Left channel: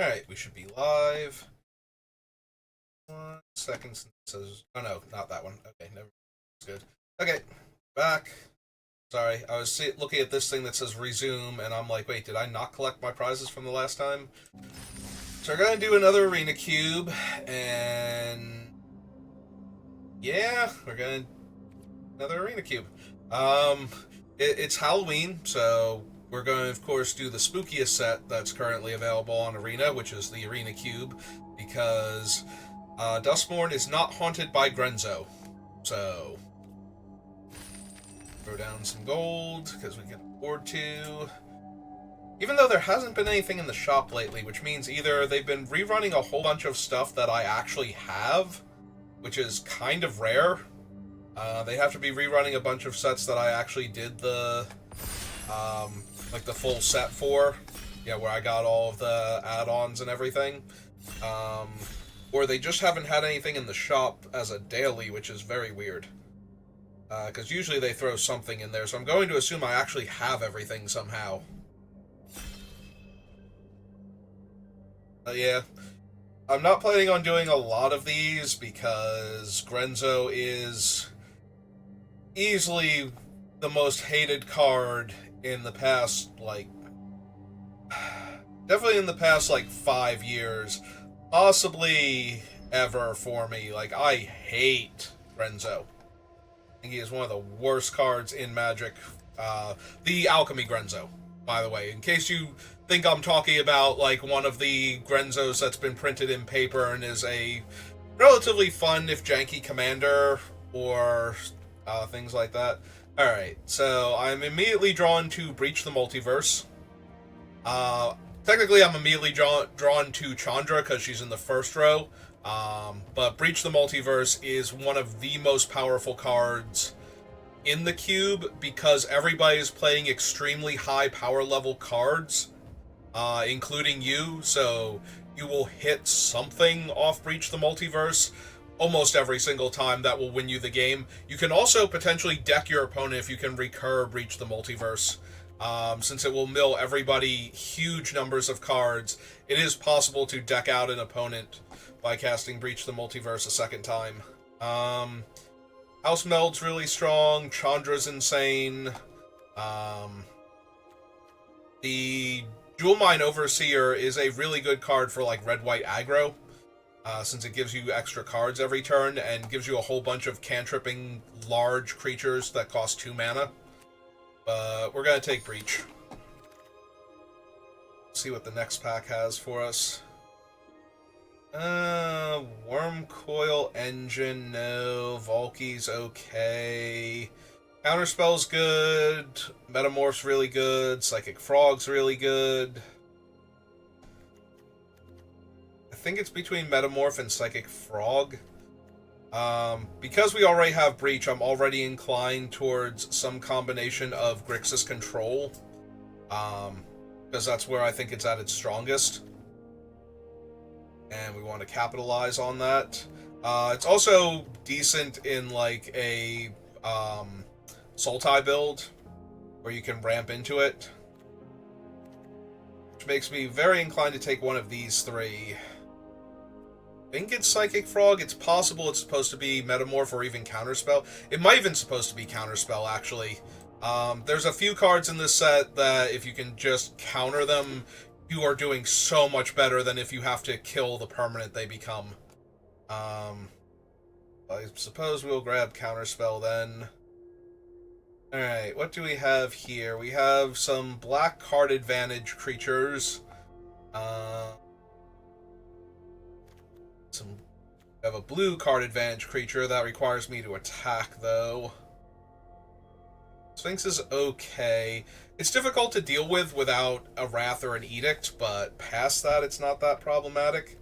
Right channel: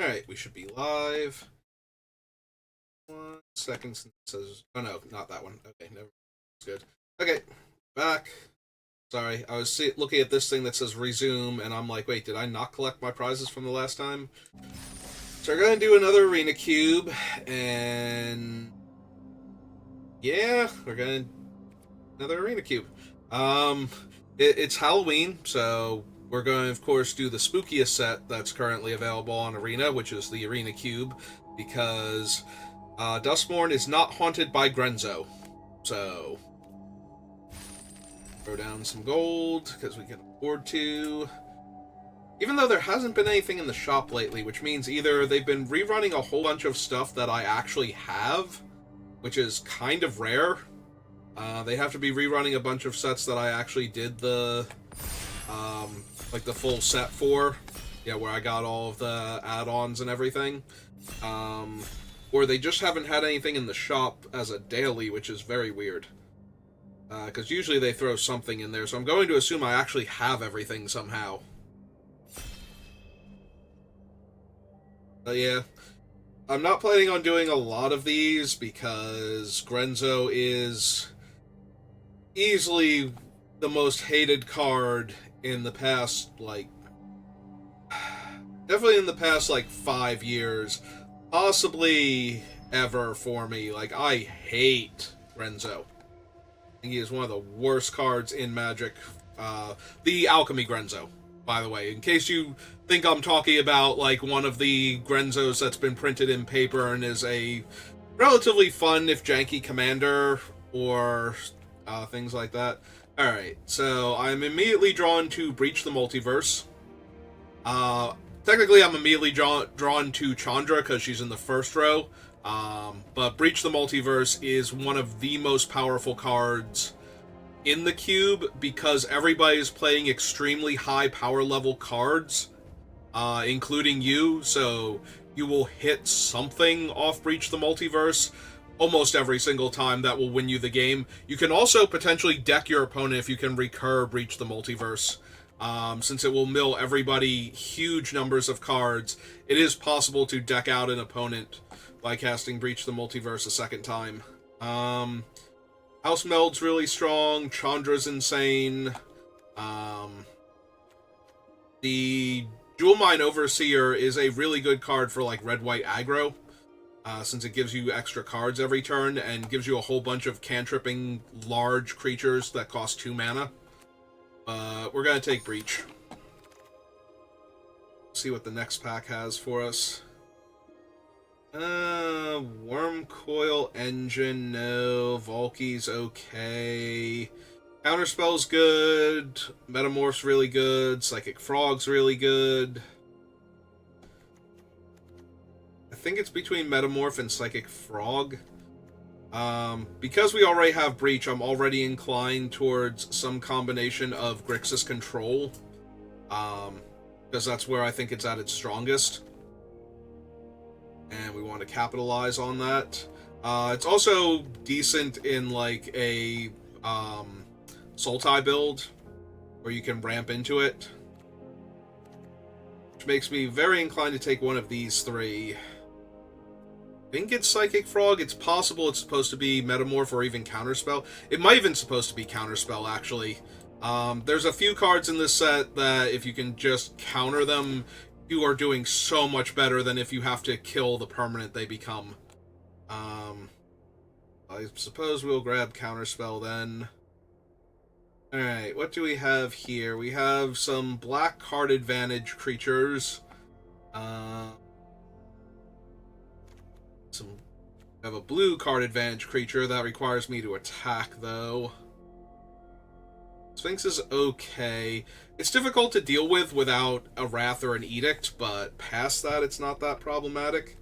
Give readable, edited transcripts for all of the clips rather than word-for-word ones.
Alright, we should be live. 1 second since it says. Oh no, not that one. Okay, never. It's good. Okay, back. Sorry, I was looking at this thing that says resume, and I'm like, wait, did I not collect my prizes from the last time? So we're gonna do another arena cube, and yeah, we're gonna another arena cube. Um, it's Halloween, so we're going to, of course, do the spookiest set that's currently available on Arena, which is the Arena Cube, because Dustmourne is not haunted by Grenzo. So, throw down some gold, because we can afford to. Even though there hasn't been anything in the shop lately, which means either they've been rerunning a whole bunch of stuff that I actually have, which is kind of rare. They have to be rerunning a bunch of sets that I actually did the, like the full set for, yeah, where I got all of the add-ons and everything. Or they just haven't had anything in the shop as a daily, which is very weird. Because usually they throw something in there, so I'm going to assume I actually have everything somehow. Yeah. I'm not planning on doing a lot of these because Grenzo is easily the most hated card in the past, like, definitely in the past, like, 5 years. Possibly ever for me. Like, I hate Grenzo. I think he is one of the worst cards in Magic. The Alchemy Grenzo, by the way. In case you think I'm talking about, like, one of the Grenzos that's been printed in paper and is a relatively fun, if janky, commander, or things like that. Alright, so I'm immediately drawn to Breach the Multiverse. Technically, I'm immediately drawn to Chandra because she's in the first row. But Breach the Multiverse is one of the most powerful cards in the cube because everybody's playing extremely high power level cards, including you. So you will hit something off Breach the Multiverse almost every single time that will win you the game. You can also potentially deck your opponent if you can recur Breach the Multiverse. Since it will mill everybody huge numbers of cards, it is possible to deck out an opponent by casting Breach the Multiverse a second time. House Meld's really strong, Chandra's insane. The Jewel Mine Overseer is a really good card for like red-white aggro. Since it gives you extra cards every turn and gives you a whole bunch of cantripping large creatures that cost 2 mana. But we're going to take Breach. See what the next pack has for us. Worm Coil Engine, no. Valky's okay. Counterspell's good. Metamorph's really good. Psychic Frog's really good. I think it's between Metamorph and Psychic Frog. Because we already have Breach, I'm already inclined towards some combination of Grixis Control. Because that's where I think it's at its strongest. And we want to capitalize on that. It's also decent in, like, a Sultai build, where you can ramp into it. Which makes me very inclined to take one of these three. I think it's Psychic Frog. It's possible it's supposed to be Metamorph or even Counterspell. It might even supposed to be Counterspell, actually. There's a few cards in this set that if you can just counter them, you are doing so much better than if you have to kill the permanent they become. I suppose we'll grab Counterspell then. Alright, what do we have here? We have some black card advantage creatures. We have a blue card advantage creature that requires me to attack, though. Sphinx is okay. It's difficult to deal with without a Wrath or an Edict, but past that, it's not that problematic.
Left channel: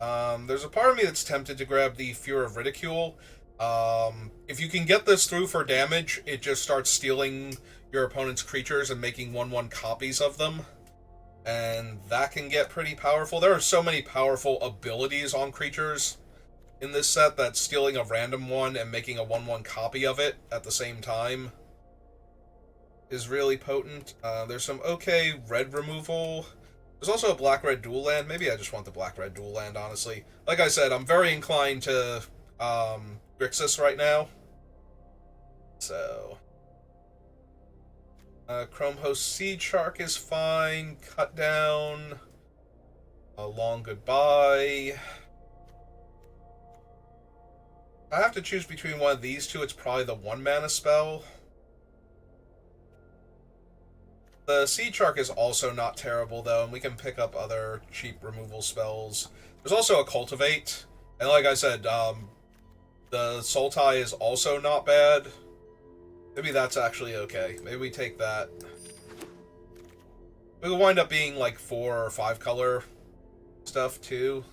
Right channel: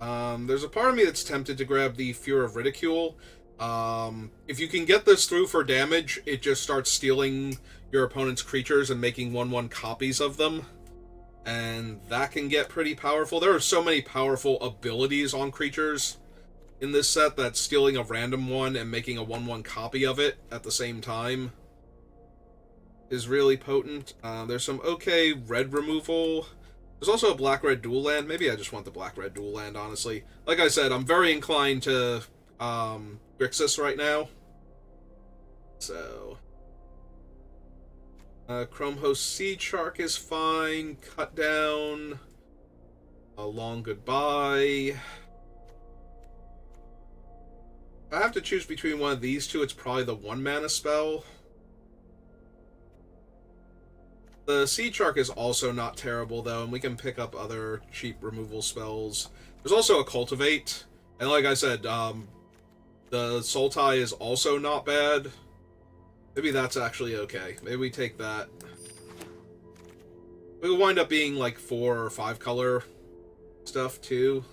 There's a part of me that's tempted to grab the Fear of Ridicule. If you can get this through for damage, it just starts stealing your opponent's creatures and making 1/1 copies of them. And that can get pretty powerful. There are so many powerful abilities on creatures in this set that stealing a random one and making a 1/1 copy of it at the same time is really potent. There's some okay red removal. There's also a black-red dual land. Maybe I just want the black-red dual land, honestly. Like I said, I'm very inclined to Grixis right now. So... Chrome Host Seed Shark is fine. Cut down. A long goodbye. I have to choose between one of these two. It's probably the 1-mana spell. The Seed Shark is also not terrible, though, and we can pick up other cheap removal spells. There's also a Cultivate, and like I said, the Sultai is also not bad. Maybe that's actually okay. Maybe we take that. It will wind up being like 4 or 5 color stuff, too.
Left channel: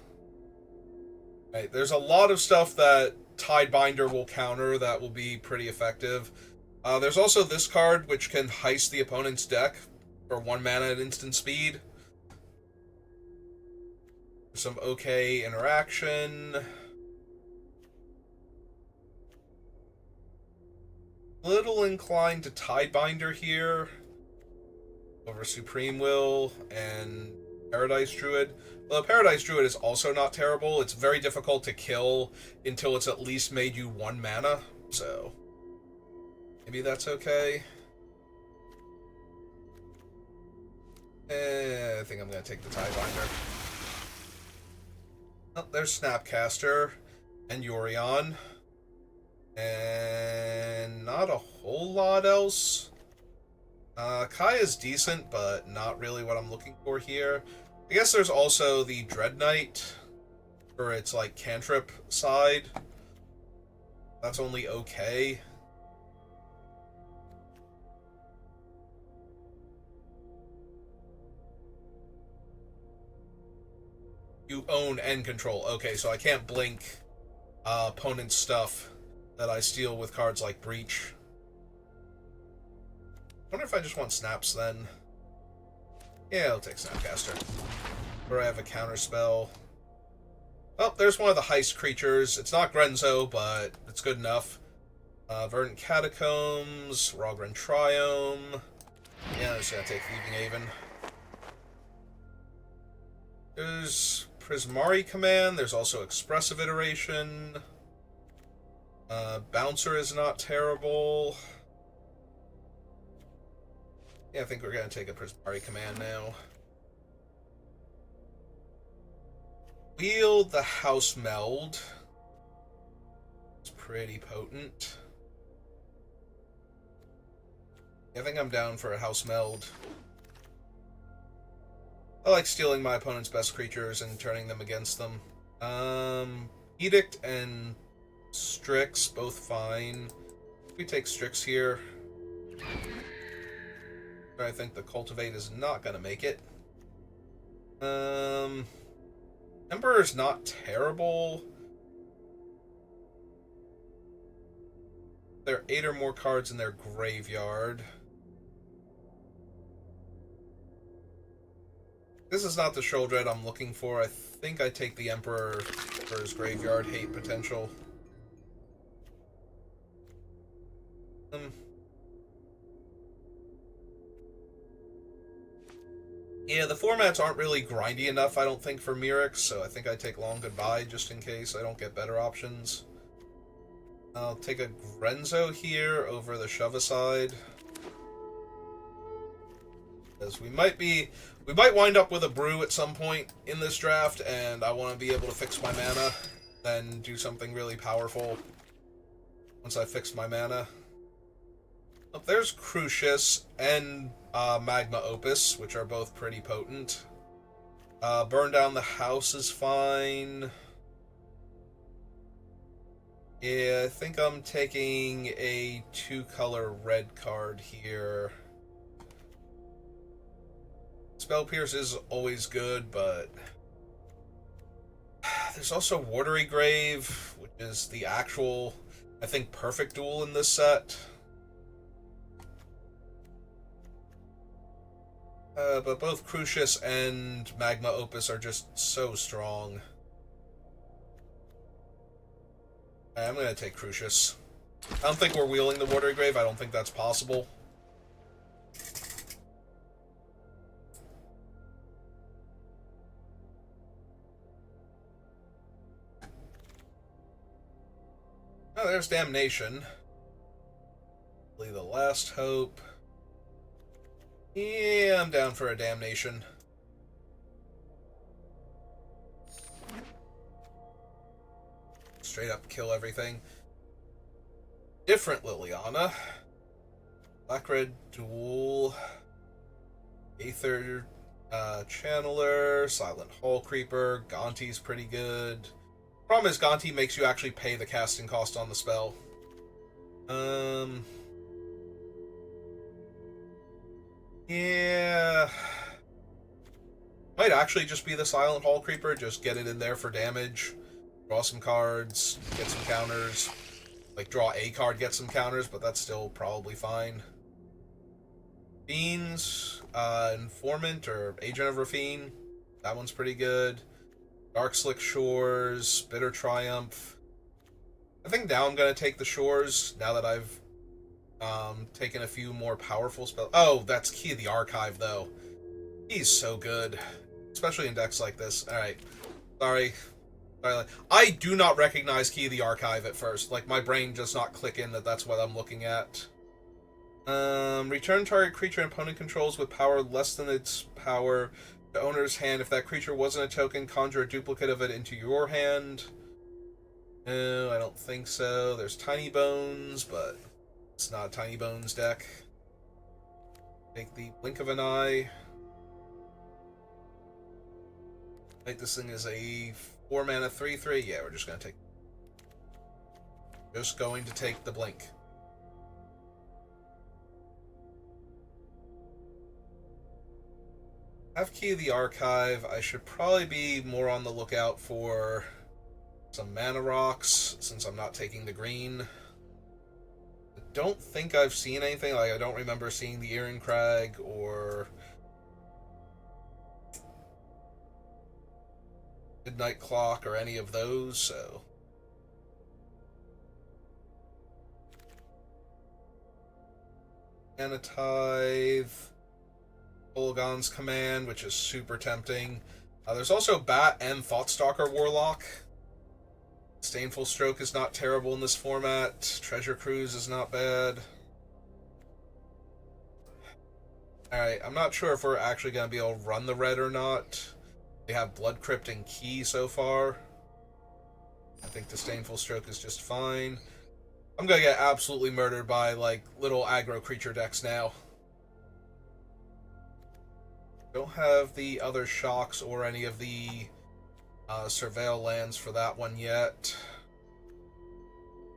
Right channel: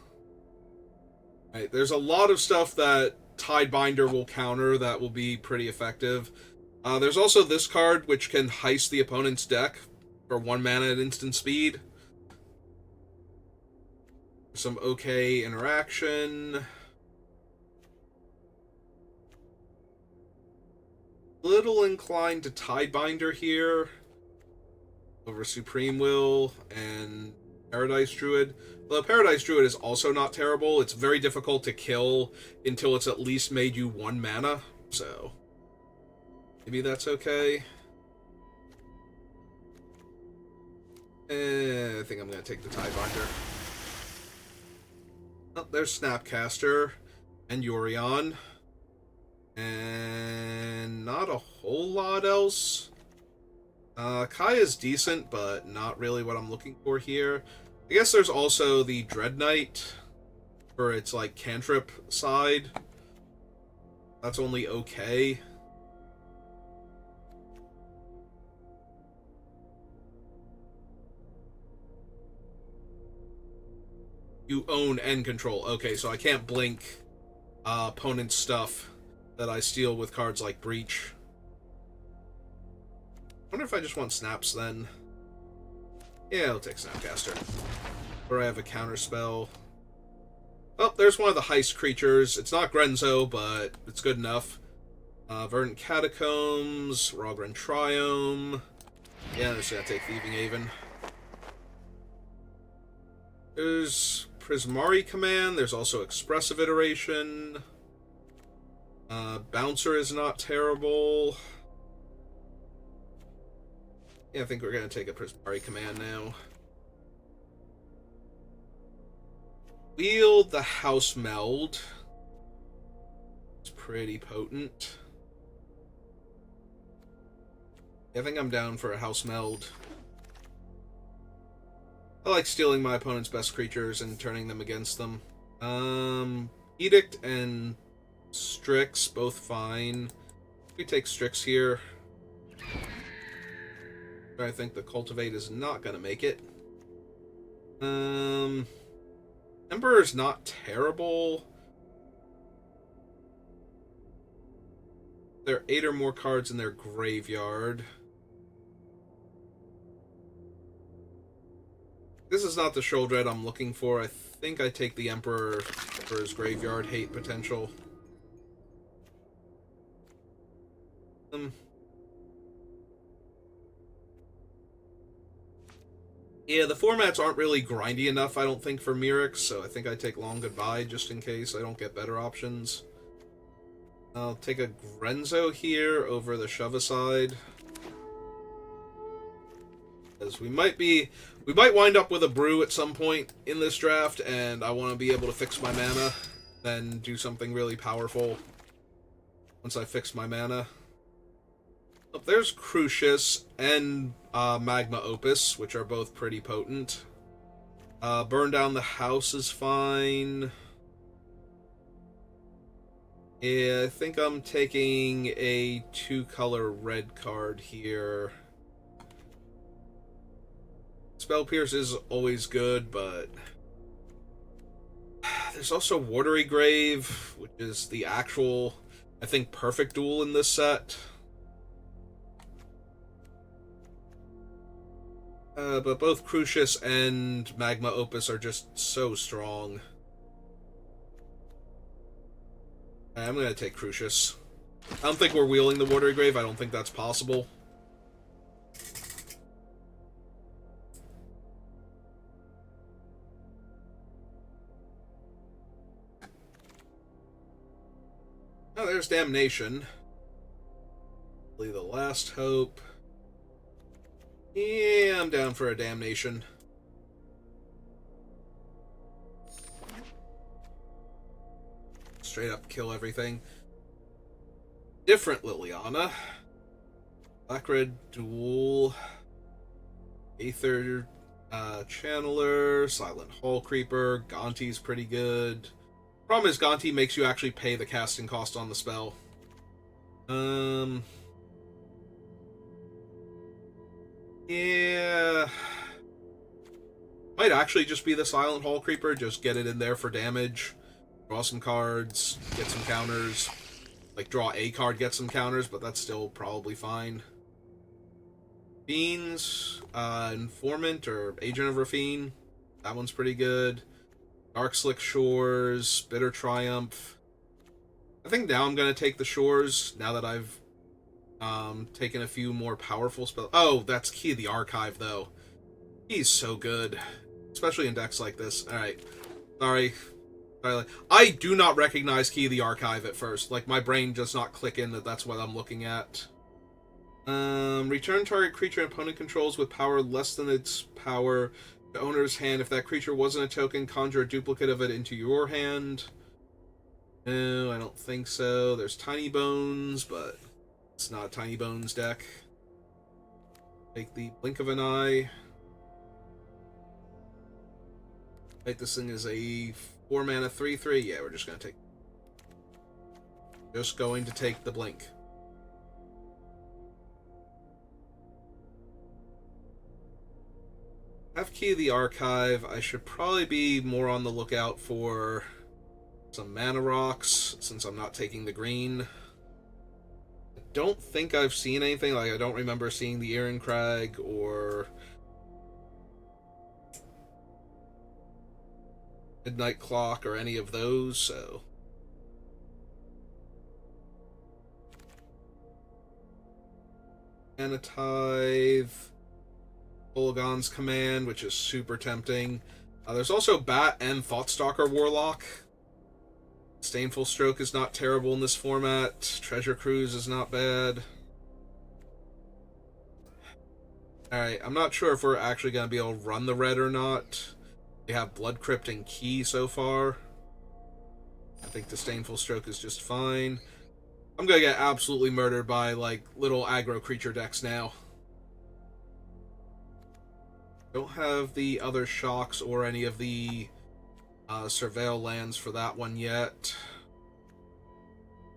Right, there's a lot of stuff that Tidebinder will counter that will be pretty effective. There's also this card, which can heist the opponent's deck for 1 mana at instant speed. Some okay interaction. Little inclined to Tidebinder here over Supreme Will and Paradise Druid. Well, Paradise Druid is also not terrible. It's very difficult to kill until it's at least made you 1 mana, so maybe that's okay. I think I'm going to take the Tidebinder. Oh, there's Snapcaster and Yorion. And not a whole lot else. Kaya's decent, but not really what I'm looking for here. I guess there's also the Dread Knight for its, like, cantrip side. That's only okay. You own and control. Okay, so I can't blink opponent's stuff that I steal with cards like Breach. I wonder if I just want Snaps then. Yeah, I'll take Snapcaster. Where I have a counter spell. Well, there's one of the heist creatures. It's not Grenzo, but it's good enough. Verdant Catacombs, Rogran Triome. Yeah, I'm just gonna take Thieving Haven. There's Prismari Command. There's also Expressive Iteration. Bouncer is not terrible. Yeah, I think we're going to take a Prismari Command now. Wield the House Meld. It's pretty potent. Yeah, I think I'm down for a House Meld. I like stealing my opponent's best creatures and turning them against them. Edict and Strix, both fine. We take Strix here. I think the Cultivate is not going to make it. Emperor's not terrible. There are 8 or more cards in their graveyard. This is not the Sheoldred I'm looking for. I think I take the Emperor for his graveyard hate potential. Yeah, the formats aren't really grindy enough, I don't think, for Mirix, so I think I take Long Goodbye just in case I don't get better options. I'll take a Grenzo here over the Shove-Aside. Because we might wind up with a Brew at some point in this draft, and I want to be able to fix my mana, then do something really powerful once I fix my mana. Oh, there's Crucius and Magma Opus, which are both pretty potent. Burn Down the House is fine. Yeah, I think I'm taking a 2-color red card here. Spell Pierce is always good, but there's also Watery Grave, which is the actual, I think, perfect duel in this set. But both Crucius and Magma Opus are just so strong. I'm going to take Crucius. I don't think we're wheeling the Watery Grave. I don't think that's possible. Oh, there's Damnation. Really the last hope. Yeah, I'm down for a Damnation. Straight up kill everything. Different Liliana. Black-red dual. Aether Channeler. Silent Hall Creeper. Gonti's pretty good. Problem is, Gonti makes you actually pay the casting cost on the spell. Yeah. Might actually just be the Silent Hall Creeper. Just get it in there for damage. Draw some cards. Get some counters. Like, draw a card, get some counters, but that's still probably fine. Fiends. Informant or Agent of Rafine. That one's pretty good. Dark Slick Shores. Bitter Triumph. I think now I'm going to take the Shores, now that I've taken a few more powerful spells. Oh, that's Key of the Archive, though. He's so good. Especially in decks like this. Alright. Sorry. I do not recognize Key of the Archive at first. Like, my brain does not click in that that's what I'm looking at. Return target creature opponent controls with power less than its power to owner's hand. If that creature wasn't a token, conjure a duplicate of it into your hand. No, I don't think so. There's Tiny Bones, but it's not a Tiny Bones deck. Take the Blink of an Eye. Like, this thing is a 4-mana 3/3. Yeah, we're just going to take... Just going to take the Blink. Have Key of the Archive. I should probably be more on the lookout for some mana rocks, since I'm not taking the green. I don't think I've seen anything. Like, I don't remember seeing the Irencrag or Midnight Clock or any of those, so... Tithe, Polgon's Command, which is super tempting. There's also Bat and Thoughtstalker Warlock. Disdainful Stroke is not terrible in this format. Treasure Cruise is not bad. Alright, I'm not sure if we're actually going to be able to run the red or not. We have Blood Crypt and Key so far. I think Disdainful Stroke is just fine. I'm going to get absolutely murdered by, like, little aggro creature decks now. Don't have the other shocks or any of the Surveil lands for that one yet.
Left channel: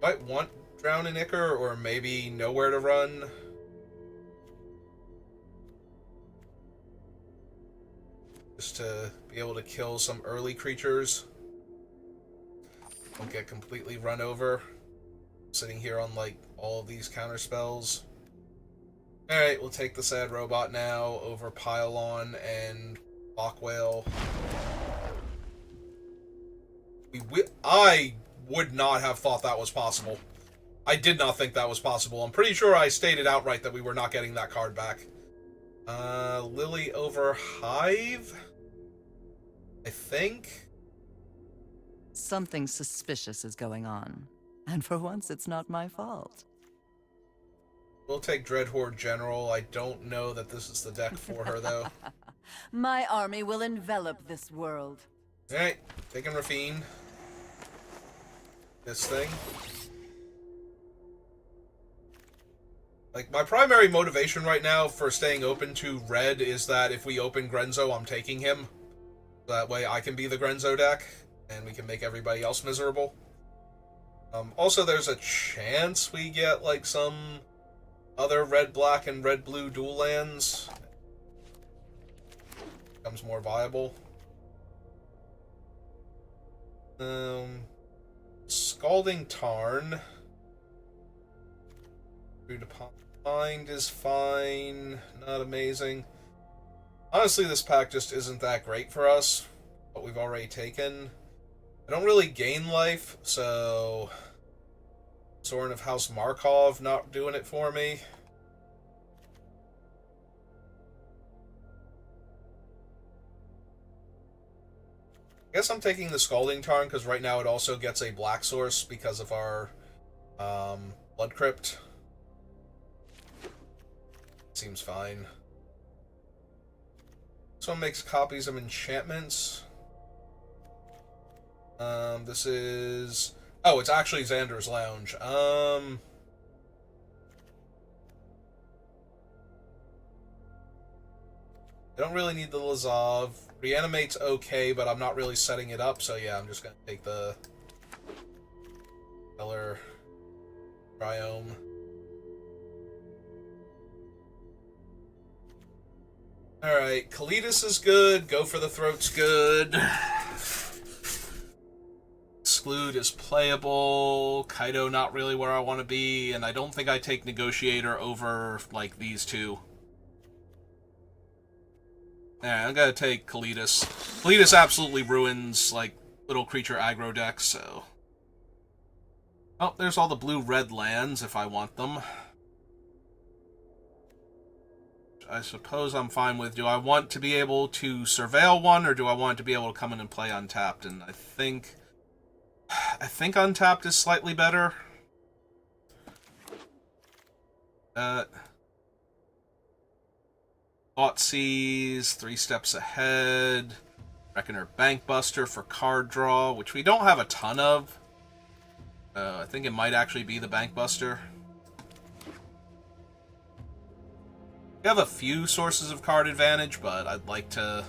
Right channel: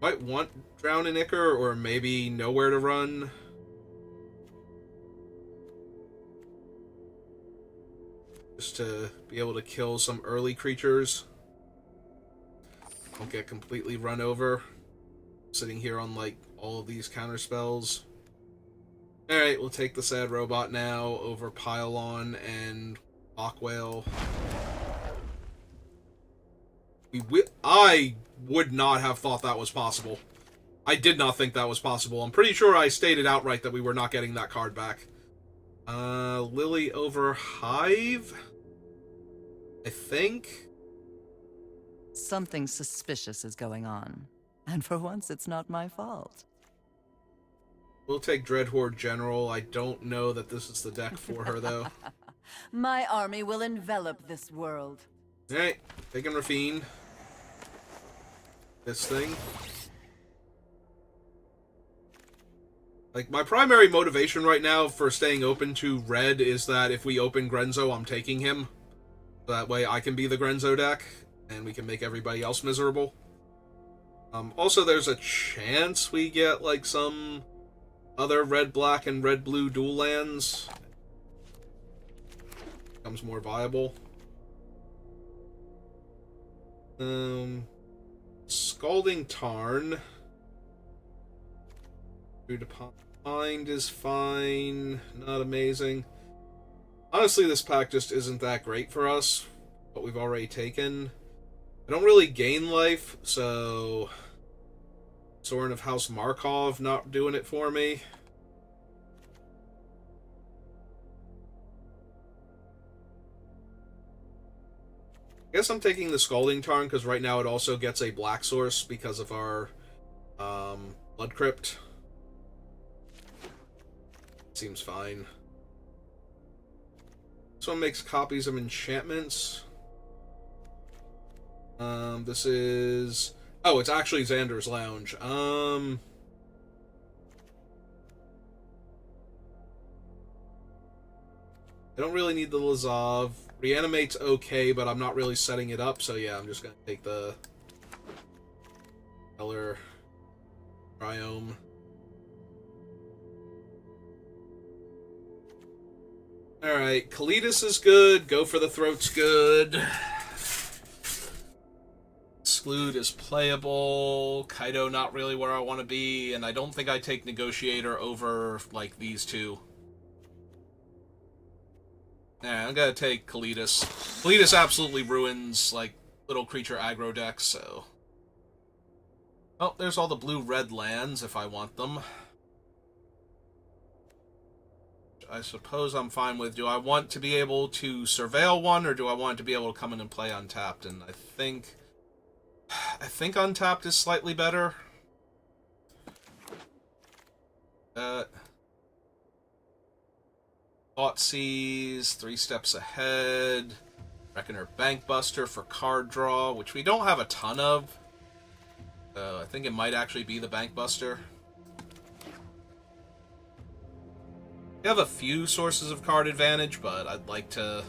Might want Drown in Ichor or maybe Nowhere to Run. Just to be able to kill some early creatures. Don't get completely run over. Sitting here on, like, all of these counter spells. Alright, we'll take the Sad Robot now over Pylon and Lock Whale. I would not have thought that was possible. I did not think that was possible. I'm pretty sure I stated outright that we were not getting that card back. Lily over Hive? I think? Something suspicious is going on. And for once, it's not my fault. We'll take Dreadhorde General. I don't know that this is the deck for her, though. My army will envelop this world. Alright, taking Rafine. This thing. Like, my primary motivation right now for staying open to red is that if we open Grenzo, I'm taking him. That way I can be the Grenzo deck, and we can make everybody else miserable. Also, there's a chance we get, like, some other red-black and red-blue dual lands. Becomes more viable. Scalding Tarn. Food upon Mind is fine. Not amazing. Honestly, this pack just isn't that great for us. What we've already taken. I don't really gain life, so... Sorin of House Markov not doing it for me. I guess I'm taking the Scalding Tarn because right now it also gets a black source because of our Blood Crypt. Seems fine. This one makes copies of enchantments. This is... Oh, it's actually Xander's Lounge. I don't really need the Lazav. Reanimate's okay, but I'm not really setting it up, so yeah, I'm just gonna take the color Triome. Alright, Kalitas is good, Go for the Throat's good. Exclude is playable, Kaido not really where I want to be, and I don't think I take Negotiator over, like, these two. Yeah, I'm gonna take Kalitas. Kalitas absolutely ruins, like, little creature aggro decks, so... Oh, there's all the blue-red lands if I want them. I suppose I'm fine with. Do I want to be able to surveil one, or do I want to be able to come in and play untapped? And I think untapped is slightly better. Thoughtseize, 3 steps ahead. Reckoner Bankbuster for card draw, which we don't have a ton of. I think it might actually be the Bankbuster. We have a few sources of card advantage, but I'd like to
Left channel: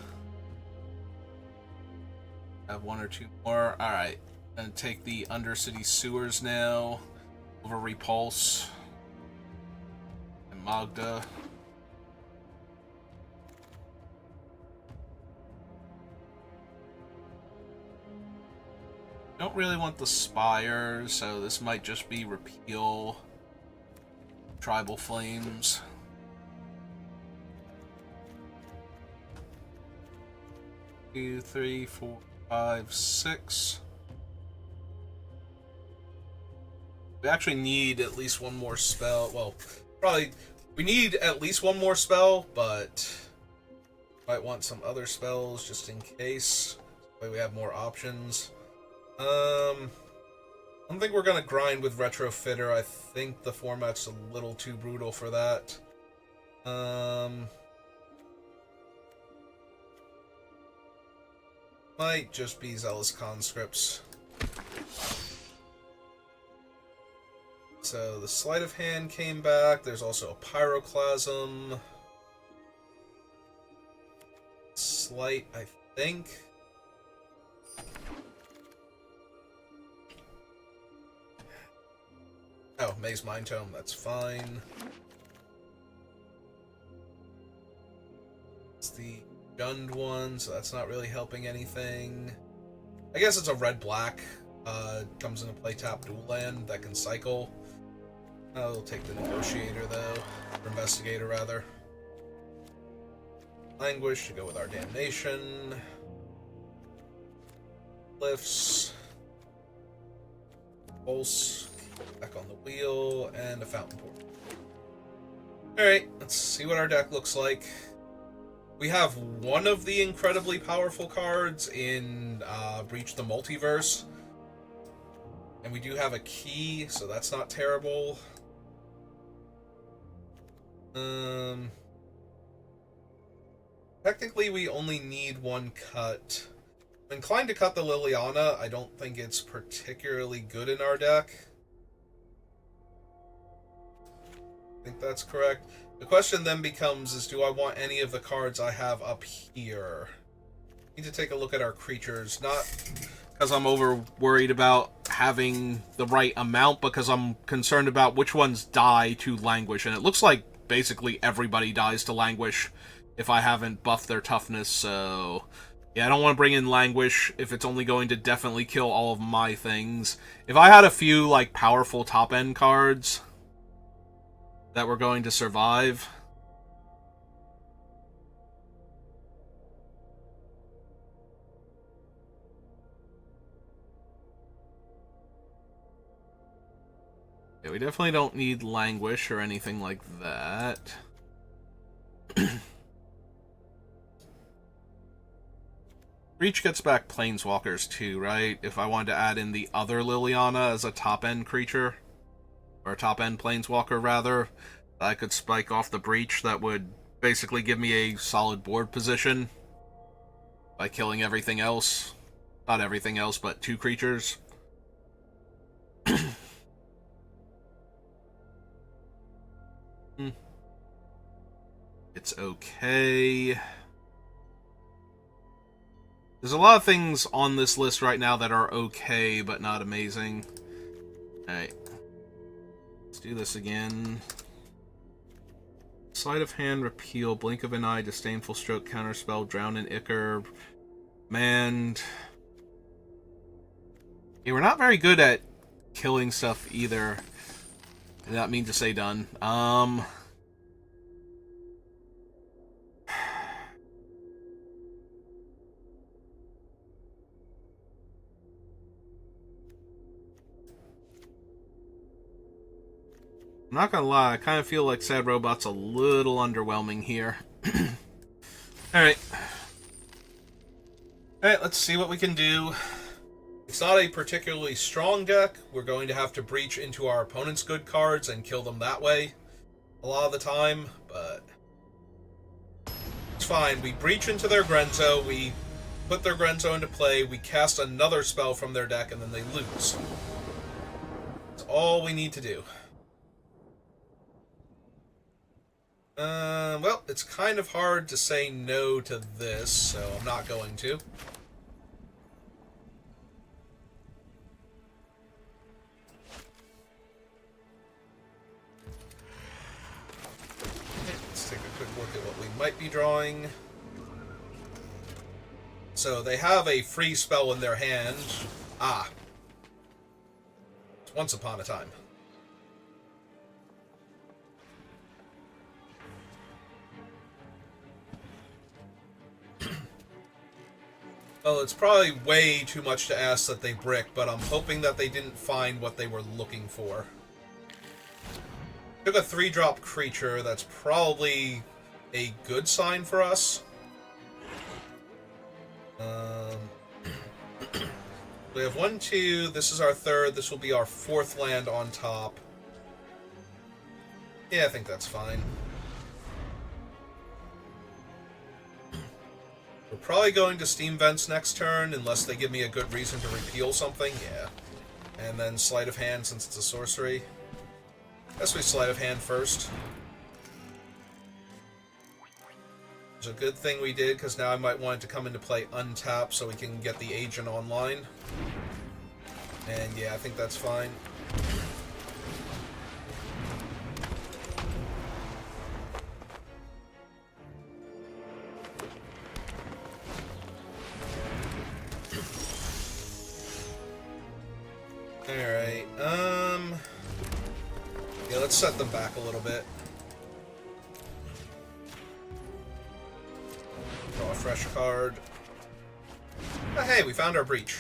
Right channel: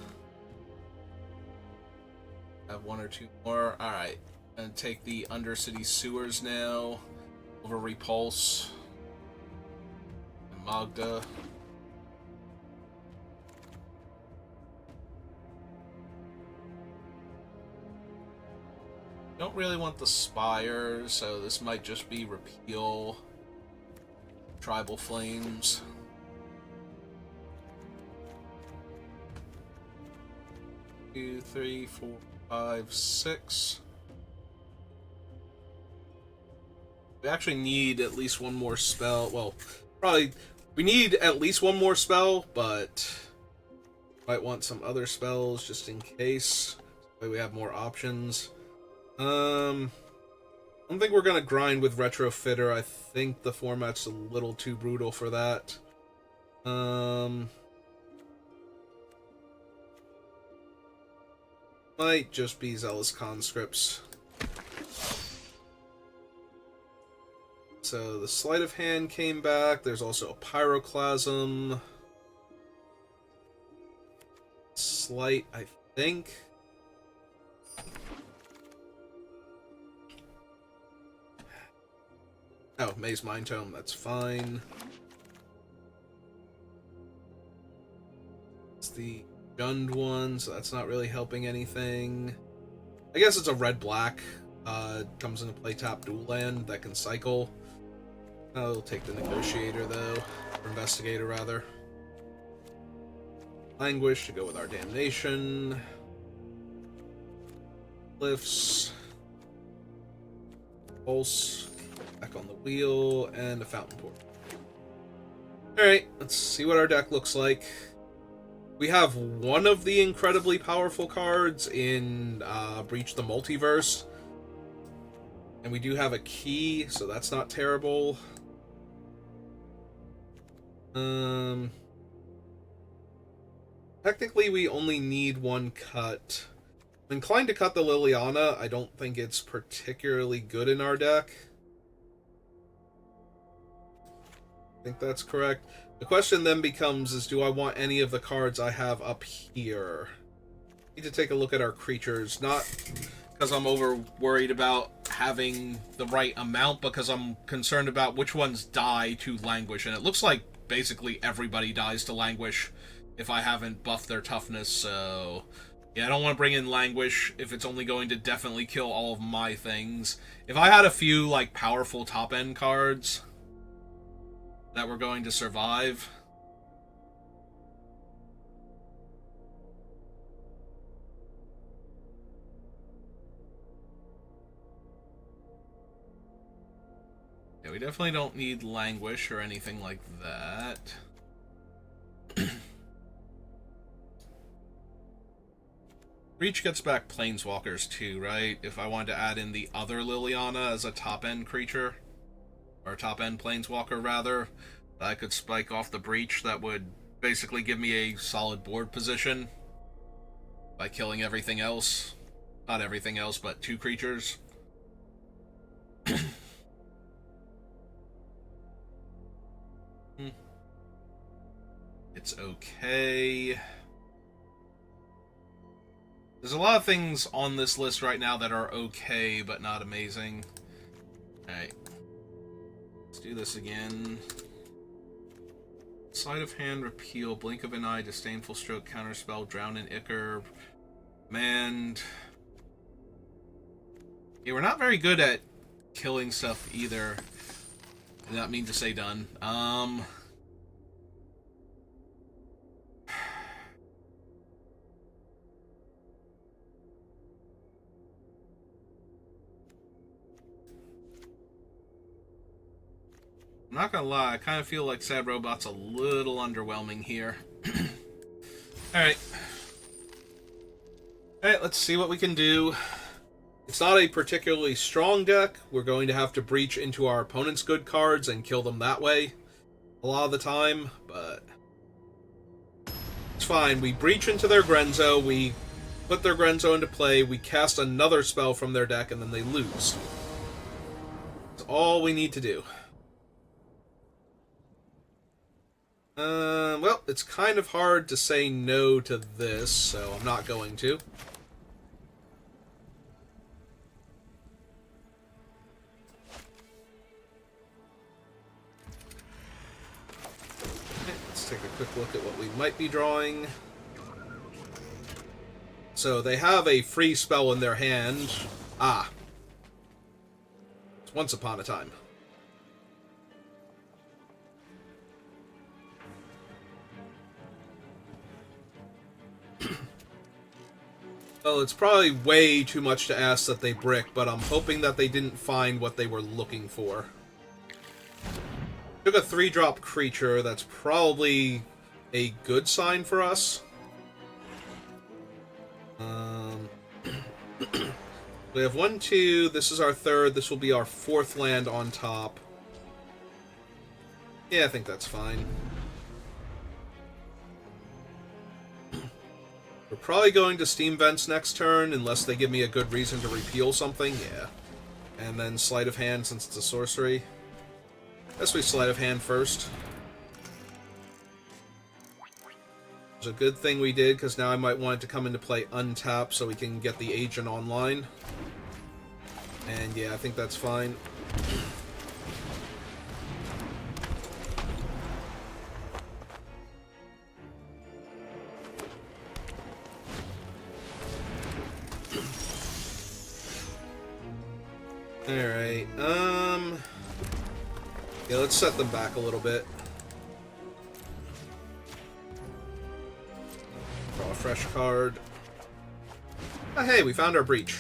have 1 or 2 more. Alright, I'm gonna take the Undercity Sewers now over Repulse and Magda. Don't really want the Spires, so this might just be repeal Tribal Flames. Two, 3, 4, 5, 6. We actually need at least one more spell. Well, probably we need at least one more spell, but might want some other spells just in case. That way we have more options. I don't think we're gonna grind with Retrofitter. I think the format's a little too brutal for that. Might just be Zealous Conscripts. So the Sleight of Hand came back. There's also a Pyroclasm. Slight, I think. Oh, Maze Mind Tome, that's fine. It's the Jund one, so that's not really helping anything. I guess it's a red-black. Comes into play tap dual land that can cycle. I'll take the Negotiator, though. Or Investigator, rather. Languish to go with our Damnation. Cliffs. Pulse. Back on the wheel. And a Fountain Port. Alright, let's see what our deck looks like. We have one of the incredibly powerful cards in Breach the Multiverse. And we do have a key, so that's not terrible. Technically, we only need one cut. I'm inclined to cut the Liliana. I don't think it's particularly good in our deck. I think that's correct. The question then becomes is, do I want any of the cards I have up here? I need to take a look at our creatures, not because I'm over worried about having the right amount, because I'm concerned about which ones die to Languish, and it looks like basically everybody dies to Languish if I haven't buffed their toughness, so yeah, I don't want to bring in Languish if it's only going to definitely kill all of my things. If I had a few, like, powerful top-end cards that were going to survive. Yeah, we definitely don't need Languish or anything like that. Breach gets back Planeswalkers too, right? If I wanted to add in the other Liliana as a top-end creature. or a top-end planeswalker, rather, that I could spike off the breach that would basically give me a solid board position by killing everything else. Not everything else, but 2 creatures. It's okay. There's a lot of things on this list right now that are okay, but not amazing. Alright. Let's do this again. Sleight of hand, repeal, blink of an eye, disdainful stroke, counterspell, drown in Ichor, manned. Yeah, we're not very good at killing stuff either. I did not mean to say done. I'm not gonna lie, I kind of feel like Sad Robot's a little underwhelming here. Alright. Alright, let's see what we can do. It's not a particularly strong deck. We're going to have to breach into our opponent's good cards and kill them that way a lot of the time, but it's fine. We breach into their Grenzo, we put their Grenzo into play, we cast another spell from their deck, and then they lose. That's all we need to do. Well, it's kind of hard to say no to this, so I'm not going to. Let's take a quick look at what we might be drawing. So they have a free spell in their hand. Ah. It's Once Upon a Time. Well, it's probably way too much to ask that they brick, but I'm hoping that they didn't find what they were looking for. Took a 3-drop creature, that's probably a good sign for us. We have 1, 2, this is our 3rd, this will be our 4th land on top. Yeah, I think that's fine. We're probably going to Steam Vents next turn, unless they give me a good reason to repeal something, yeah. And then Sleight of Hand, since it's a sorcery. Guess we Sleight of Hand first. It's a good thing we did, because now I might want it to come into play untapped so we can get the agent online. And yeah, I think that's fine. Alright, yeah, let's set them back a little bit. Draw a fresh card. Oh, hey, we found our breach.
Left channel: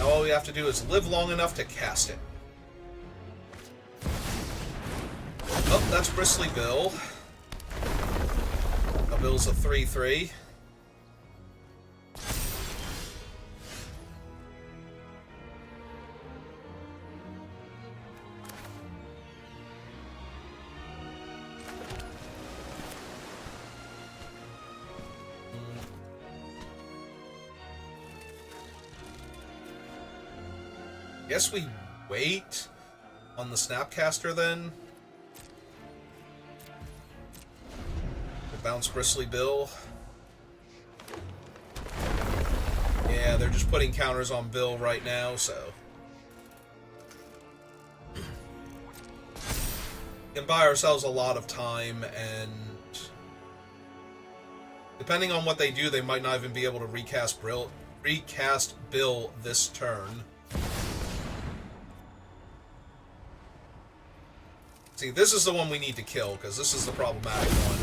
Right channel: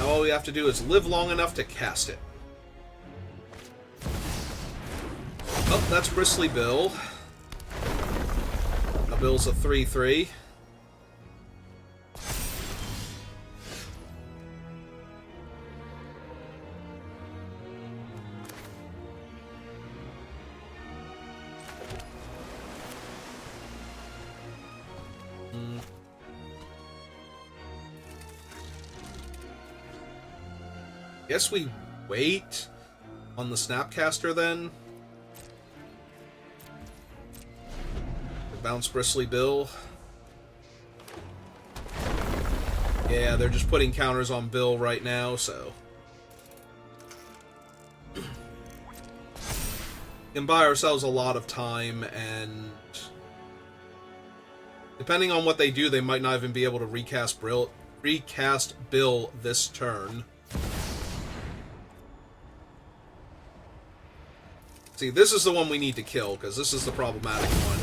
Now all we have to do is live long enough to cast it. Oh, that's Bristly Bill. Now Bill's a 3/3. Guess we wait on the Snapcaster then. Bounce Bristly Bill. Yeah, they're just putting counters on Bill right now, so. We can buy ourselves a lot of time, and depending on what they do, they might not even be able to recast Bill this turn. See, this is the one we need to kill, because this is the problematic one.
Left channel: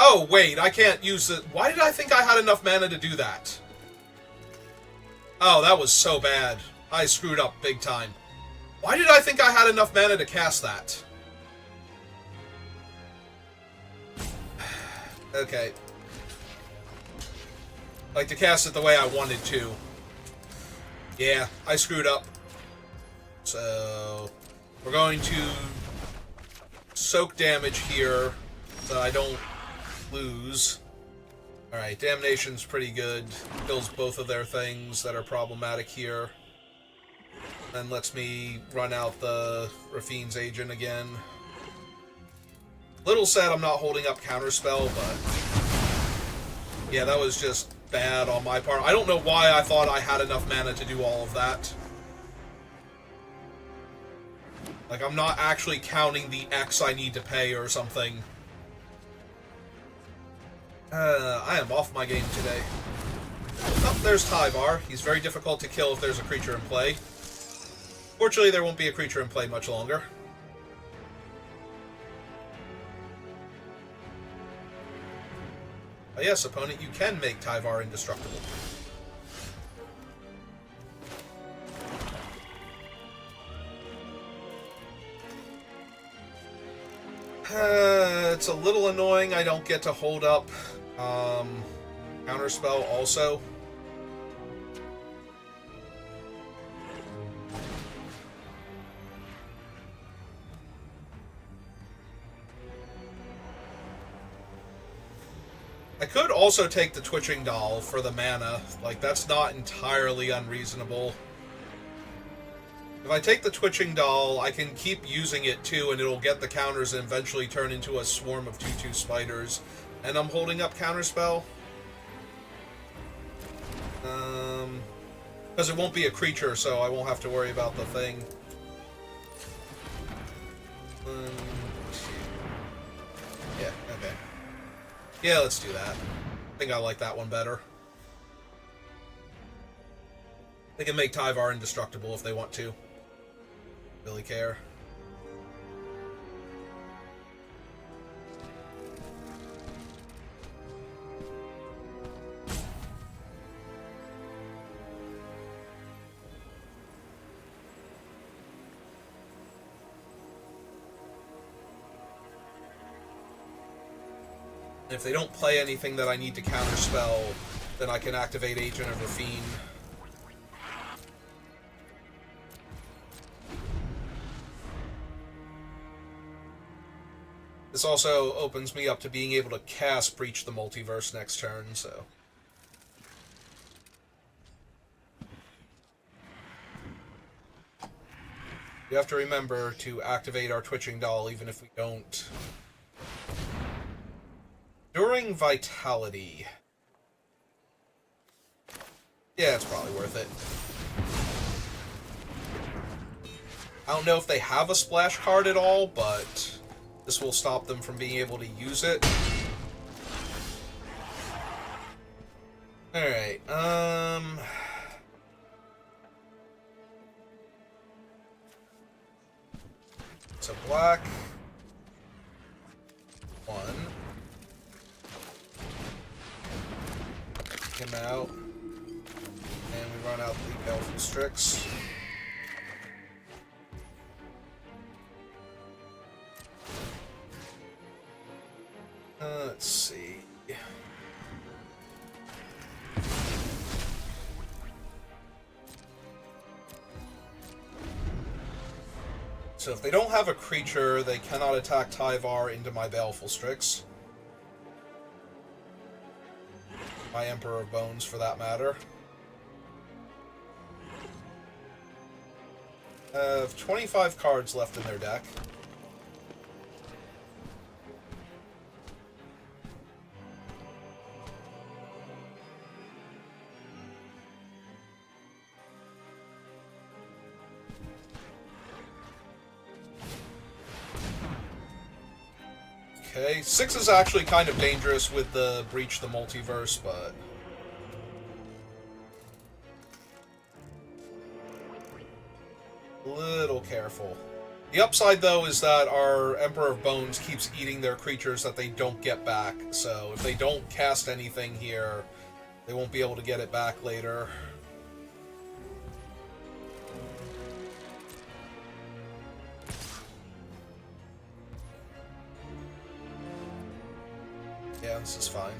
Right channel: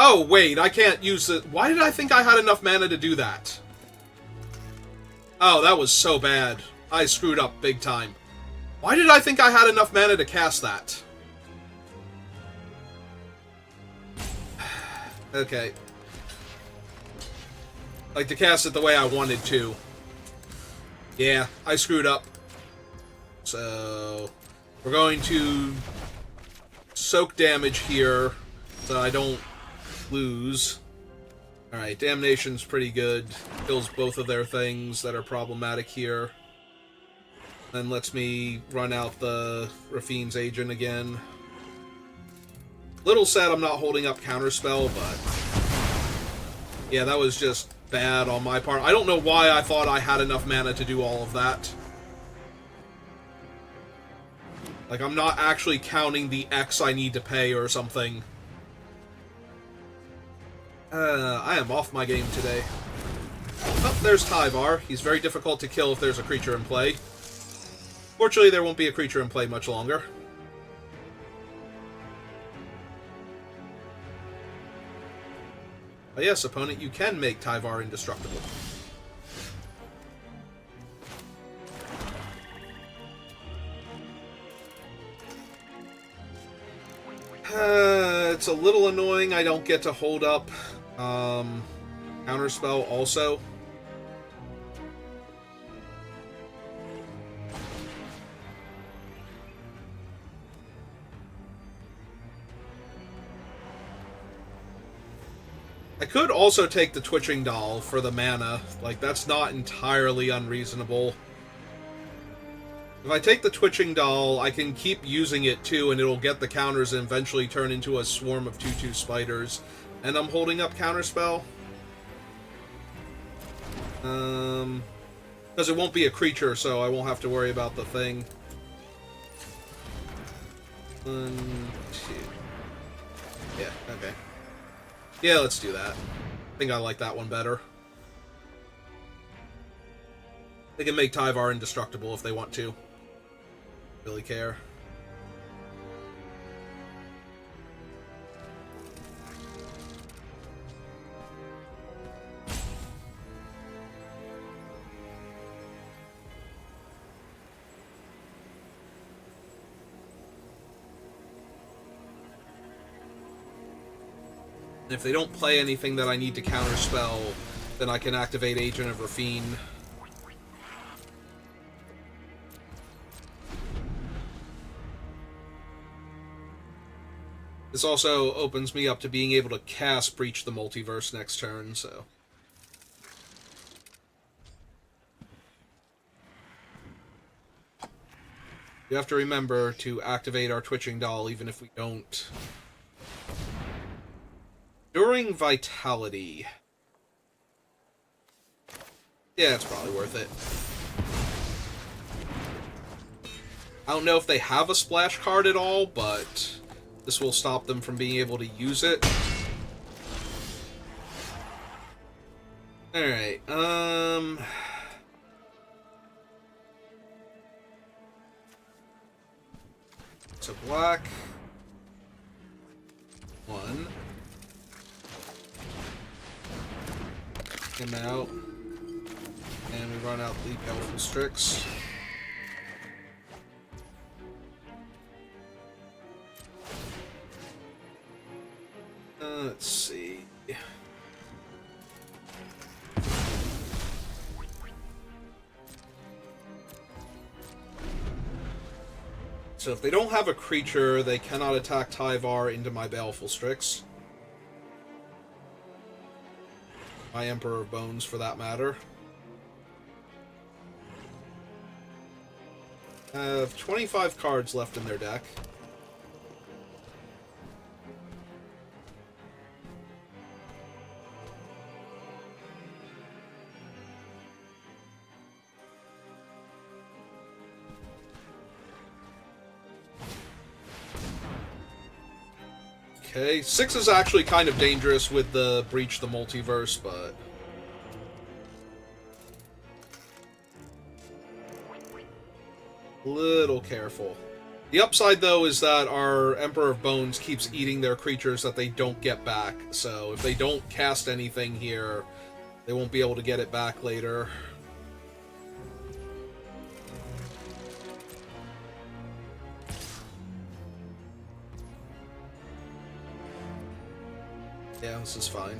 Oh, wait, I can't use it. Why did I think I had enough mana to do that? Oh, that was so bad. I screwed up big time. Why did I think I had enough mana to cast that? Okay. Like, to cast it the way I wanted to. Yeah, I screwed up. So, we're going to soak damage here so I don't lose. Alright, Damnation's pretty good. Kills both of their things that are problematic here. Then lets me run out the Rafine's Agent again. Little sad I'm not holding up Counterspell, but... yeah, that was just bad on my part. I don't know why I thought I had enough mana to do all of that. Like, I'm not actually counting the X I need to pay or something. I am off my game today. Oh, there's Tyvar. He's very difficult to kill if there's a creature in play. Fortunately, there won't be a creature in play much longer. But yes, opponent, you can make Tyvar indestructible. It's a little annoying I don't get to hold up Counterspell also. I could also take the Twitching Doll for the mana. Like, that's not entirely unreasonable. If I take the Twitching Doll, I can keep using it too, and it'll get the counters and eventually turn into a swarm of 2/2 spiders. And I'm holding up Counterspell. Because it won't be a creature, so I won't have to worry about the thing. 1, 2. Yeah, okay. Yeah, let's do that. I think I like that one better. They can make Tyvar indestructible if they want to. Really care. And if they don't play anything that I need to counterspell, then I can activate Agent of Rafine. This also opens me up to being able to cast Breach the Multiverse next turn, so... you have to remember to activate our Twitching Doll even if we don't. During Vitality. Yeah, it's probably worth it. I don't know if they have a splash card at all, but this will stop them from being able to use it. Alright, so black. 1. Him out. And we run out the Elfin Strix. Let's see. So if they don't have a creature, they cannot attack Tyvar into my Baleful Strix. My Emperor of Bones, for that matter. Have 25 cards left in their deck. Okay, 6 is actually kind of dangerous with the Breach the Multiverse, but... little careful. The upside, though, is that our Emperor of Bones keeps eating their creatures that they don't get back, so if they don't cast anything here, they won't be able to get it back later. This is fine.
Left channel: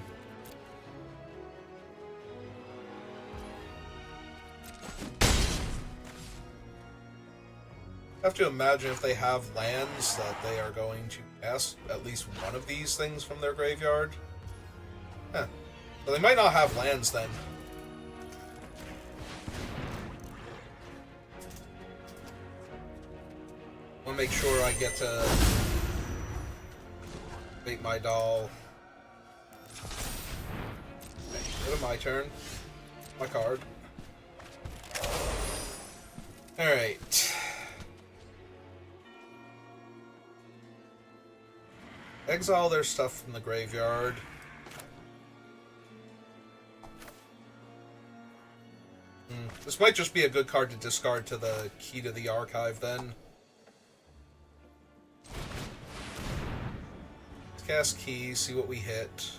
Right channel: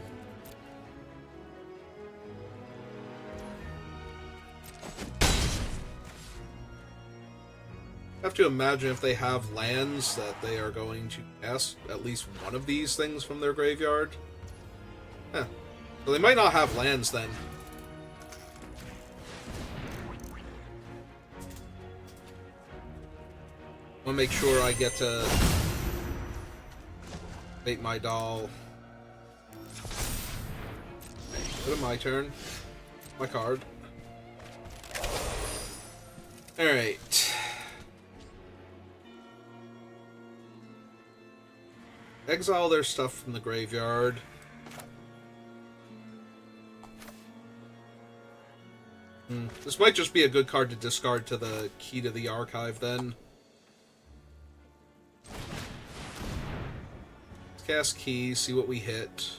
I have to imagine if they have lands that they are going to cast at least one of these things from their graveyard. Huh. So they might not have lands then. I want to make sure I get to make my doll. Go to my turn. My card. Alright. Exile their stuff from the graveyard. This might just be a good card to discard to the Key to the Archive then. Let's cast Key, see what we hit.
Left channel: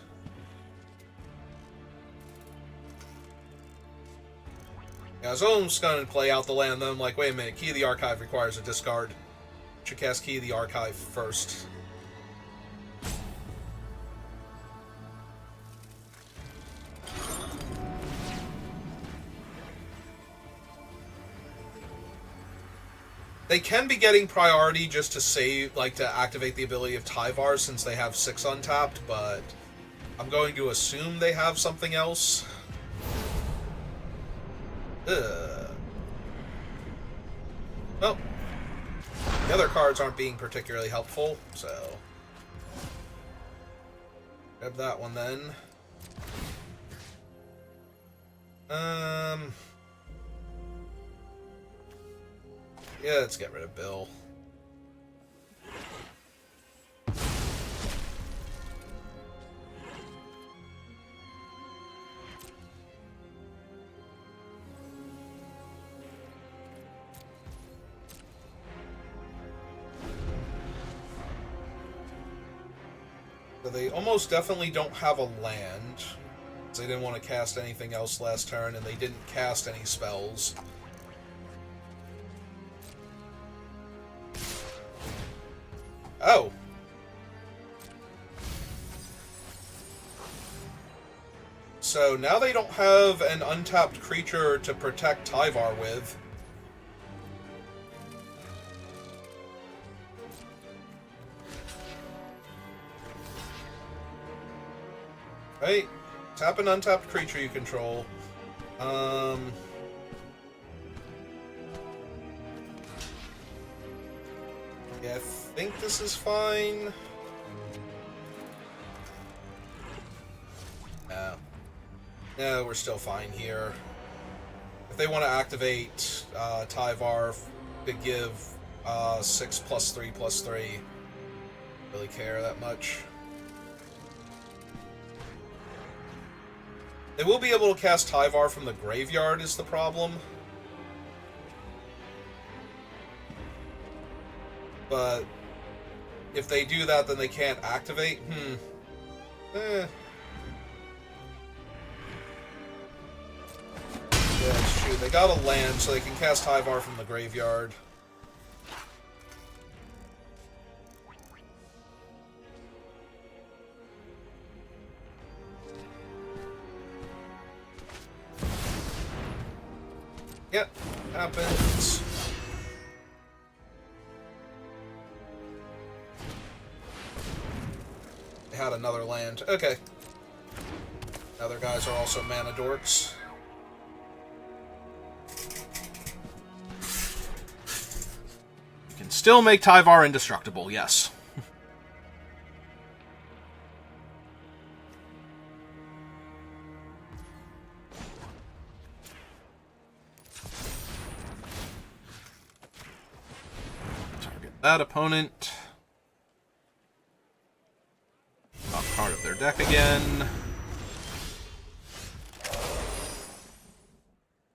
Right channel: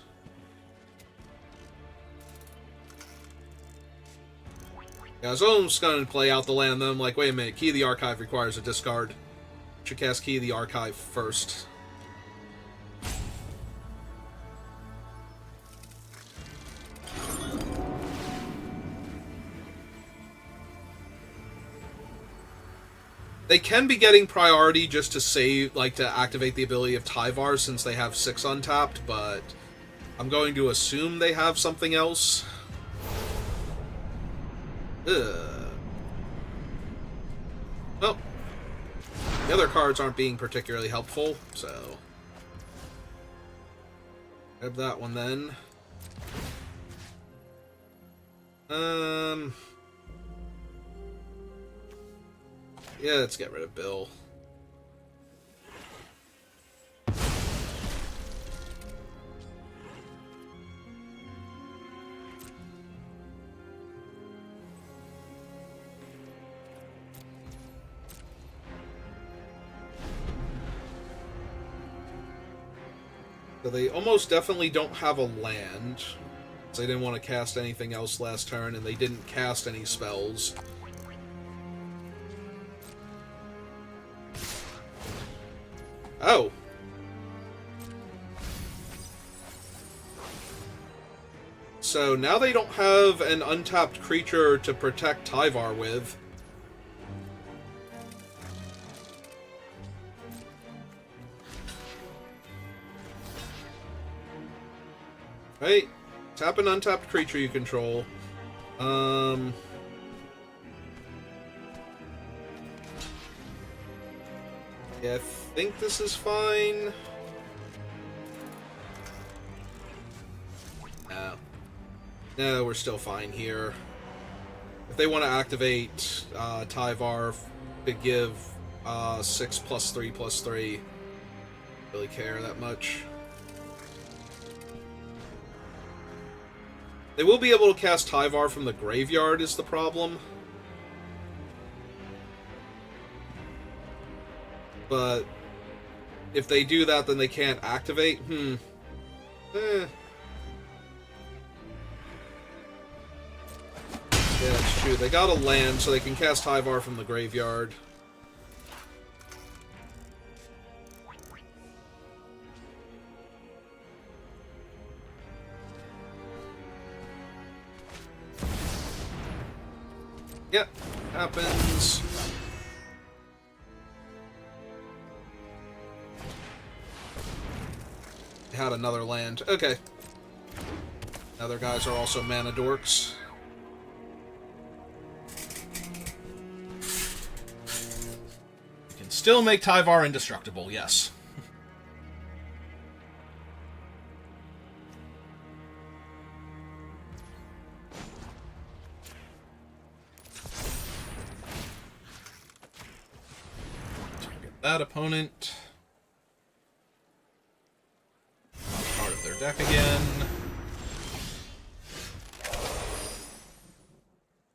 Yeah, I was almost going to play out the land, then I'm like, wait a minute, Key of the Archive requires a discard. Should cast Key of the Archive first. They can be getting priority just to save, like, to activate the ability of Tyvar since they have 6 untapped, but I'm going to assume they have something else. Ugh. Well, the other cards aren't being particularly helpful, so grab that one then. Yeah, let's get rid of Bill. So they almost definitely don't have a land. They didn't want to cast anything else last turn, and they didn't cast any spells. Oh. So now they don't have an untapped creature to protect Tyvar with. Right? Tap an untapped creature you control. Yeah, I think this is fine. No, we're still fine here. If they want to activate Tyvar to give 6+3/+3, really care that much. They will be able to cast Tyvar from the graveyard is the problem. But if they do that, then they can't activate. Yeah, that's true. They got a land, so they can cast Tyvar from the graveyard. Yep, happens. They had another land. Okay. Other guys are also mana dorks. You can still make Tyvar indestructible, yes. That opponent. Not part of their deck again.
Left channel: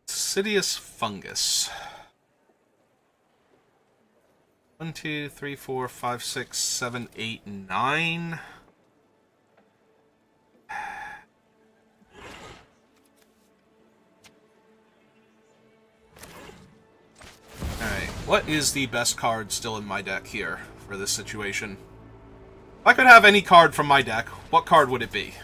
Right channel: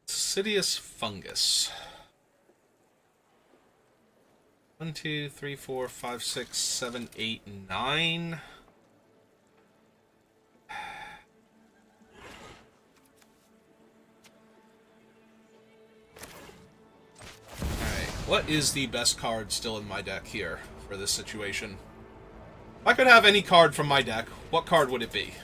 Insidious Fungus. 1, 2, 3, 4, 5, 6, 7, 8, 9. Alright, what is the best card still in my deck here for this situation? If I could have any card from my deck, what card would it be?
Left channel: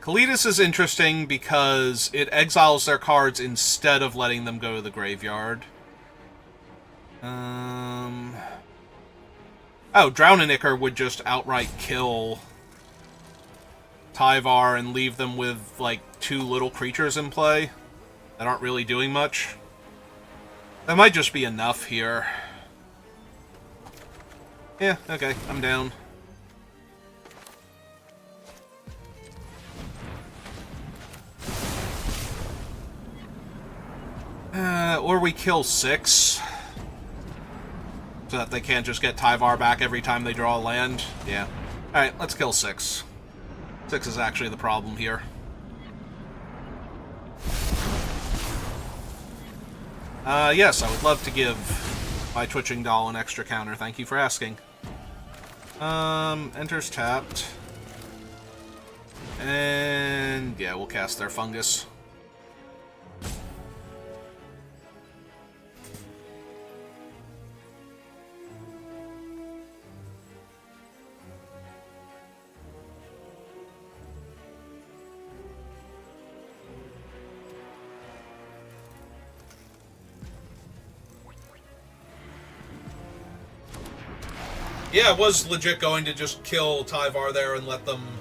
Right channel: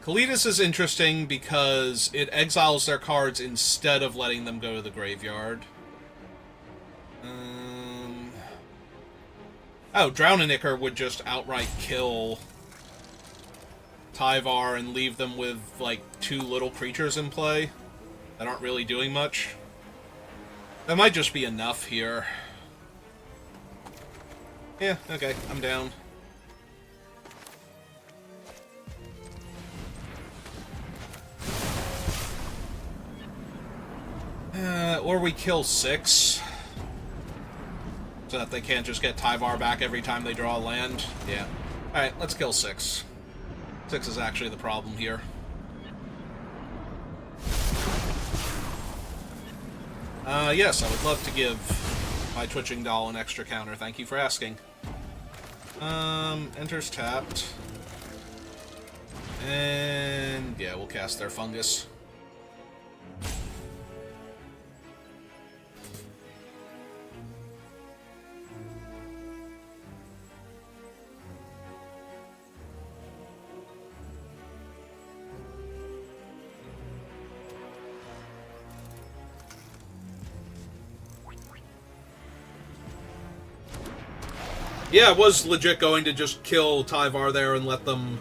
Kalidas is interesting because it exiles their cards instead of letting them go to the graveyard. Oh, Drowninicker would just outright kill Tyvar and leave them with, like, 2 little creatures in play that aren't really doing much. That might just be enough here. Yeah, okay, I'm down. Or we kill 6. So that they can't just get Tyvar back every time they draw a land. Yeah. Alright, let's kill 6. 6 is actually the problem here. Yes, I would love to give my Twitching Doll an extra counter. Thank you for asking. Enters tapped. And yeah, we'll cast their Fungus. Yeah, I was legit going to just kill Tyvar there and let them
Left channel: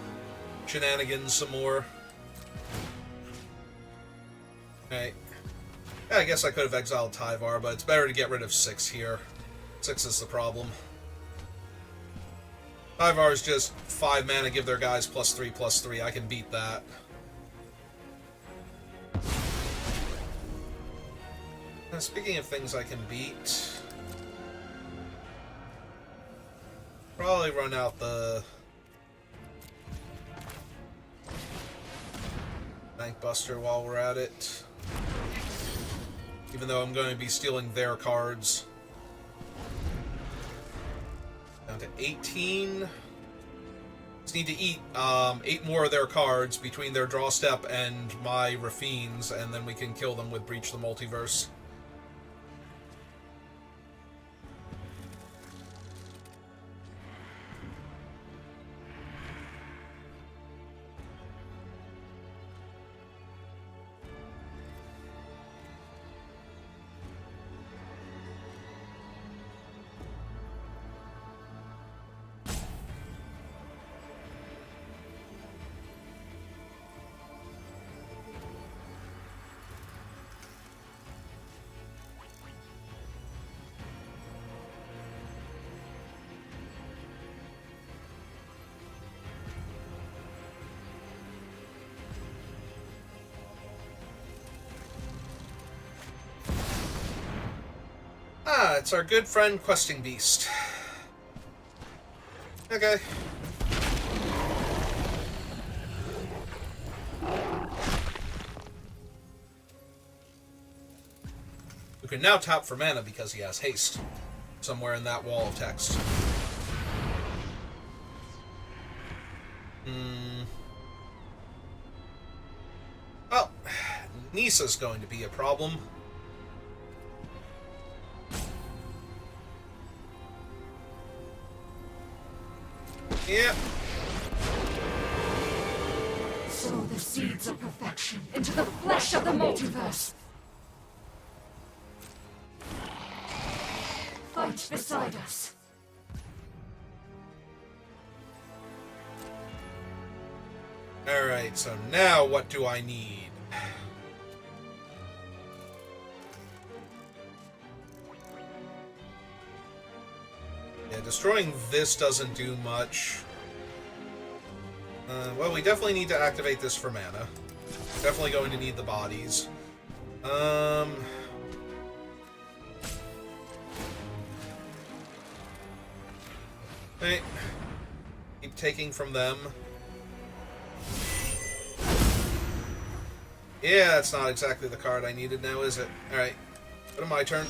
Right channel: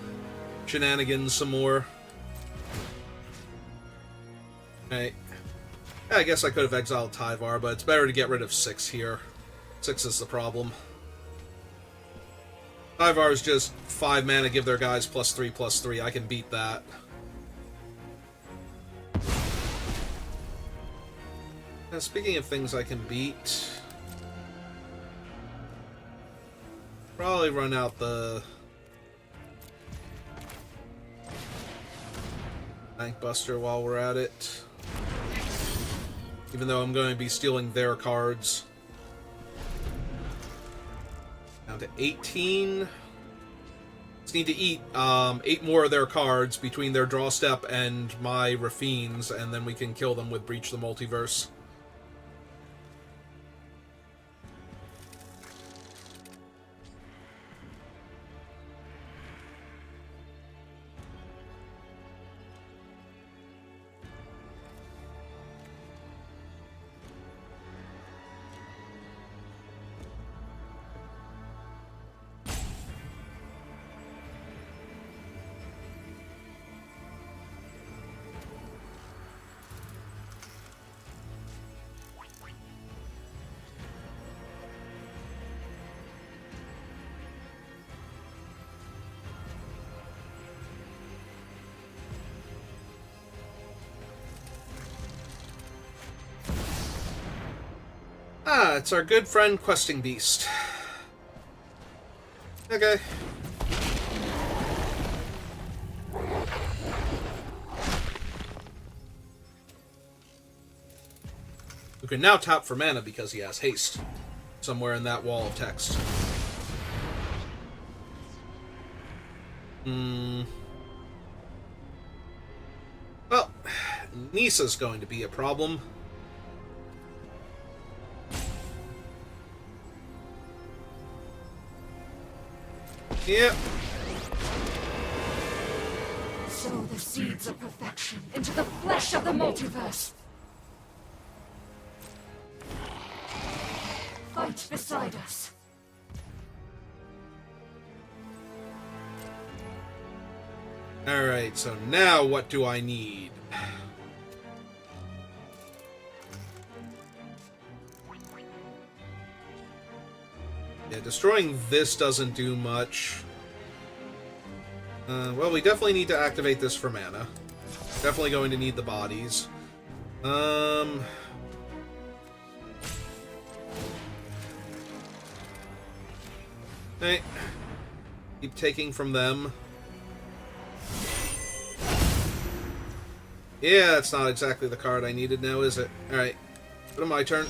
shenanigans some more. Right. Yeah, I guess I could have exiled Tyvar, but it's better to get rid of 6 here. 6 is the problem. Tyvar is just 5 mana, give their guys +3/+3. I can beat that. Now, speaking of things I can beat... probably run out the Bank Buster while we're at it. Even though I'm going to be stealing their cards. Down to 18. Just need to eat 8 more of their cards between their draw step and my Rafines, and then we can kill them with Breach the Multiverse. Ah, it's our good friend Questing Beast. Okay. We can now tap for mana because he has haste. Somewhere in that wall of text. Well, Nisa's going to be a problem. Yep. Sow the seeds of perfection into the flesh of the multiverse. Fight beside us. Alright, so now what do I need? Yeah, destroying this doesn't do much. Well, we definitely need to activate this for mana. Definitely going to need the bodies. Hey. Keep taking from them. Yeah, that's not exactly the card I needed now, is it? Alright. Go to my turn.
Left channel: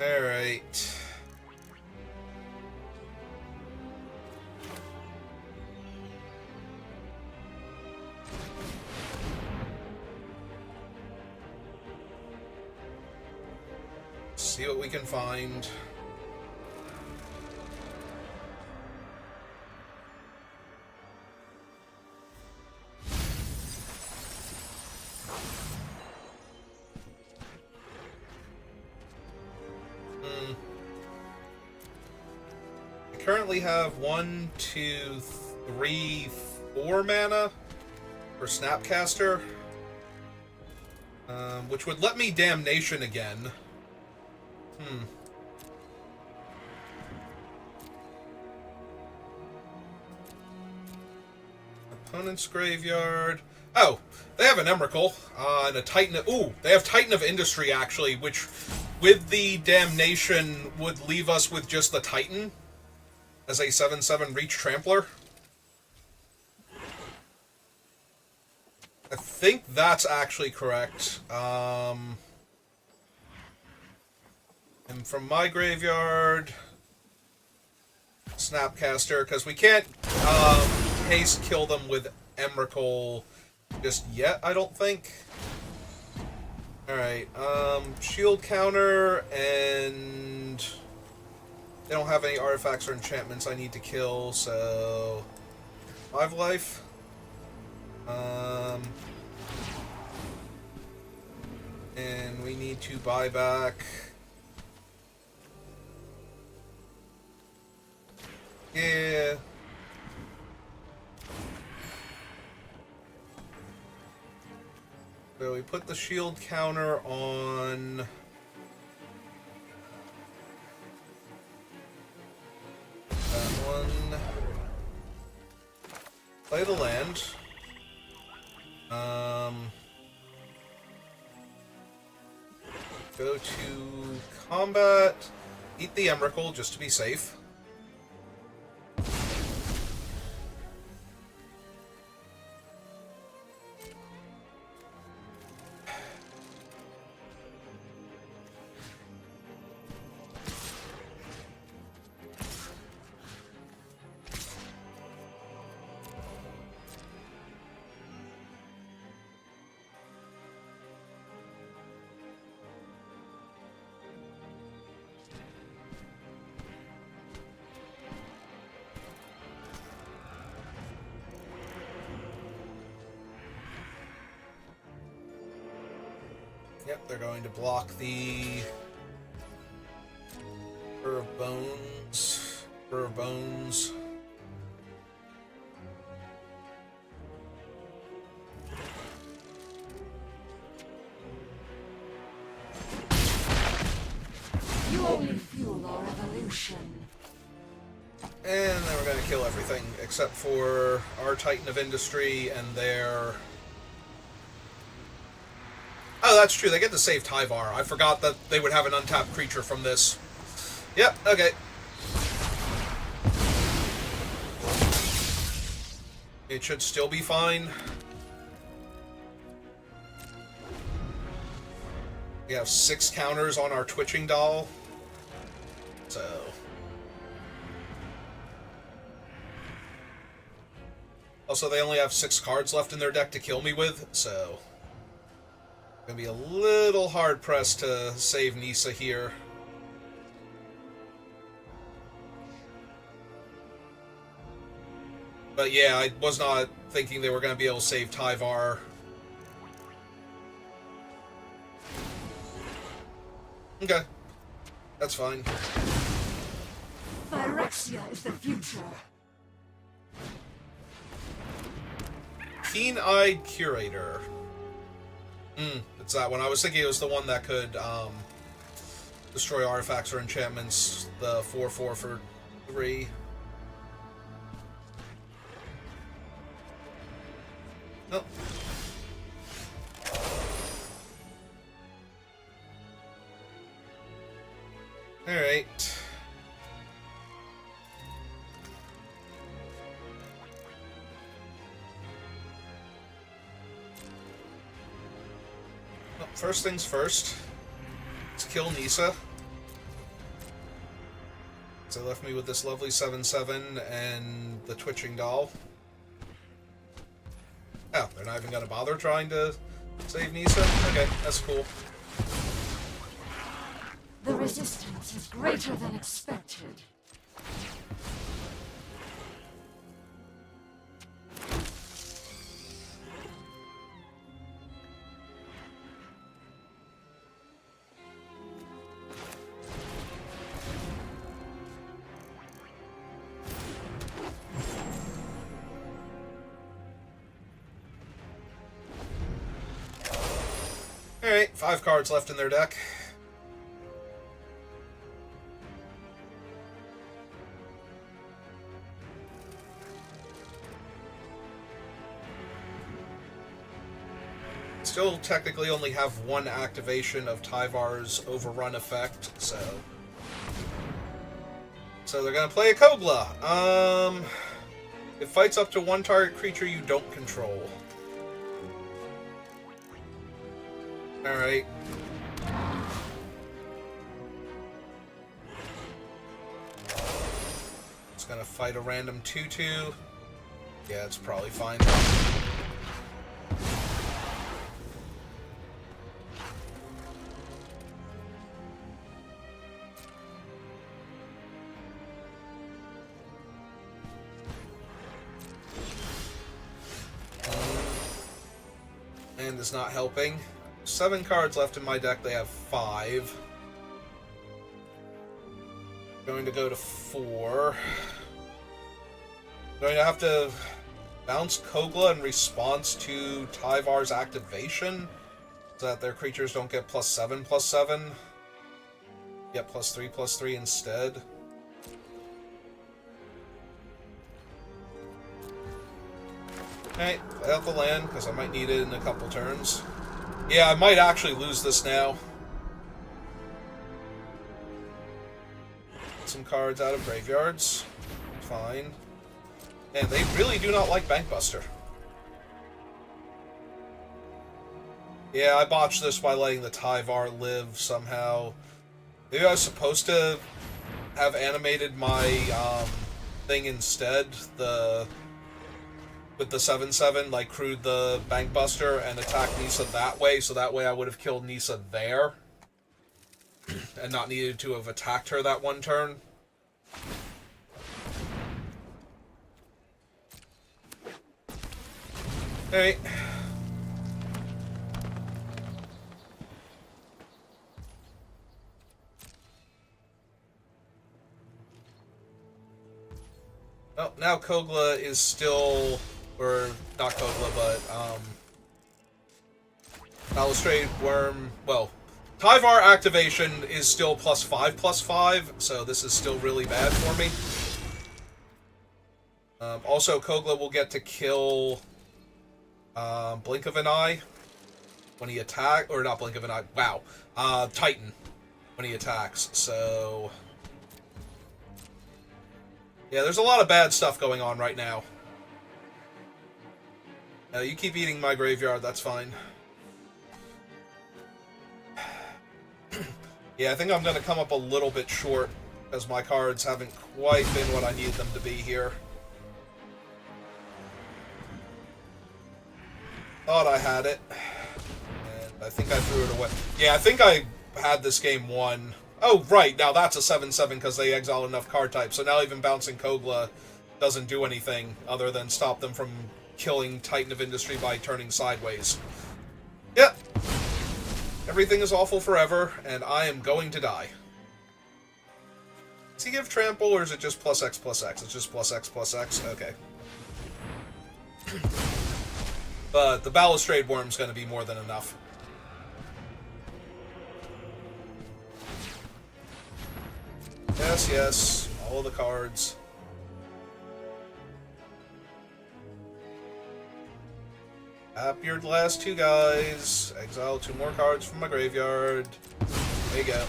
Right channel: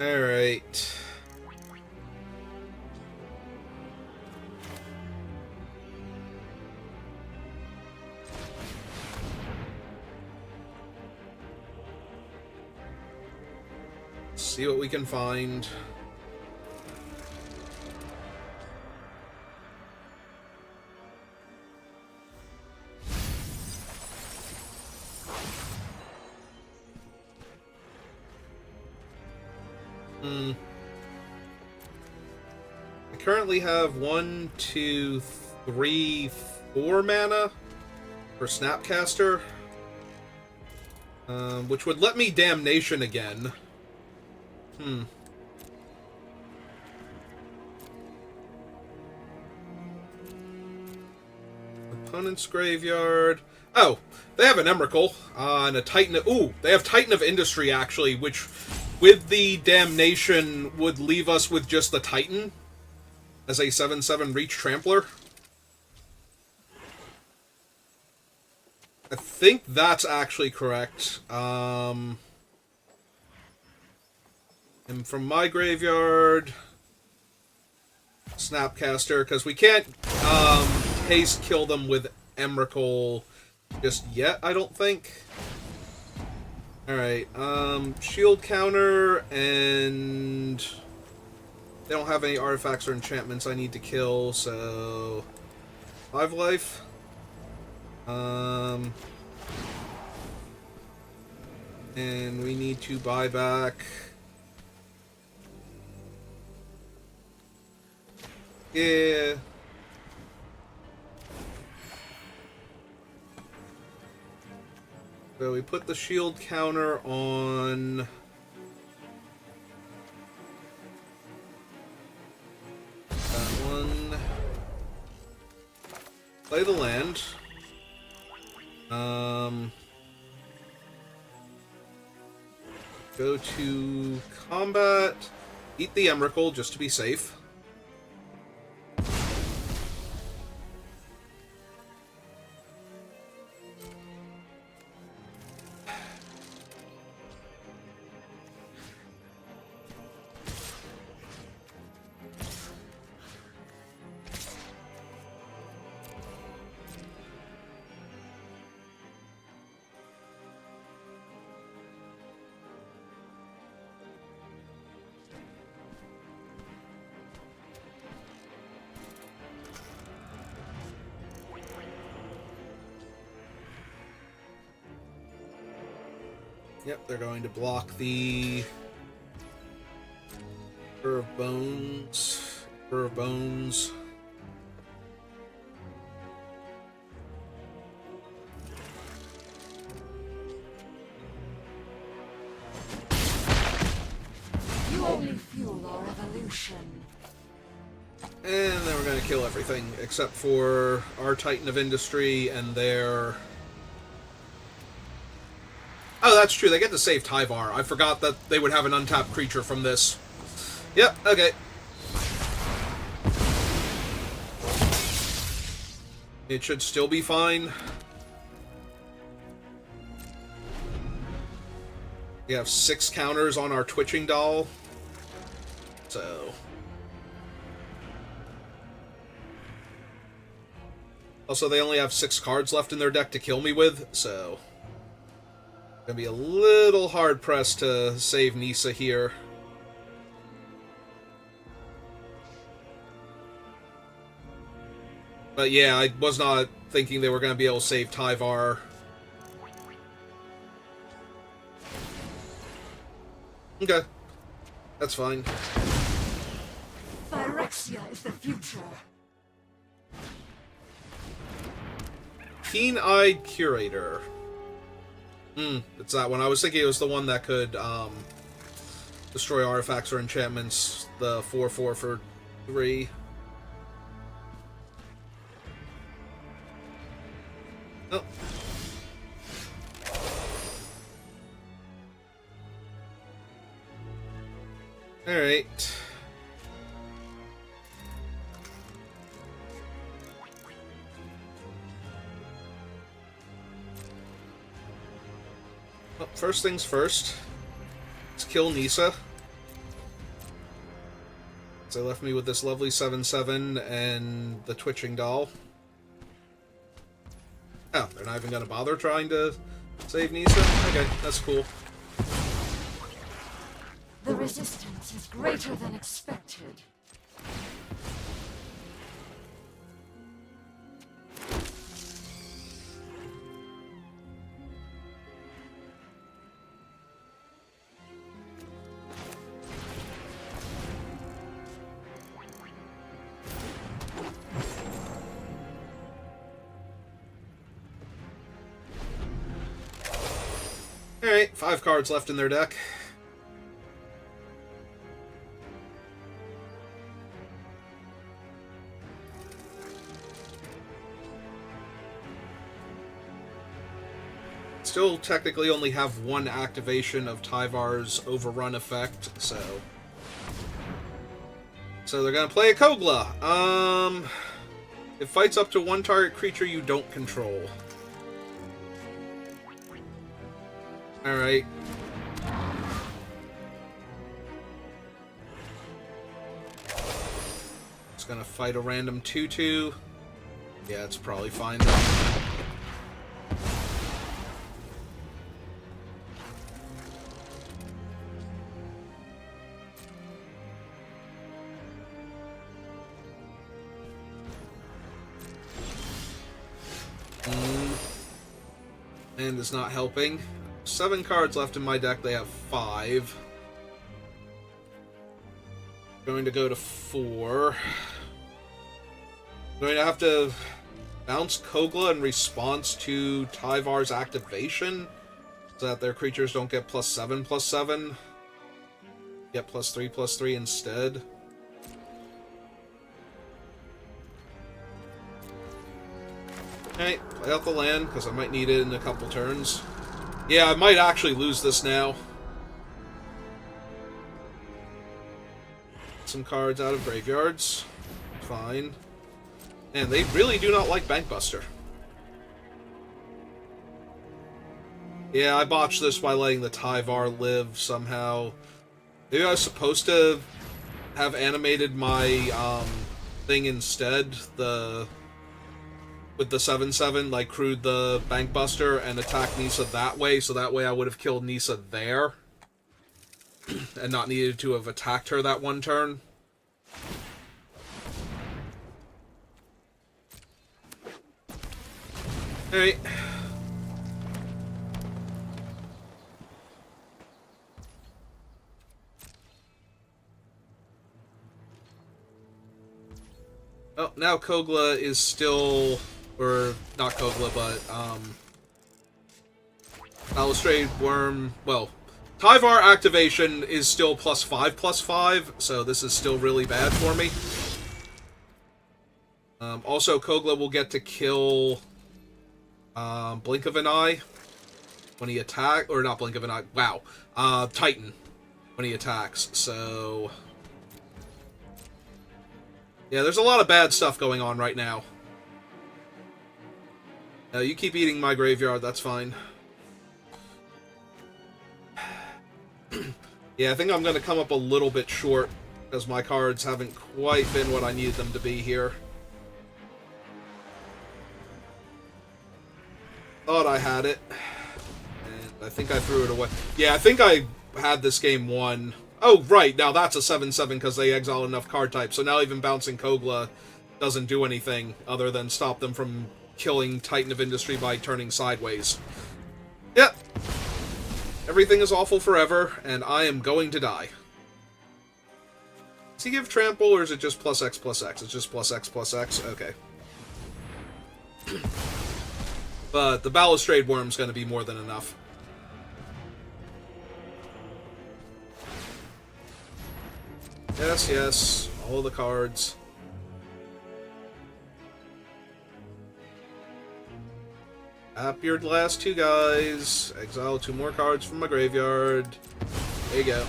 Alright. see what we can find. I currently have 1, 2, 3, 4 mana for Snapcaster, which would let me Damnation again. Opponent's graveyard. Oh, they have an Emrakul and a Titan. Ooh, they have Titan of Industry, actually, which, with the Damnation, would leave us with just the Titan as a 7/7 Reach Trampler. I think that's actually correct. And from my graveyard, Snapcaster, because we can't haste kill them with Emrakul just yet, I don't think. Alright, shield counter, and they don't have any artifacts or enchantments I need to kill, so 5 life. And we need to buy back. Yeah. So we put the shield counter on that one. Play the land. Go to combat. Eat the Emrakul just to be safe. Yep, they're going to block the Spur of Bones. Spur of Bones. You only fuel our evolution. And then we're going to kill everything except for our Titan of Industry and their... Oh, that's true. They get to save Tyvar. I forgot that they would have an untapped creature from this. Yep, okay. It should still be fine. We have 6 counters on our Twitching Doll. So... Also, they only have 6 cards left in their deck to kill me with, so... Gonna be a little hard-pressed to save Nissa here. But yeah, I was not thinking they were gonna be able to save Tyvar. Okay. That's fine. Phyrexia is the future. Keen-Eyed Curator. It's that one. I was thinking it was the one that could destroy artifacts or enchantments. The 4/4 for 3. Oh. Alright. Well, first things first. Let's kill Nissa. So they left me with this lovely 7/7 and the Twitching Doll. Oh, they're not even going to bother trying to save Nissa? Okay, that's cool. The resistance is greater than expected. Alright, 5 cards left in their deck. Still technically only have one activation of Tyvar's Overrun effect, so they're gonna play a Kogla. It fights up to one target creature you don't control. Alright. It's gonna fight a random 2/2. Yeah, it's probably fine. And is not helping. 7 cards left in my deck. They have 5. Going to go to 4. Going to have to bounce Kogla in response to Tyvar's activation, so that their creatures don't get +7/+7. Get +3/+3 instead. Alright, play out the land, because I might need it in a couple turns. Yeah, I might actually lose this now. Some cards out of graveyards. Fine. And they really do not like Bankbuster. Yeah, I botched this by letting the Tyvar live somehow. Maybe I was supposed to have animated my thing instead, with the 7/7, like crewed the Bankbuster and attacked Nisa that way, so that way I would have killed Nisa there. And not needed to have attacked her that one turn. Alright. Oh, now Kogla is still... Or, not Kogla, but, Balustrade Worm... Well, Tyvar activation is still +5/+5, so this is still really bad for me. Also, Kogla will get to kill Blink of an Eye when he attacks, or not Blink of an Eye, wow, Titan when he attacks, so... Yeah, there's a lot of bad stuff going on right now. You keep eating my graveyard, that's fine. Yeah, I think I'm going to come up a little bit short, as my cards haven't quite been what I need them to be here. Thought I had it. And I think I threw it away. Yeah, I think I had this game won. Oh, right, now that's a 7/7 because they exiled enough card types, so now even bouncing Kogla doesn't do anything other than stop them from killing Titan of Industry by turning sideways. Yep. Everything is awful forever, and I am going to die. Does he give trample, or is it just +X/+X? It's just +X/+X? Okay. But the Balustrade Worm's going to be more than enough. Yes, yes. All of the cards. Tap your last 2 guys. Exile 2 more cards from my graveyard. There you go.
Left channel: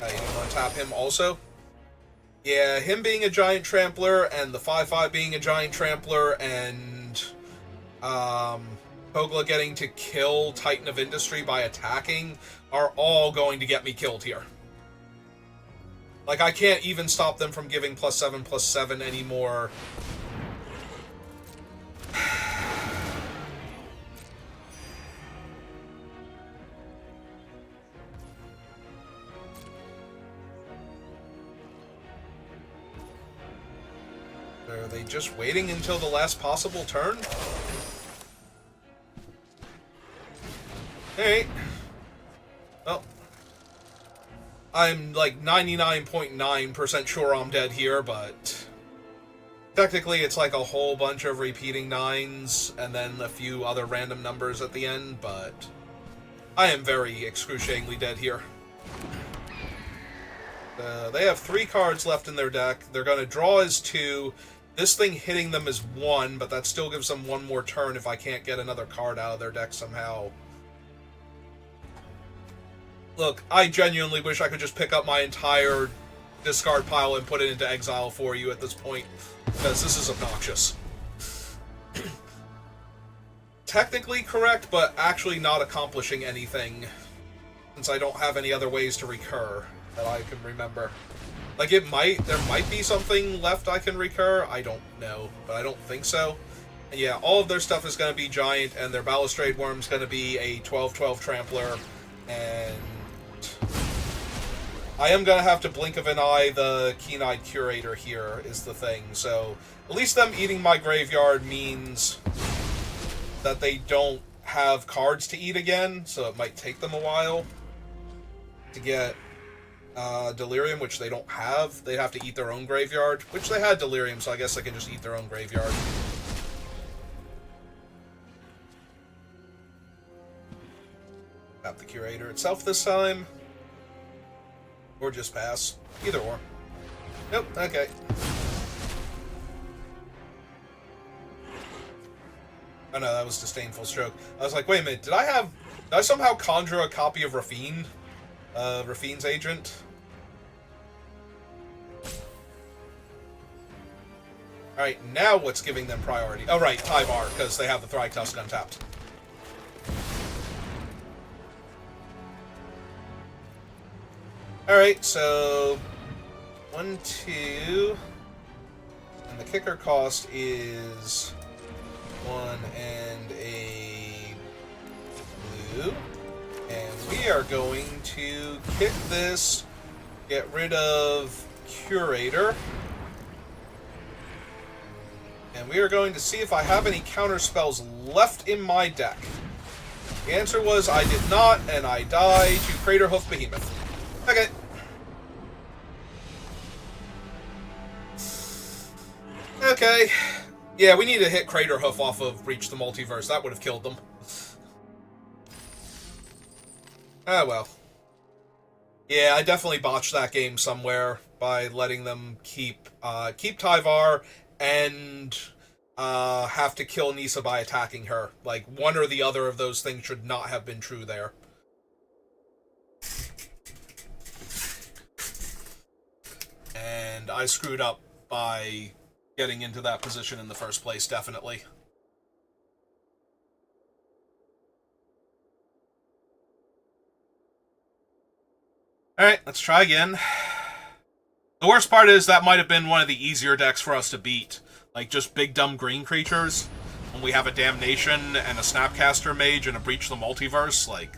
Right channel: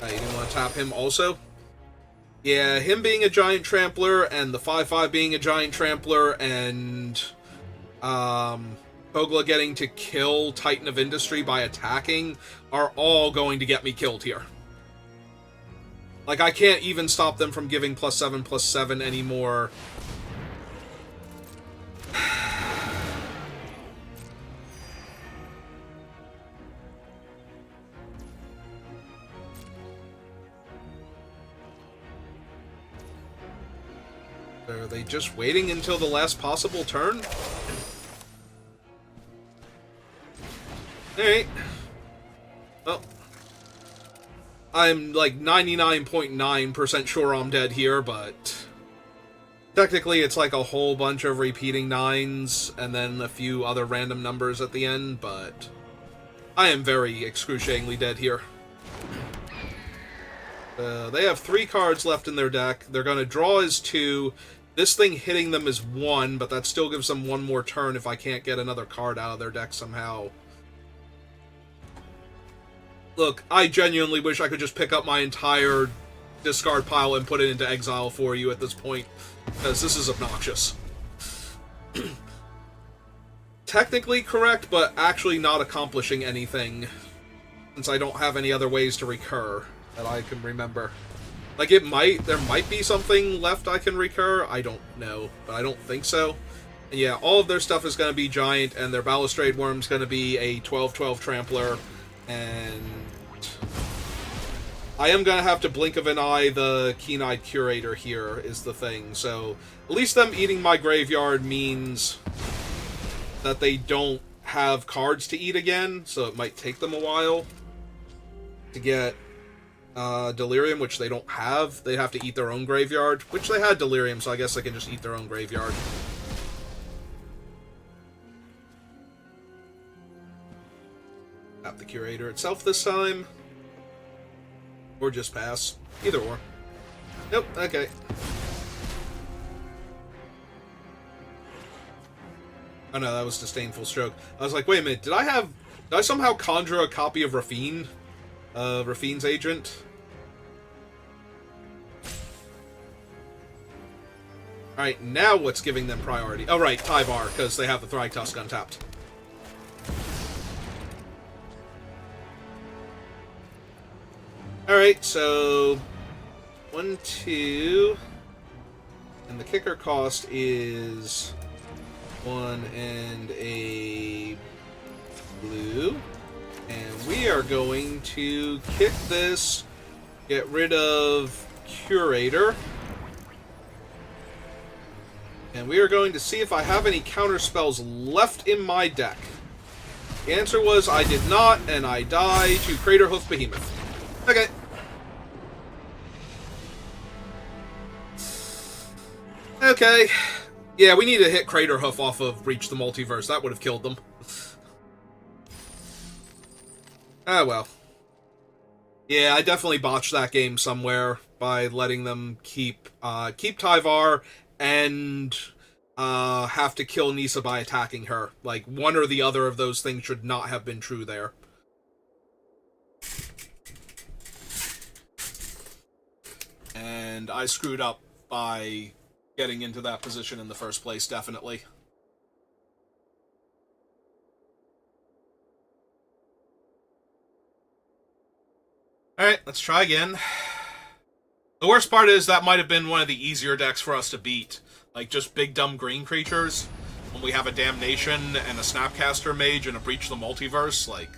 You didn't want to tap him also? Yeah, him being a giant trampler, and the 5/5 being a giant trampler, and Kogla getting to kill Titan of Industry by attacking are all going to get me killed here. Like, I can't even stop them from giving +7/+7 anymore. Are they just waiting until the last possible turn? Alright. Well, I'm like 99.9% sure I'm dead here, but technically it's like a whole bunch of repeating 9s and then a few other random numbers at the end, but I am very excruciatingly dead here. They have 3 cards left in their deck. They're going to draw as 2. This thing hitting them is 1, but that still gives them 1 more turn if I can't get another card out of their deck somehow. Look, I genuinely wish I could just pick up my entire discard pile and put it into exile for you at this point, because this is obnoxious. Technically correct, but actually not accomplishing anything, since I don't have any other ways to recur that I can remember. Like, there might be something left I can recur, I don't know, but I don't think so. And yeah, all of their stuff is going to be giant, and their Balustrade Worm's going to be a 12/12 Trampler, and I am going to have to blink of an eye the Keen-Eyed Curator here, is the thing. So, at least them eating my graveyard means that they don't have cards to eat again, so it might take them a while to get Delirium, which they don't have. They have to eat their own graveyard, which they had Delirium, so I guess they can just eat their own graveyard. Tap the Curator itself this time. Or just pass. Either or. Nope, okay. Oh no, that was Disdainful Stroke. I was like, wait a minute, did I somehow conjure a copy of Rafine? Rafine's agent? Alright, now what's giving them priority? Oh right, Tyvar, because they have the Thrytusk untapped. Alright, so 1, 2, and the kicker cost is 1 and a blue, and we are going to kick this, get rid of Curator, and we are going to see if I have any counter spells left in my deck. The answer was I did not, and I die to Craterhoof Behemoth. Okay. Okay. Yeah, we need to hit Craterhoof off of Breach the Multiverse. That would have killed them. Ah, well. Yeah, I definitely botched that game somewhere by letting them keep Tyvar and have to kill Nissa by attacking her. Like, one or the other of those things should not have been true there. And I screwed up by getting into that position in the first place, definitely. Alright, let's try again. The worst part is that might have been one of the easier decks for us to beat. Like, just big dumb green creatures. When we have a Damnation and a Snapcaster Mage and a Breach the Multiverse, like,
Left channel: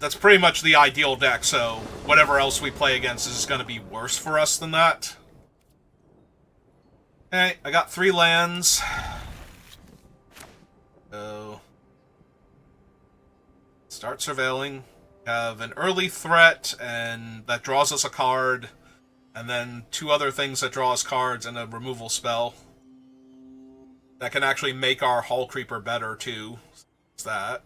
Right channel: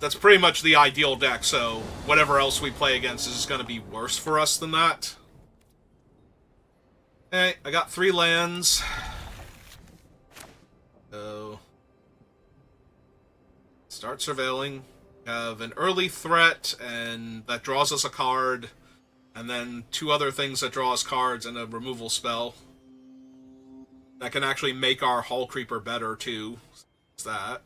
that's pretty much the ideal deck, so whatever else we play against is going to be worse for us than that. Okay, I got 3 lands. So, start surveilling. Have an early threat, and that draws us a card, and then 2 other things that draw us cards and a removal spell. That can actually make our Hull Creeper better, too. It's that.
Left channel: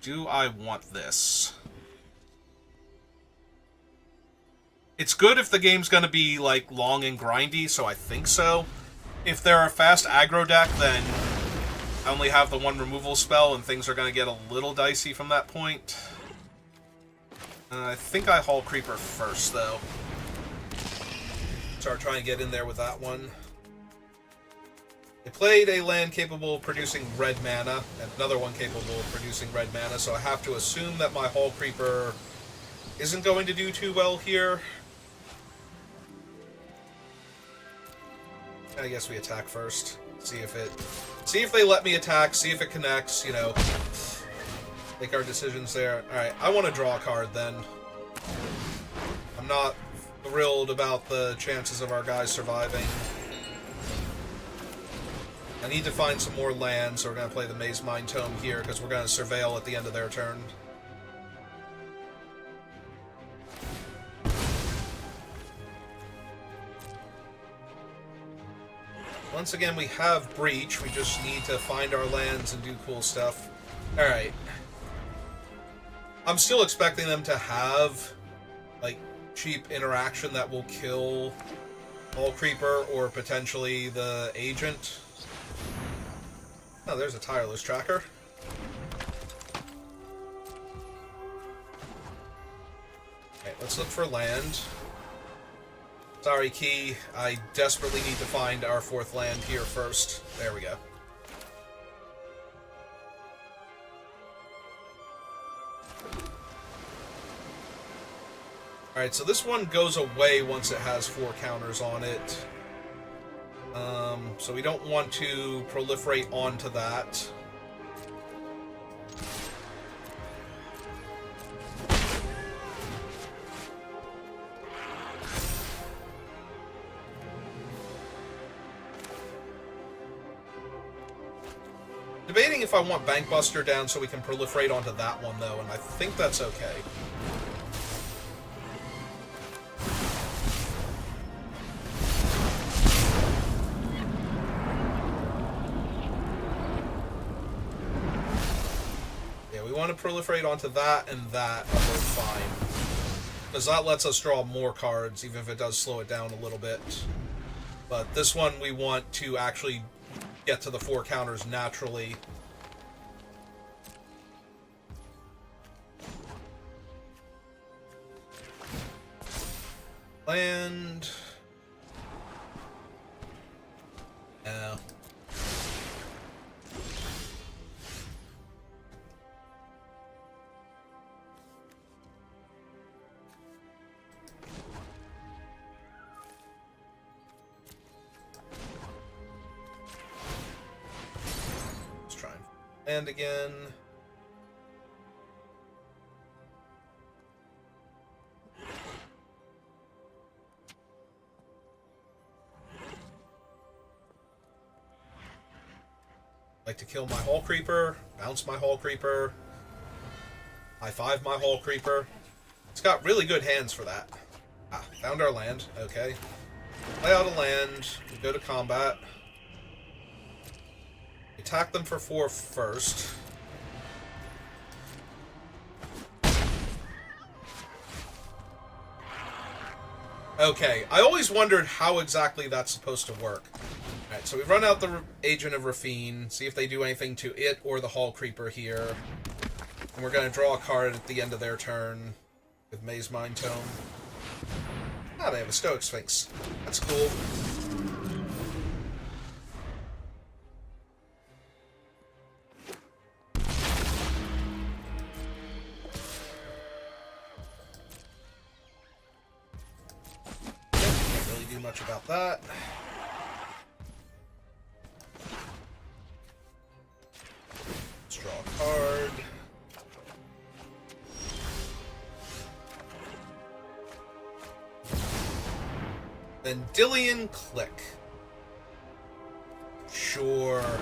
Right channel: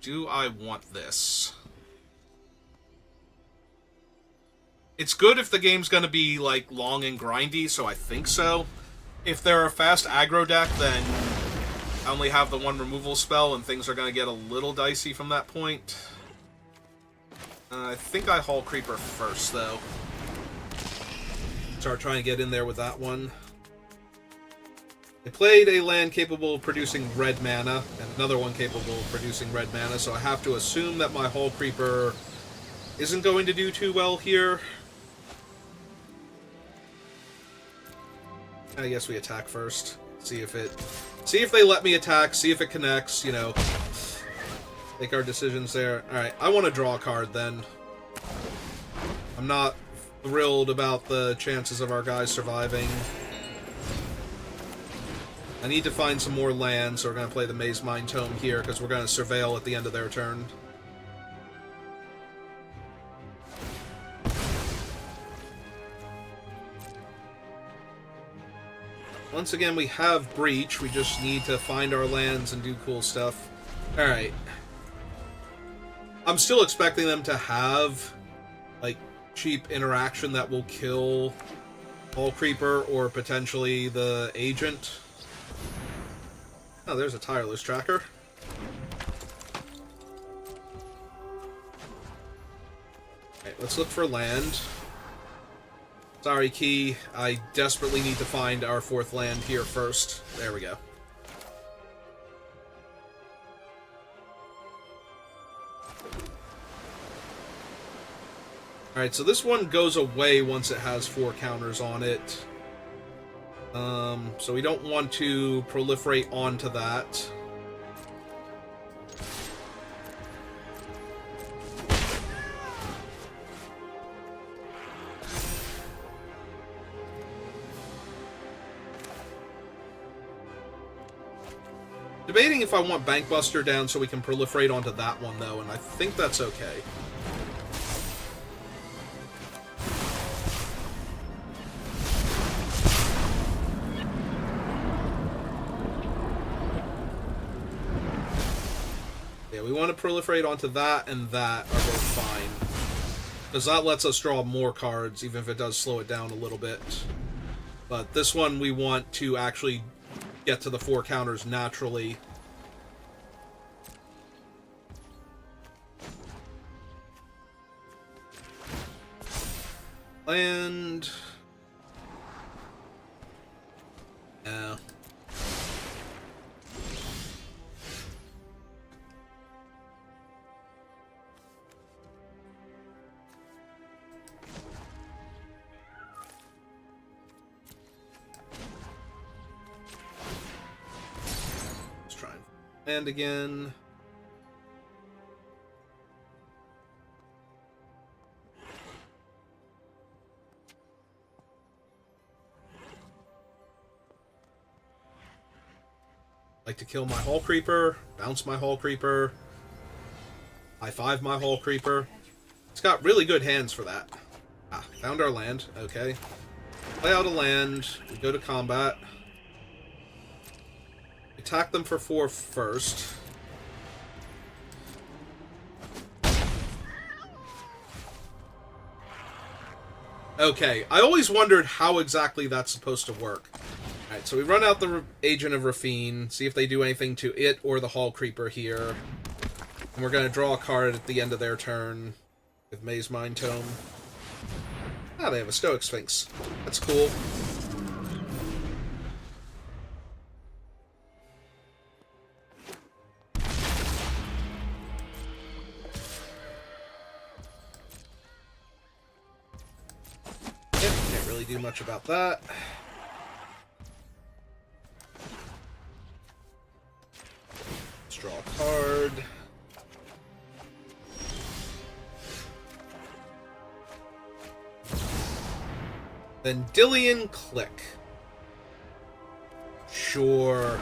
Do I want this? It's good if the game's going to be, like, long and grindy, so I think so. If they're a fast aggro deck, then I only have the 1 removal spell, and things are going to get a little dicey from that point. I think I Hull Creeper first, though. Start trying to get in there with that one. I played a land capable of producing red mana, and another one capable of producing red mana, so I have to assume that my Hull Creeper isn't going to do too well here. I guess we attack first. See if they let me attack, see if it connects, you know. Make our decisions there. Alright, I want to draw a card then. I'm not thrilled about the chances of our guys surviving. I need to find some more land, so we're going to play the Maze Mind Tome here, because we're going to surveil at the end of their turn. Once again, we have Breach. We just need to find our lands and do cool stuff. Alright. I'm still expecting them to have, like, cheap interaction that will kill Hall Creeper or potentially the Agent. Oh, there's a Tireless Tracker. Alright, let's look for land. Sorry, Key. I desperately need to find our 4th land here first. There we go. Alright, so this one goes away once it has 4 counters on it. So we don't want to proliferate onto that. Debating if I want Bankbuster down so we can proliferate onto that one, though, and I think that's okay. Yeah, we want to proliferate onto that and that are fine. Because that lets us draw more cards, even if it does slow it down a little bit. But this one we want to actually get to the 4 counters naturally. Land. No. Land again. Like to kill my Hall Creeper, bounce my Hall Creeper, high 5 my Hall Creeper. It's got really good hands for that. Ah, found our land. Okay. Play out a land. We go to combat. Attack them for 4 first. Okay, I always wondered how exactly that's supposed to work. Alright, so we run out the Agent of Rafine, see if they do anything to it or the Hall Creeper here. And we're going to draw a card at the end of their turn with Maze Mind Tome. Ah, they have a Stoic Sphinx. That's cool. Do much about that. Let's draw a card. Then Dillian Click. Sure.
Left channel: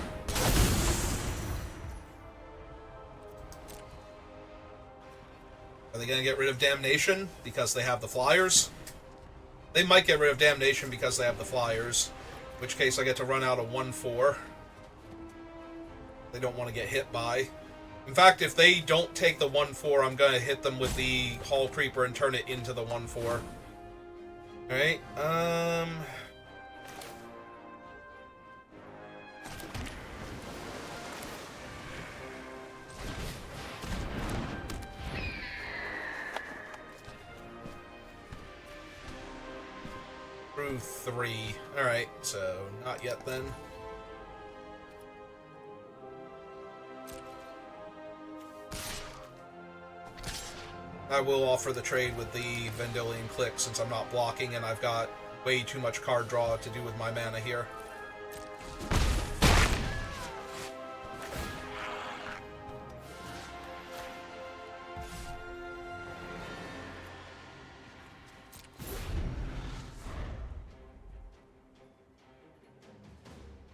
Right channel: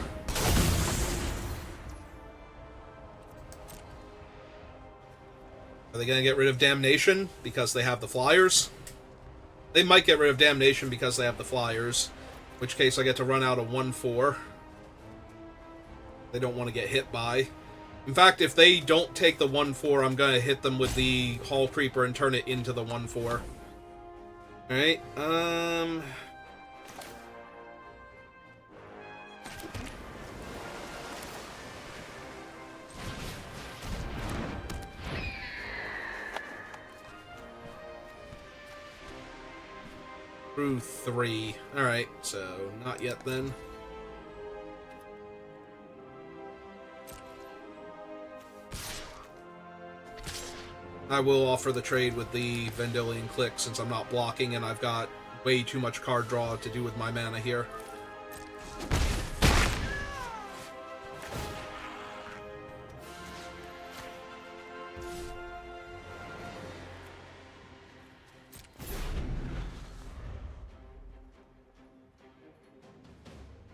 Are they going to get rid of Damnation because they have the Flyers? They might get rid of Damnation because they have the Flyers, in which case I get to run out a 1/4. They don't want to get hit by. In fact, if they don't take the 1/4, I'm going to hit them with the Hall Creeper and turn it into the 1/4. Alright, through 3. Alright, so not yet then. I will offer the trade with the Vendilion Click since I'm not blocking and I've got way too much card draw to do with my mana here.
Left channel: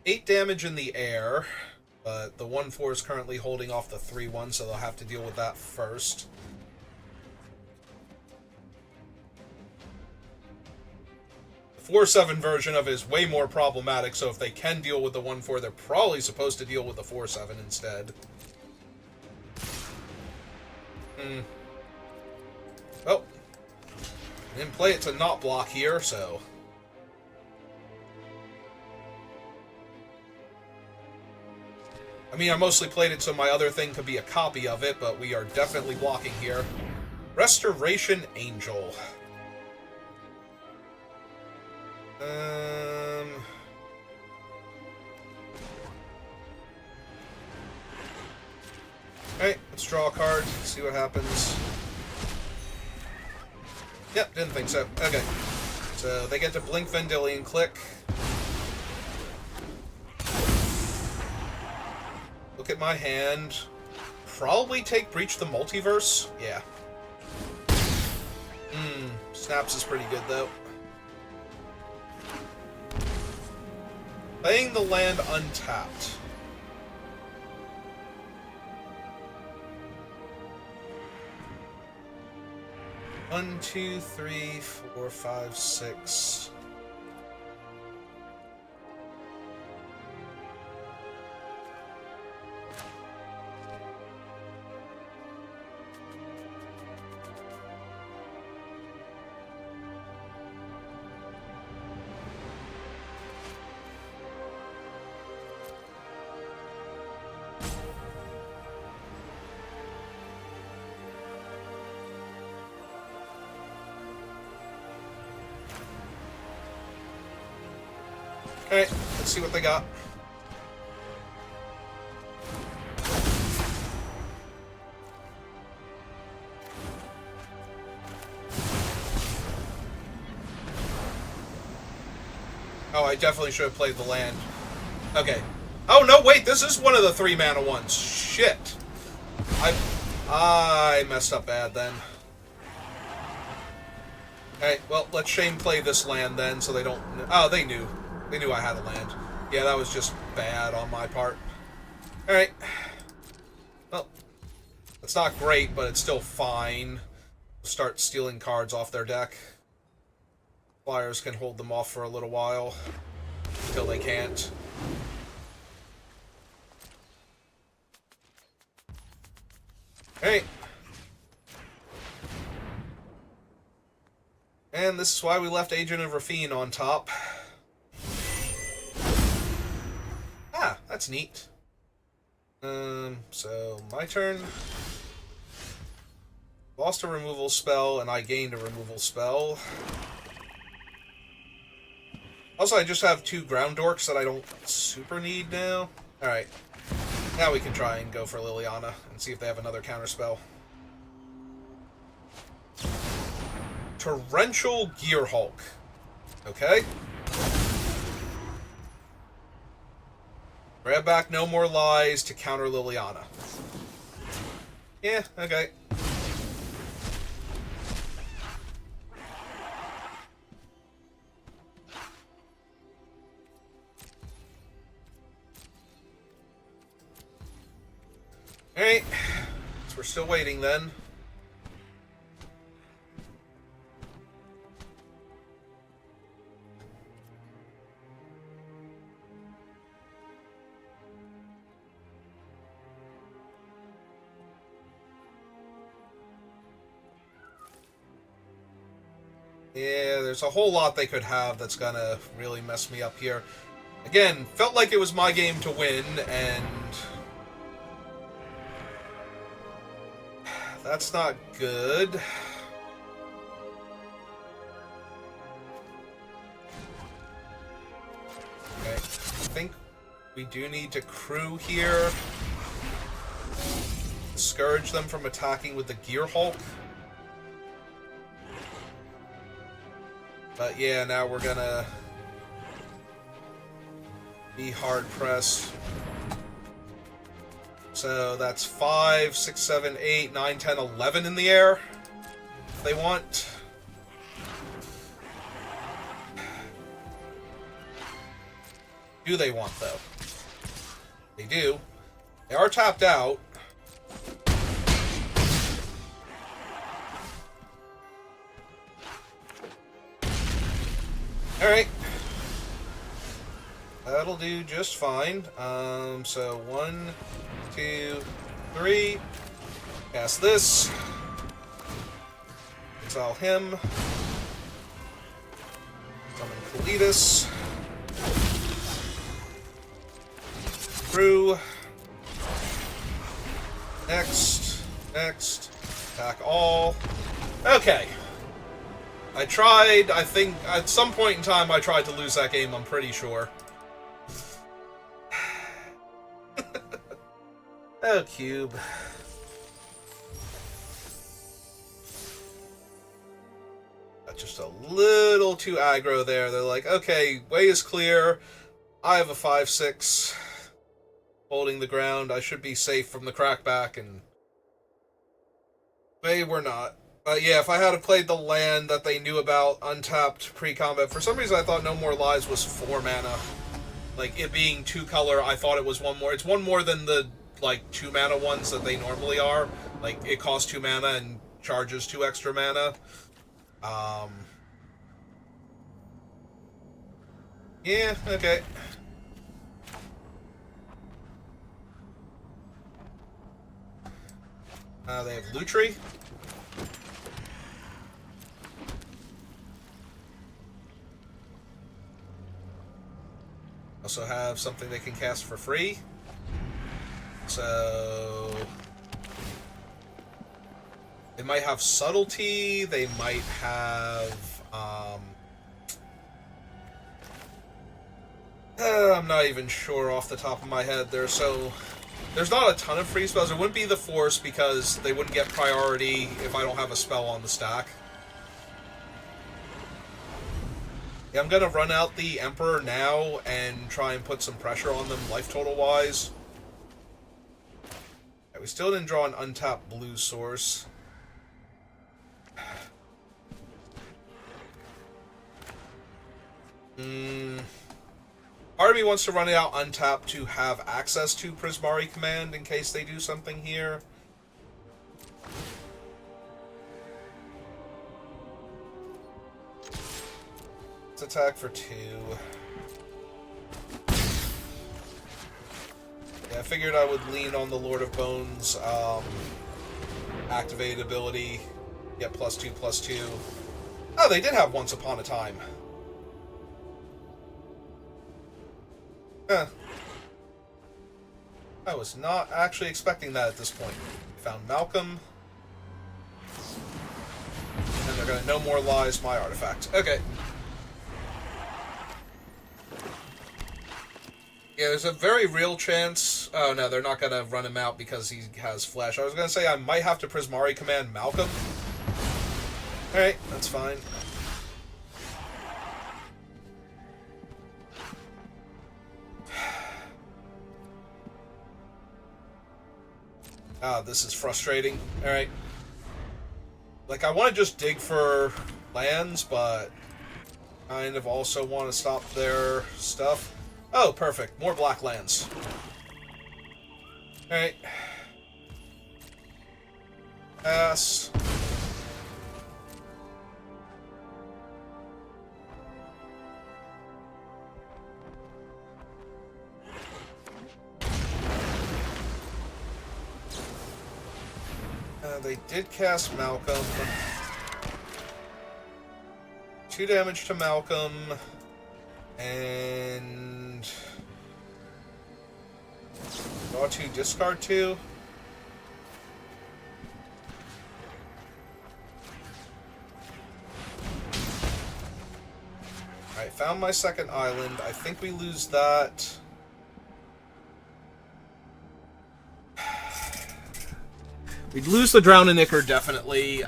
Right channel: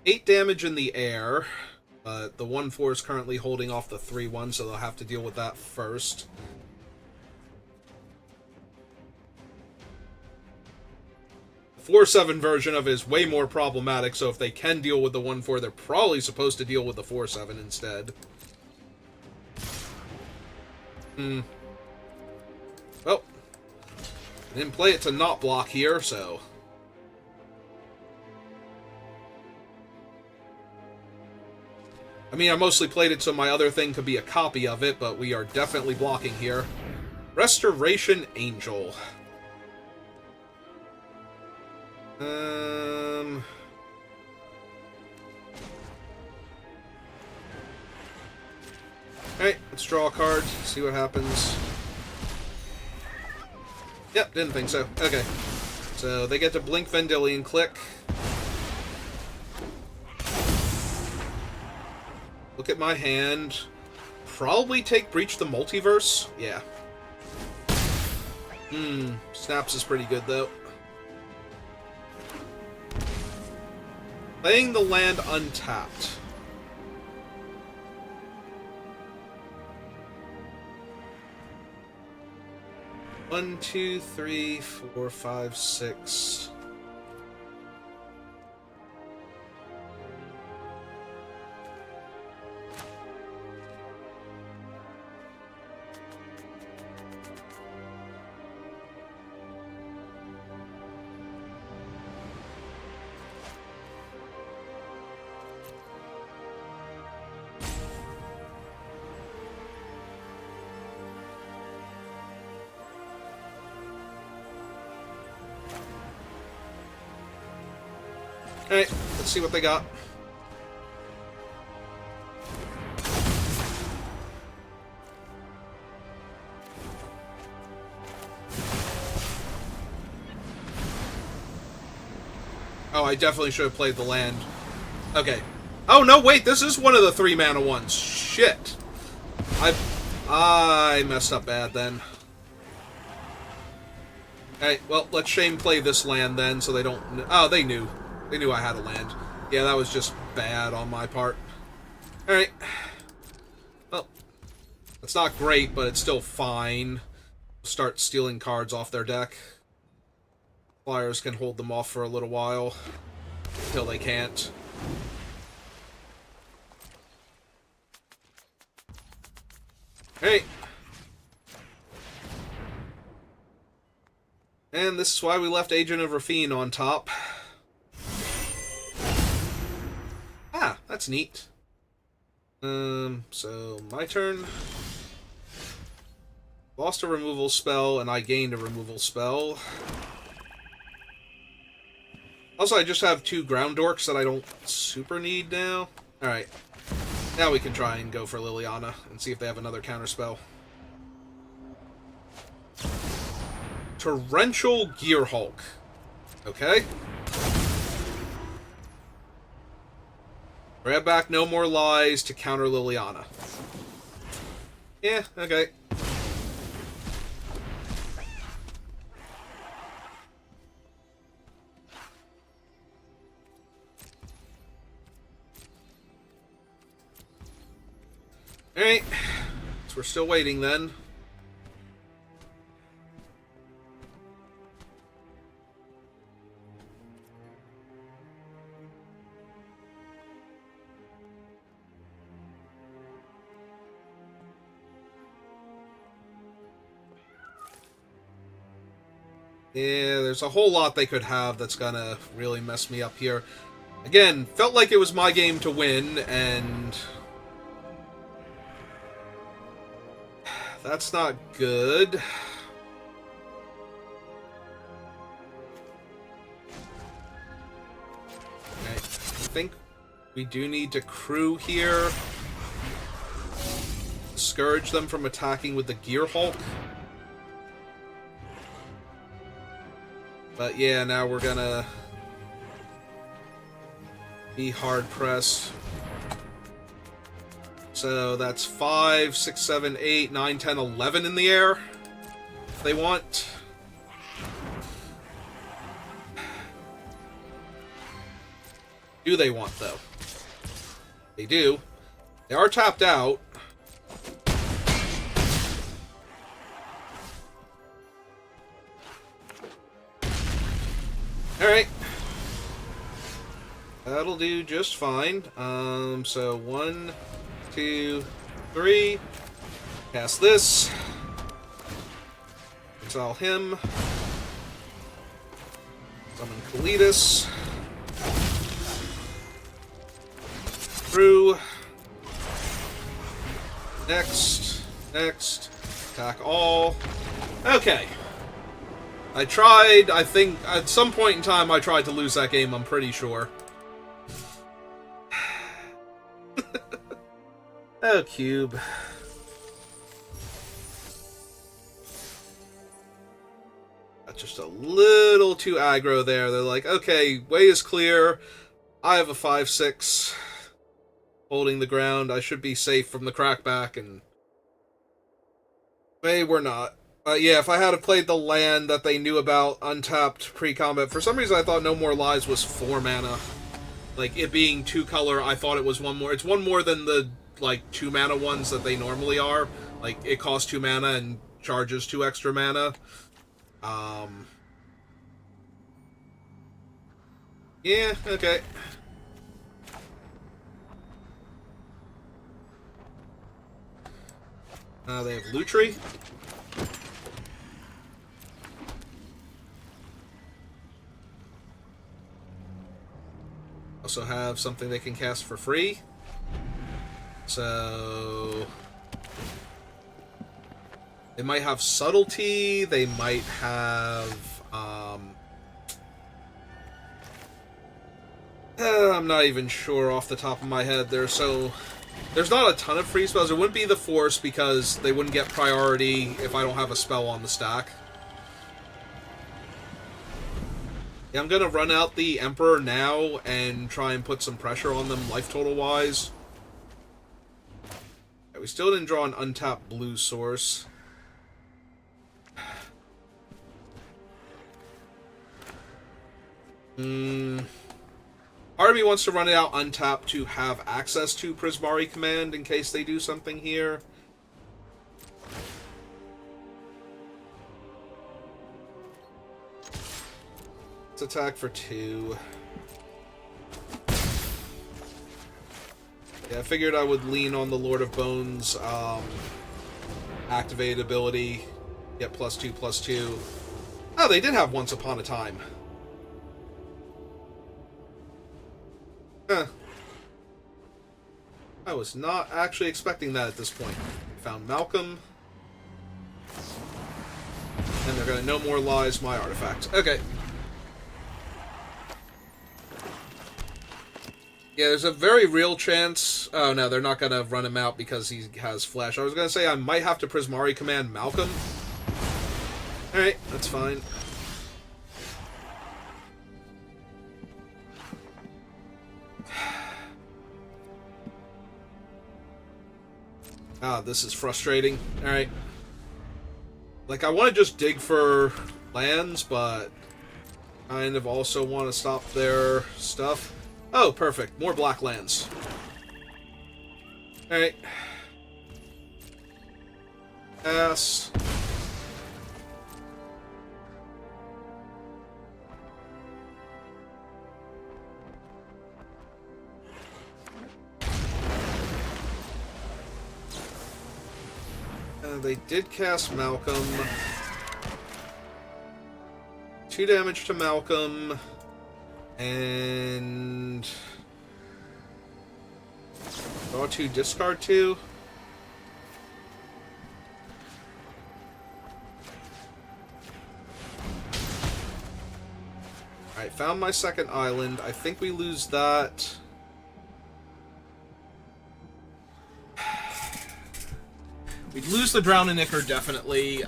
8 damage in the air, but the 1/4 is currently holding off the 3/1, so they'll have to deal with that first. The 4/7 version of it is way more problematic, so if they can deal with the 1/4, they're probably supposed to deal with the 4/7 instead. Well, I didn't play it to not block here, so... I mean, I mostly played it so my other thing could be a copy of it, but we are definitely blocking here. Restoration Angel. Alright, let's draw a card, see what happens. Yep, didn't think so. Okay. So they get to blink Vendilion click. Look at my hand. Probably take Breach the Multiverse. Yeah. Snaps is pretty good, though. Playing the land untapped. One, two, three, four, five, six. Alright, let's see what they got. Oh, I definitely should have played the land. Okay. Oh, no, wait, this is one of the 3-mana ones. Shit. I messed up bad then. Okay, well, let Shane play this land then, so they don't... Oh, they knew. They knew I had a land. Yeah, that was just bad on my part. Alright. Well, that's not great, but it's still fine. We'll start stealing cards off their deck. Flyers can hold them off for a little while. Until they can't. Alright. And this is why we left Agent of Rafine on top. Ah, that's neat. So my turn. Lost a removal spell, and I gained a removal spell. Also, I just have 2 ground dorks that I don't super need now. Alright. Now we can try and go for Liliana and see if they have another counterspell. Torrential Gearhulk. Okay. Grab back No More Lies to counter Liliana. Yeah, okay. Alright. So we're still waiting then. Yeah, there's a whole lot they could have that's gonna really mess me up here. Again, felt like it was my game to win, and... that's not good. Okay, I think we do need to crew here. Discourage them from attacking with the Gearhulk. But yeah, now we're gonna be hard pressed. So that's 5, 6, 7, 8, 9, 10, 11 in the air. They want. Do they want, though? They do. They are tapped out. Alright. That'll do just fine. So 1, 2, 3. Cast this. Exile him. Summon Kalitas. Through. Next. Attack all. Okay. I tried, I think, at some point in time I tried to lose that game, I'm pretty sure. Oh, cube. That's just a little too aggro there. They're like, okay, way is clear. I have a 5/6 holding the ground. I should be safe from the crackback, and they were not. Yeah, if I had played the land that they knew about, untapped pre-combat, for some reason I thought No More Lies was 4 mana. Like, it being 2 color, I thought it was 1 more. It's 1 more than the, like, 2 mana ones that they normally are. Like, it costs 2 mana and charges 2 extra mana. Yeah, okay. They have Lutri. Also have something they can cast for free. So they might have Subtlety, they might have I'm not even sure off the top of my head. There's not a ton of free spells. It wouldn't be the Force because they wouldn't get priority if I don't have a spell on the stack. Yeah, I'm gonna run out the Emperor now and try and put some pressure on them life total wise. Yeah, we still didn't draw an untapped blue source. Part of me wants to run it out untapped to have access to Prismari Command in case they do something here. Let's attack for 2. Yeah, I figured I would lean on the Lord of Bones activated ability. Get +2/+2. Oh, they did have Once Upon a Time. Huh. I was not actually expecting that at this point. Found Malcolm. And they're gonna No More Lies my artifact. Okay. Yeah, there's a very real chance... Oh, no, they're not going to run him out because he has Flash. I was going to say I might have to Prismari Command Malcolm. Alright, that's fine. Ah, this is frustrating. Alright. Like, I want to just dig for lands, but kind of also want to stop their stuff. Oh, perfect. More black lands. Alright. Pass. They did cast Malcolm. 2 damage to Malcolm. And draw 2, discard 2. Alright, found my second island. I think we lose that. We'd lose the Drowninicker, definitely.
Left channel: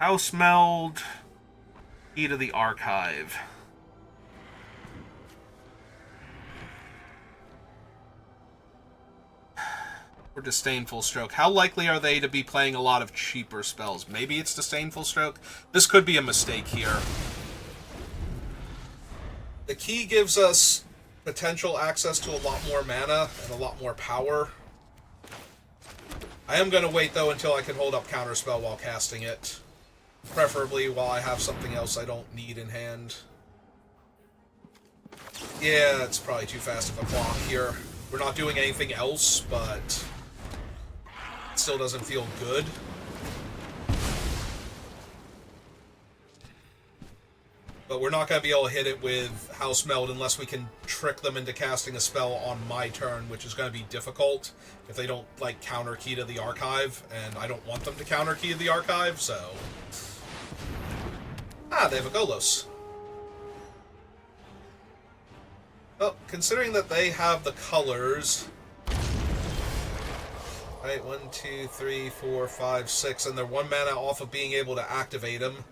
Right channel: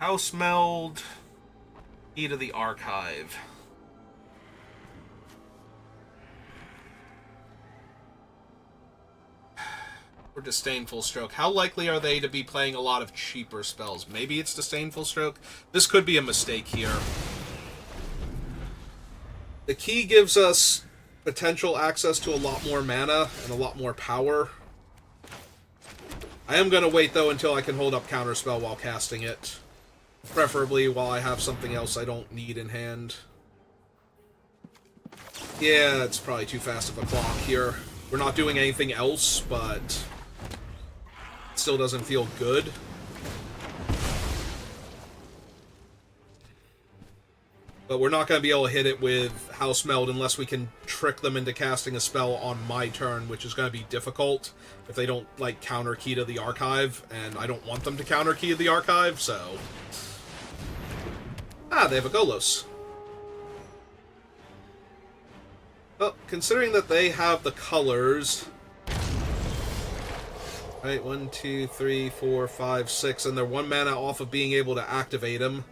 House Meld. Key to the Archive. Or Disdainful Stroke. How likely are they to be playing a lot of cheaper spells? Maybe it's Disdainful Stroke? This could be a mistake here. The key gives us potential access to a lot more mana and a lot more power. I am going to wait, though, until I can hold up Counterspell while casting it. Preferably while I have something else I don't need in hand. Yeah, it's probably too fast of a block here. We're not doing anything else, but it still doesn't feel good. But we're not going to be able to hit it with House Meld unless we can trick them into casting a spell on my turn, which is going to be difficult if they don't, like, counter key to the archive, and I don't want them to counter key to the archive, so... Ah, they have a Golos. Well, considering that they have the colors... Right, 1, 2, 3, 4, 5, 6, and they're 1 mana off of being able to activate them.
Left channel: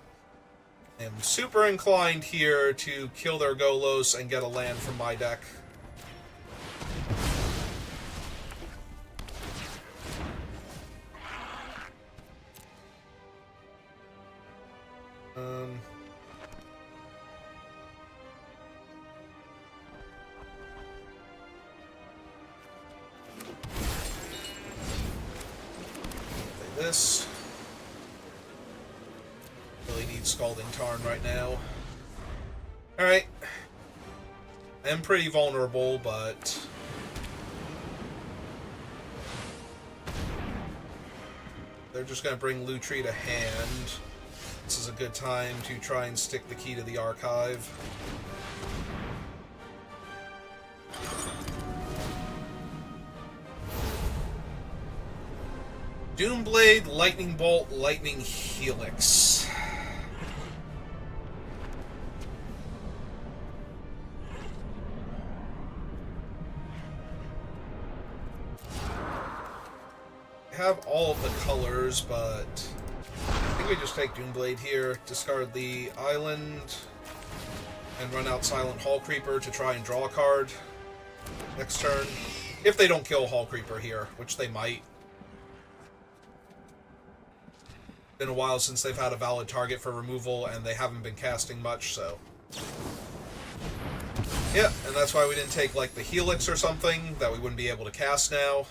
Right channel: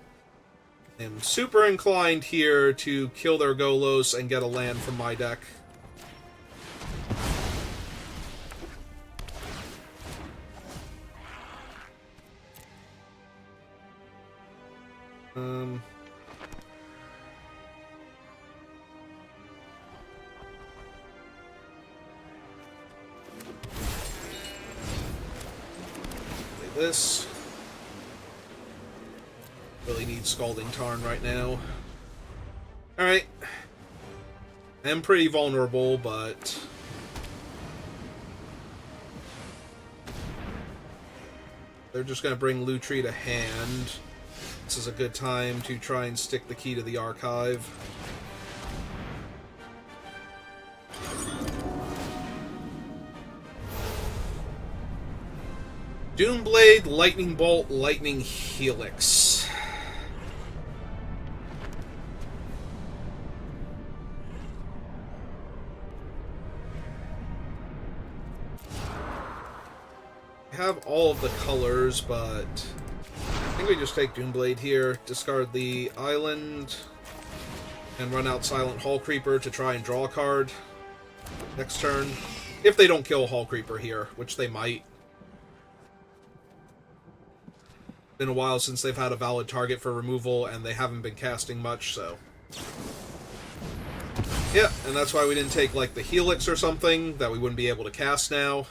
I'm super inclined here to kill their Golos and get a land from my deck. Play this. Really need Scalding Tarn right now. Alright. I am pretty vulnerable, but... they're just going to bring Lutri to hand. This is a good time to try and stick the key to the archive. Doomblade, Lightning Bolt, Lightning Helix. I have all of the colors, but I think we just take Doomblade here, discard the island, and run out Silent Hall Creeper to try and draw a card next turn. If they don't kill Hall Creeper here, which they might. Been a while since they've had a valid target for removal, and they haven't been casting much, so... yeah, and that's why we didn't take, like, the Helix or something that we wouldn't be able to cast now.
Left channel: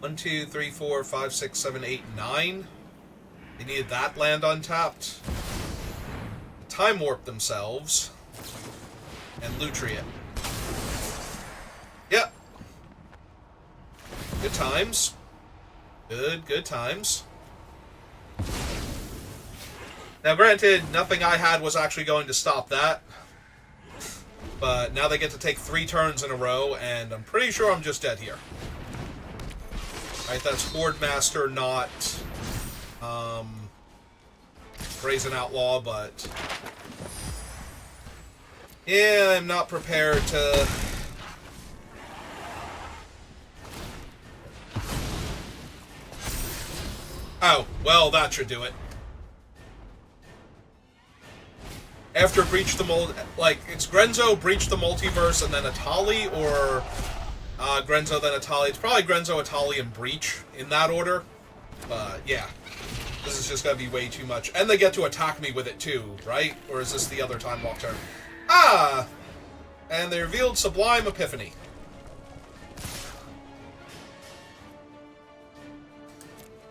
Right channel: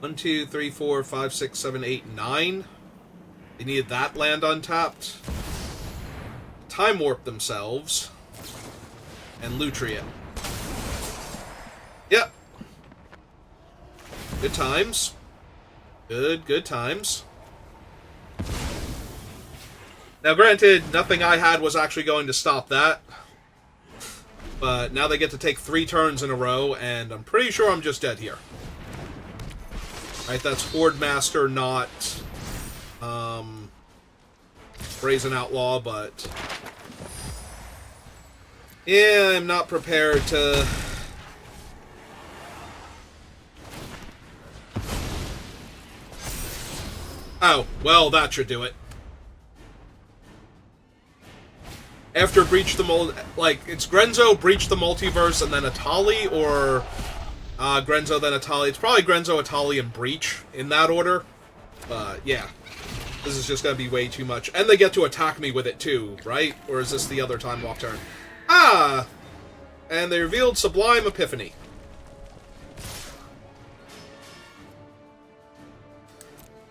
1, 2, 3, 4, 5, 6, 7, 8, 9. They needed that land untapped. Time Warp themselves. And Lutri it. Yep. Good times. Good times. Now, granted, nothing I had was actually going to stop that. But now they get to take 3 turns in a row, and I'm pretty sure I'm just dead here. Right, that's Horde Master, not Brazen Outlaw, but... yeah, I'm not prepared to... oh, well, that should do it. After Breach the like, it's Grenzo, Breach the Multiverse, and then Atali, or Grenzo, then Atali. It's probably Grenzo, Atali, and Breach in that order. But, yeah. This is just going to be way too much. And they get to attack me with it, too, right? Or is this the other Time Walk turn? Ah! And they revealed Sublime Epiphany.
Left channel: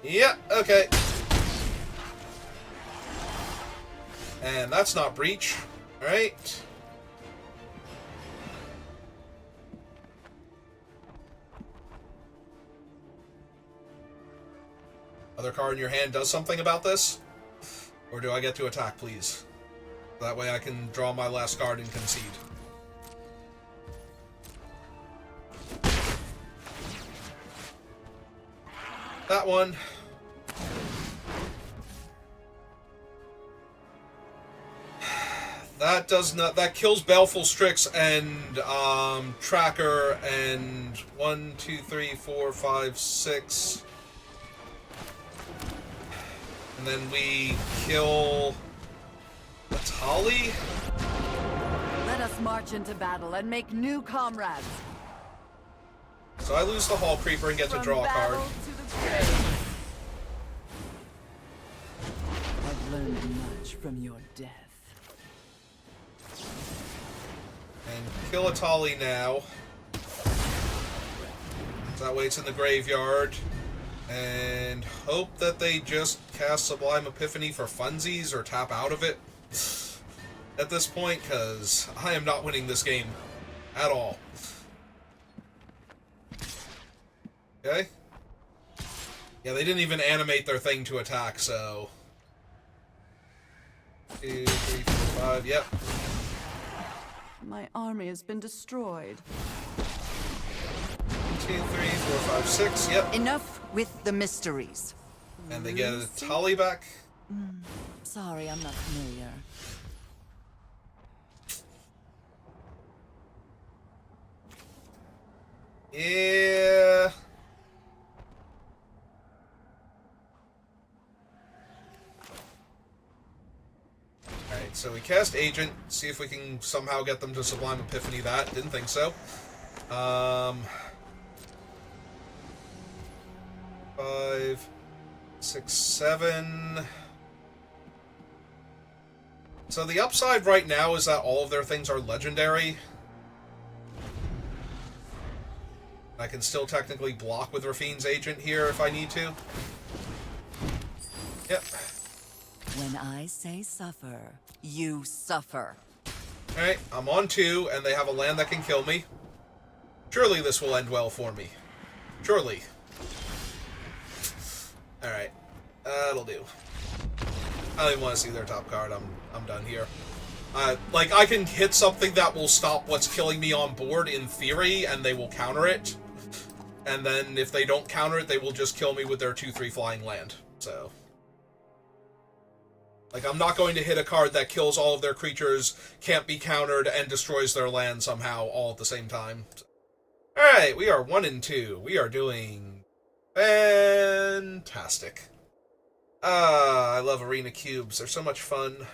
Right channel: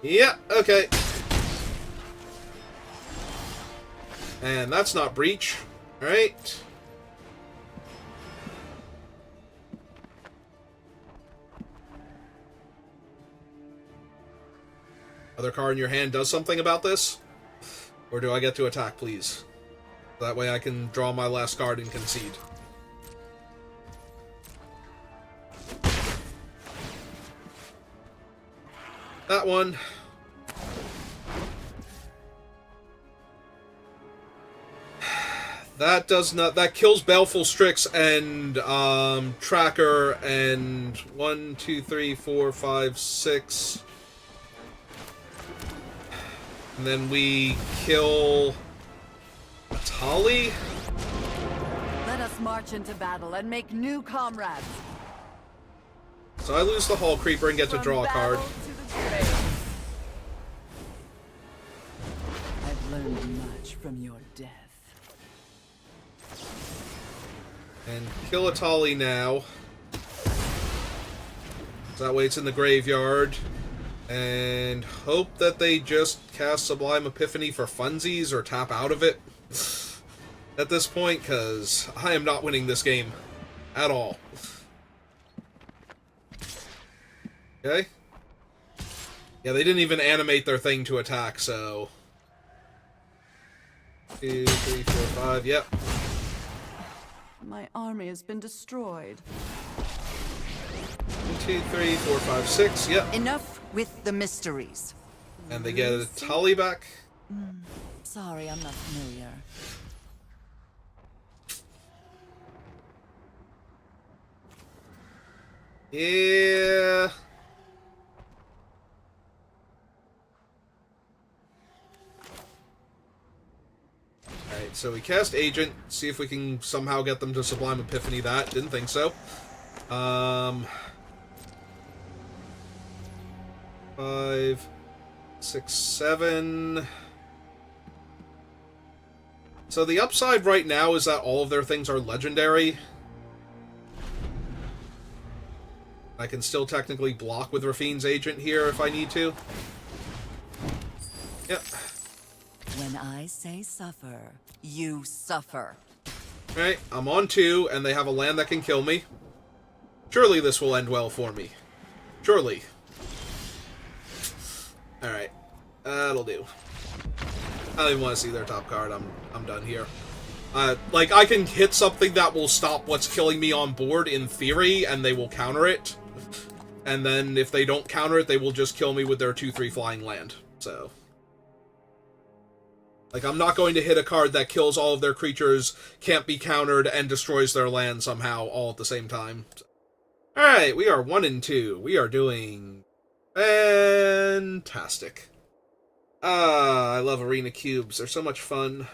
Yeah, okay. And that's not Breach, right? Other card in your hand does something about this? Or do I get to attack, please? That way I can draw my last card and concede. That one. That does not... that kills Baleful Strix and Tracker and 1, 2, 3, 4, 5, 6. And then we kill Atali. Let us march into battle and make new comrades. So I lose the Hall Creeper and get to draw a card. To the grave. I've learned much from your death. And kill a Tali now. That way it's in the graveyard. And hope that they just cast Sublime Epiphany for funsies or tap out of it at this point, because I am not winning this game at all. Okay? Yeah, they didn't even animate their thing to attack, so... 2, 3, 4, 5, yep. My army has been destroyed. 2, 3, 4, 5, 6, yep. Enough with the mysteries. And they get a Tali back. Sorry, I'm not familiar. Yeah. Alright, so we cast Agent, see if we can somehow get them to Sublime Epiphany that. Didn't think so. 5, 6, 7. So the upside right now is that all of their things are legendary. I can still technically block with Rafine's Agent here if I need to. Yep. When I say suffer, you suffer. Alright, I'm on 2, and they have a land that can kill me. Surely this will end well for me. Surely. Alright. That'll do. I don't even want to see their top card. I'm done here. Like, I can hit something that will stop what's killing me on board, in theory, and they will counter it. And then, if they don't counter it, they will just kill me with their 2/3 flying land. So... like, I'm not going to hit a card that kills all of their creatures, can't be countered, and destroys their land somehow all at the same time. Alright, we are 1 and 2. We are doing... fantastic. I love arena cubes. They're so much fun.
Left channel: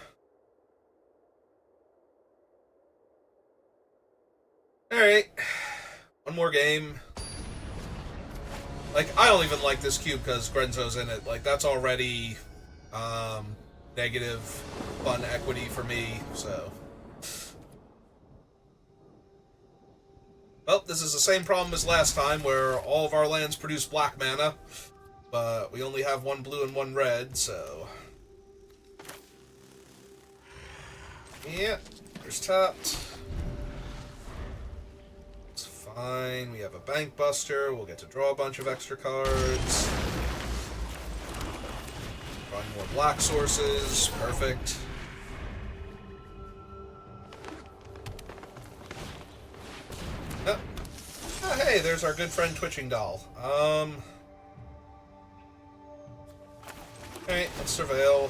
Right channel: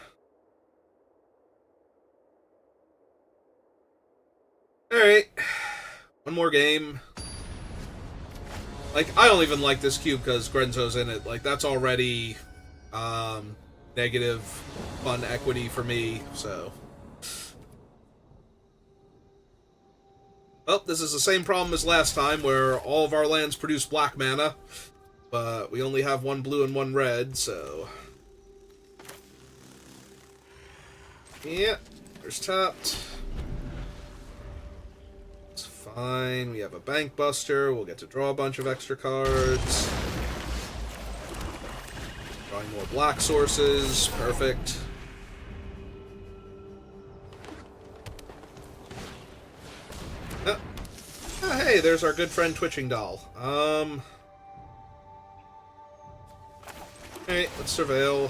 Alright. One more game. Like, I don't even like this cube because Grenzo's in it. Like, that's already, negative fun equity for me, so... well, this is the same problem as last time, where all of our lands produce black mana, but we only have 1 blue and 1 red, so... yeah, there's tapped. It's fine, we have a Bank Buster, we'll get to draw a bunch of extra cards. Drawing more black sources, perfect. Oh, hey, there's our good friend Twitching Doll. Alright, let's surveil.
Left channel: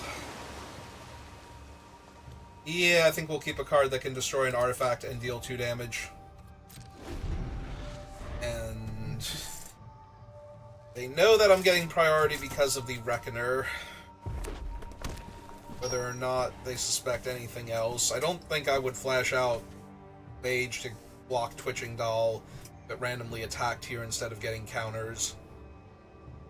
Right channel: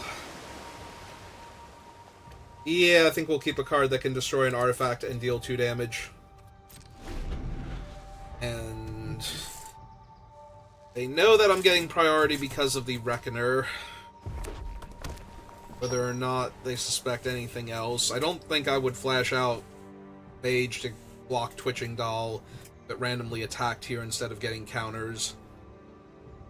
Yeah, I think we'll keep a card that can destroy an artifact and deal 2 damage. And... they know that I'm getting priority because of the Reckoner. Whether or not they suspect anything else. I don't think I would flash out Mage to block Twitching Doll that randomly attacked here instead of getting counters.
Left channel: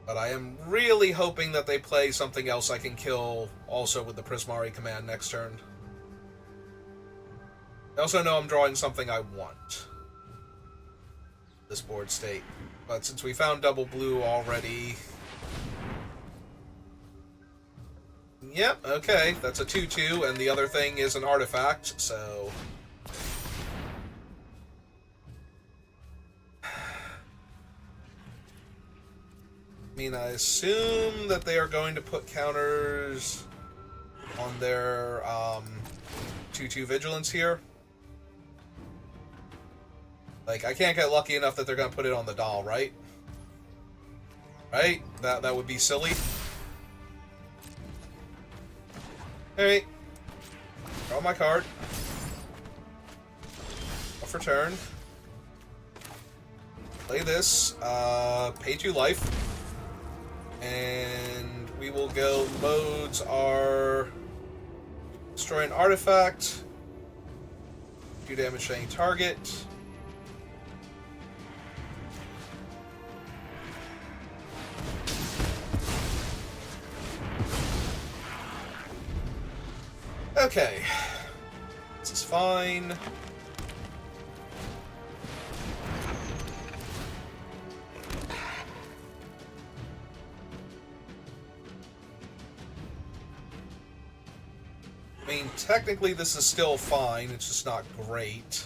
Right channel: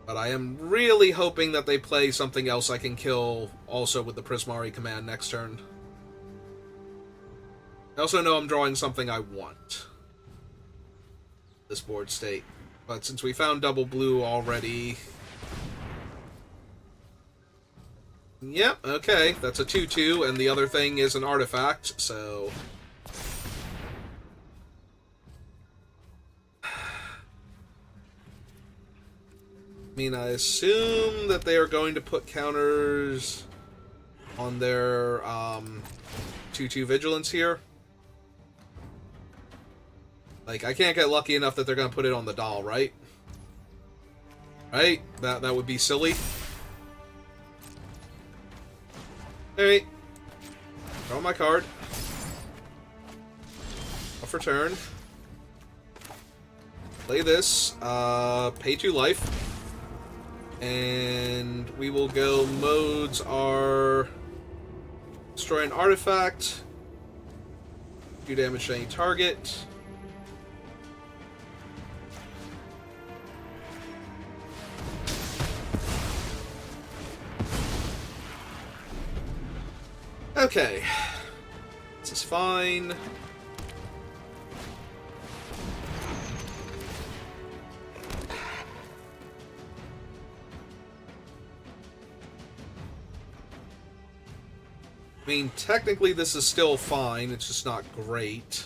But I am really hoping that they play something else I can kill also with the Prismari command next turn. I also know I'm drawing something I want. This board state. But since we found double blue already... yep, okay, that's a 2/2, and the other thing is an artifact, so... I mean, I assume that they are going to put counters on their 2/2 Vigilance here. Like, I can't get lucky enough that they're going to put it on the doll, right? Right? That would be silly. Alright. Draw my card. Off for turn. Play this. Pay 2 life. And we will go modes are destroy an artifact, do damage to any target, Okay. This is fine. I mean, technically this is still fine, it's just not great.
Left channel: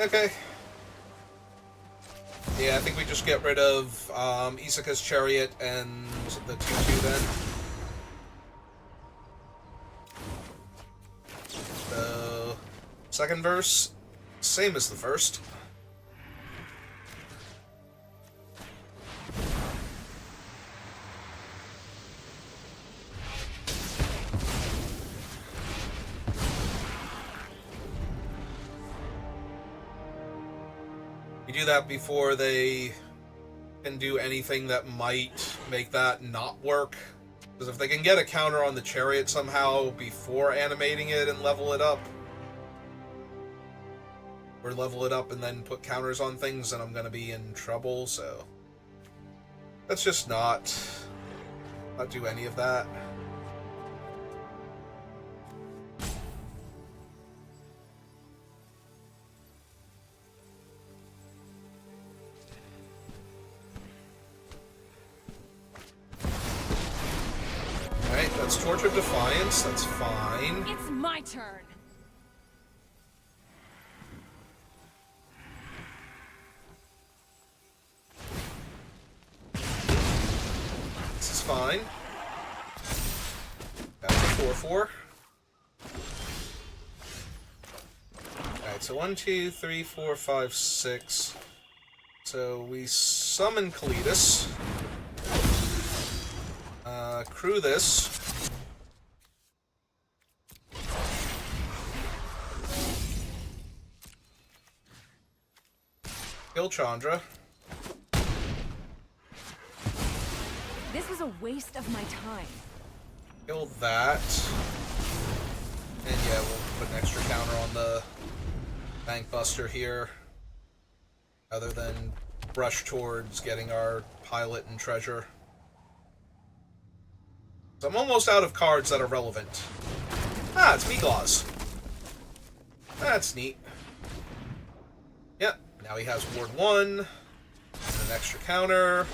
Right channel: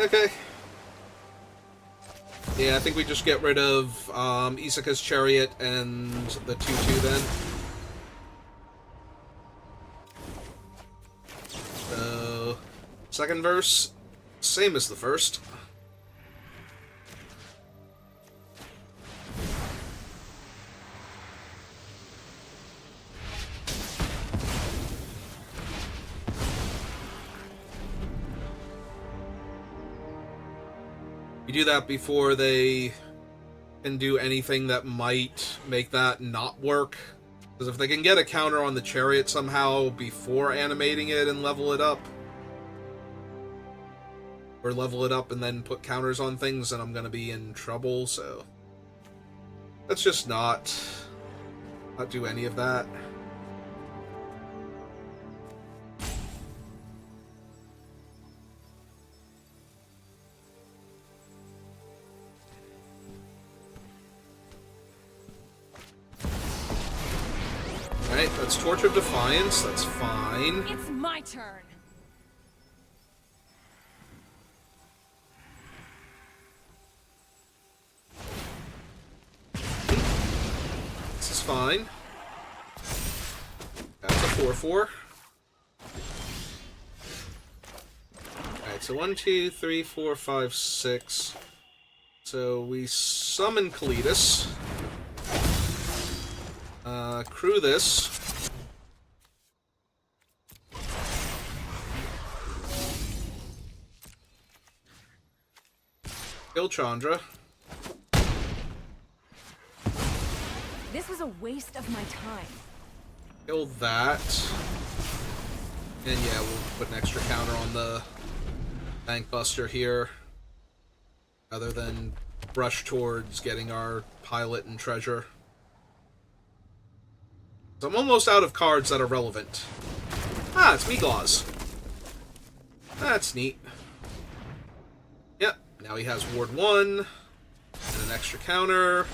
Okay. Yeah, I think we just get rid of Isaka's chariot and the 2-2 then. Second verse, same as the first. You do that before they can do anything that might make that not work. Because if they can get a counter on the chariot somehow before animating it and level it up, or level it up and then put counters on things, then I'm going to be in trouble, so let's just not do any of that. Alright, that's Torch of Defiance, that's fine. It's my turn. Fine. Got 4-4. Alright, so 1, 2, 3, 4, 5, 6. So we summon Kalitas. Crew this. Kill Chandra. This was a waste of my time. Kill that. And yeah, we'll put an extra counter on the Bank Buster here. Other than rush towards getting our pilot and treasure. So I'm almost out of cards that are relevant. Ah, it's Meatlaws. That's neat. Yep, now he has Ward 1. And an extra counter.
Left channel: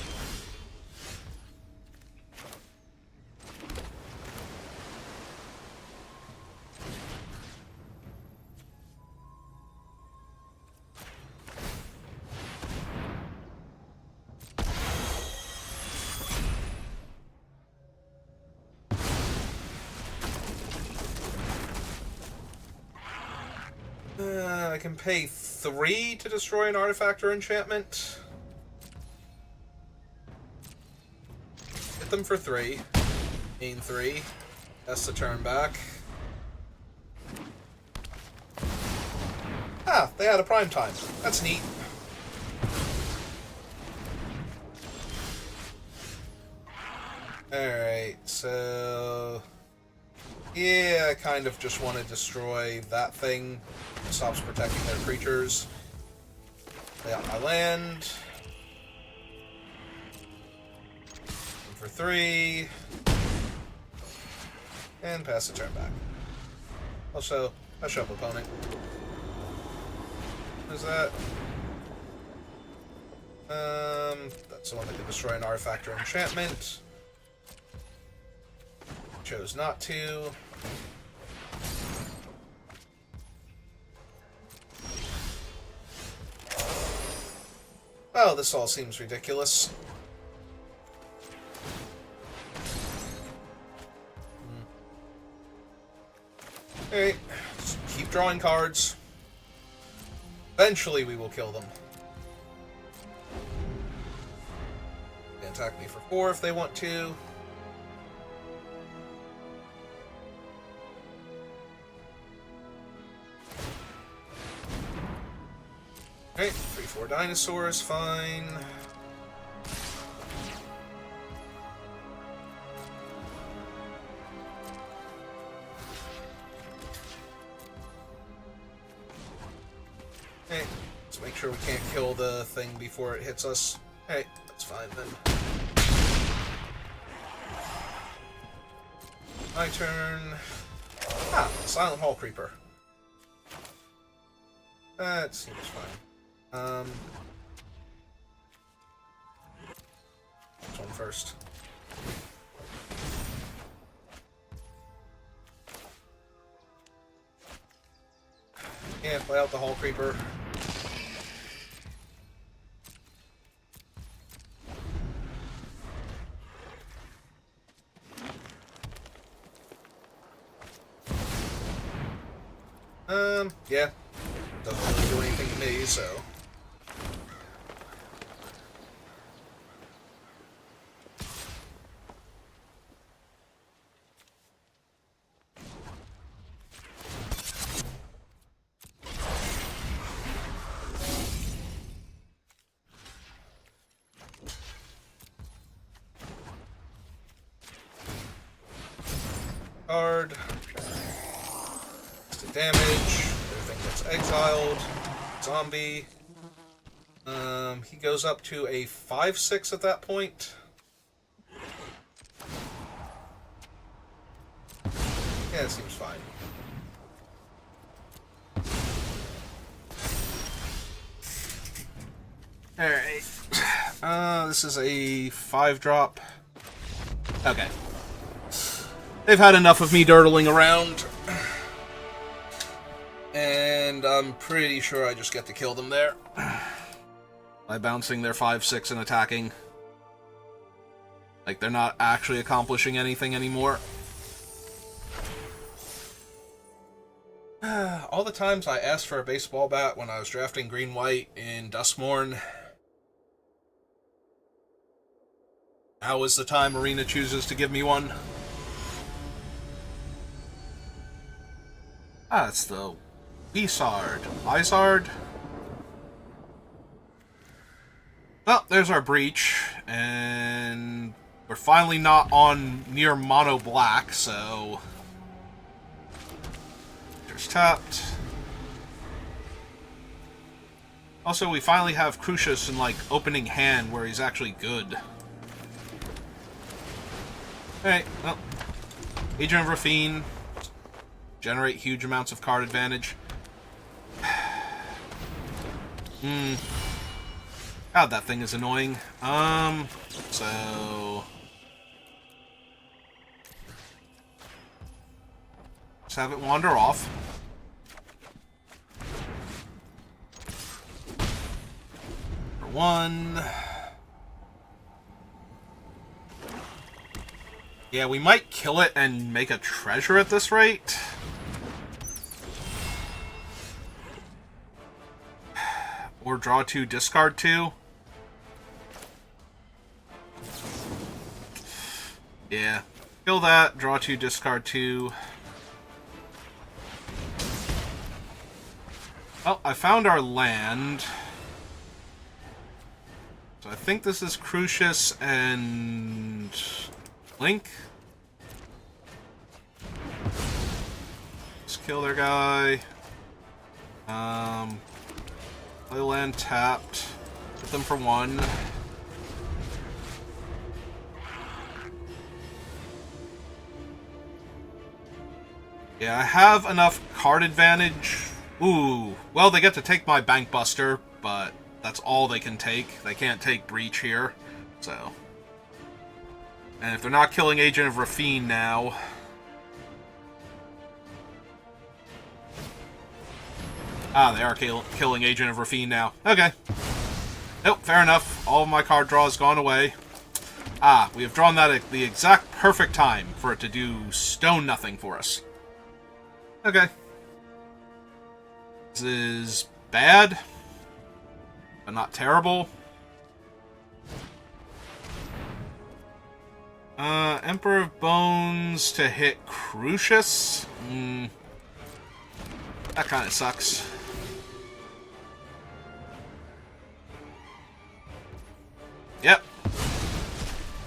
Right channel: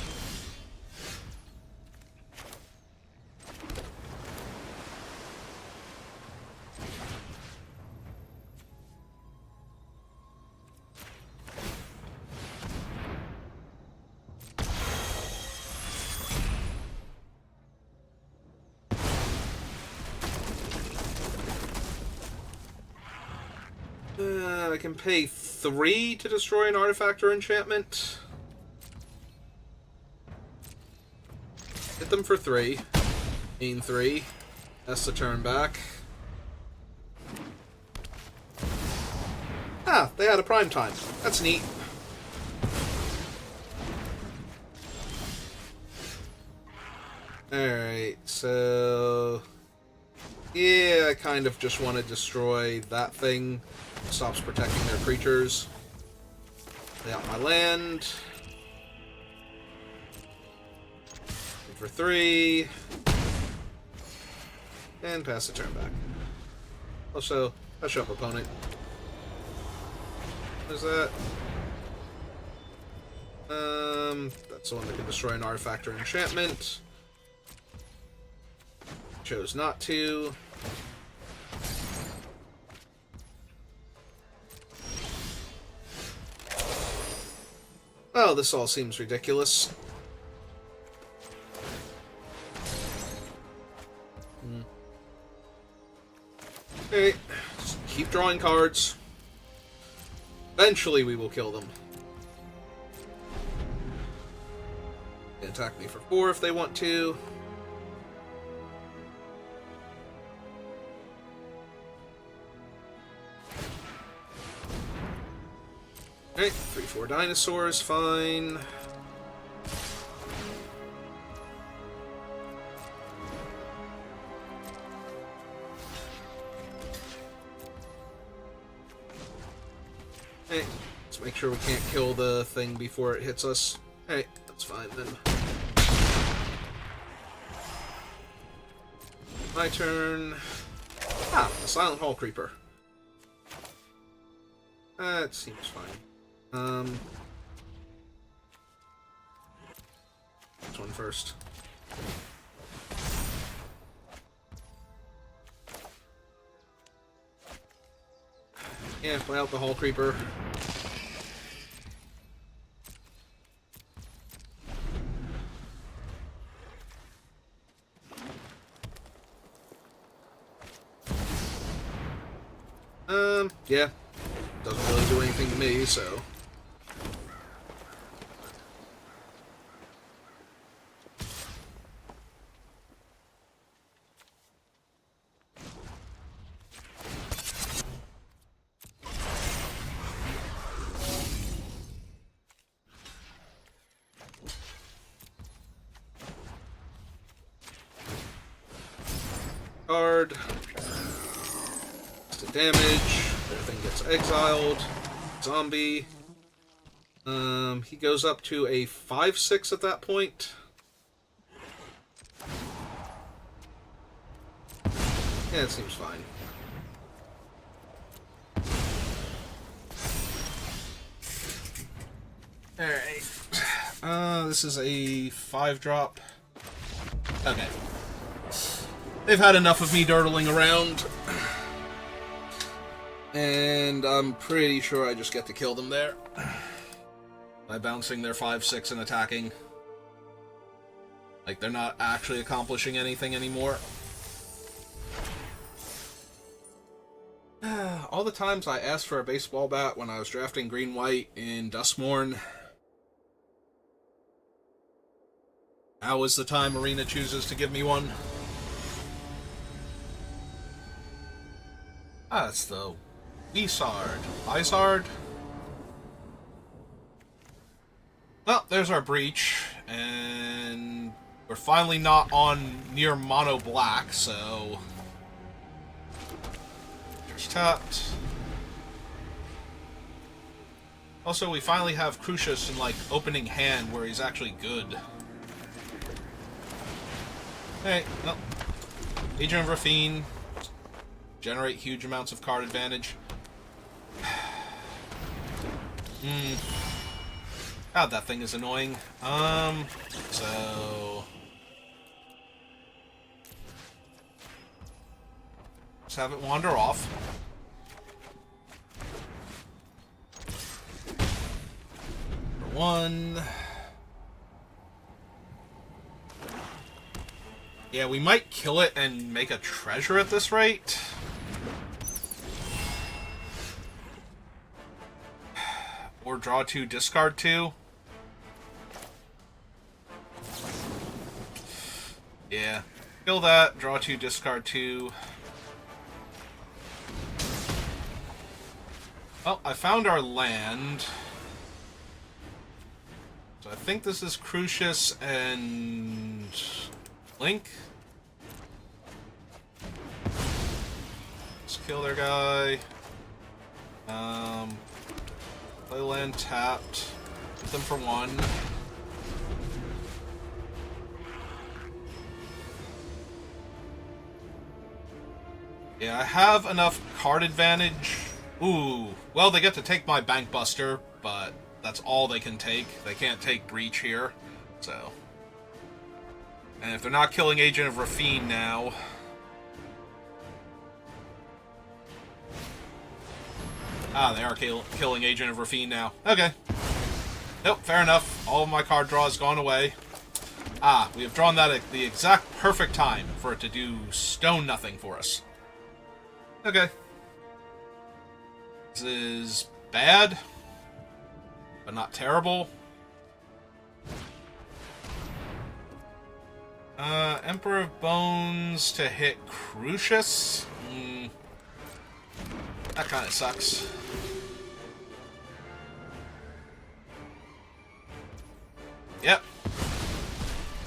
I can pay 3 to destroy an artifact or enchantment. Hit them for 3. Mean 3. That's the turn back. Ah, they had a prime time. That's neat. Alright, so... yeah, I kind of just want to destroy that thing. It stops protecting their creatures. Lay out my land. For 3. And pass the turn back. Also, I show up opponent. What is that? That's the one that can destroy an artifact or enchantment. Chose not to. Oh, this all seems ridiculous. Alright, just keep drawing cards. Eventually we will kill them. They attack me for 4 if they want to. Alright, 3-4 dinosaurs, fine. make sure we can't kill the thing before it hits us. Hey, that's fine then. My turn. Ah, the Silent Hall Creeper. That seems fine. This one first. Yeah, play out the Hall Creeper. Yeah. Doesn't really do anything to me, so. Card. Just damage. Everything gets exiled. Zombie. He goes up to a 5/6 at that point. Yeah, it seems fine. Alright. This is a 5-drop. Okay. They've had enough of me dirtling around. And I'm pretty sure I just get to kill them there. By bouncing their 5/6 and attacking. Like, they're not actually accomplishing anything anymore. All the times I asked for a baseball bat when I was drafting green-white in Duskmorn. Now is the time Arena chooses to give me one. Ah, it's the Lizard. Well, there's our breach, and we're finally not on near mono black, so there's tapped. Also, we finally have Crucius in, like, opening hand where he's actually good. Hey, well, Agent of Rafine. Generate huge amounts of card advantage. God, that thing is annoying. So just have it wander off. For one. Yeah, we might kill it and make a treasure at this rate. Or draw 2, discard 2. Yeah. Kill that, draw 2, discard 2. Well, I found our land. So I think this is Crucius and Link. Let's kill their guy. Play land tapped. Put them for 1. Yeah, I have enough card advantage. Ooh. Well, they get to take my Bank Buster, but that's all they can take. They can't take Breach here, so. And if they're not killing Agent of Rafine now. Ah, they are killing Agent of Rafine now. Okay. Nope, fair enough. All of my card draw has gone away. Ah, we have drawn that at the exact perfect time for it to do stone nothing for us. Okay. This is bad, but not terrible. Emperor of Bones to hit Crucius. That kind of sucks. Yep.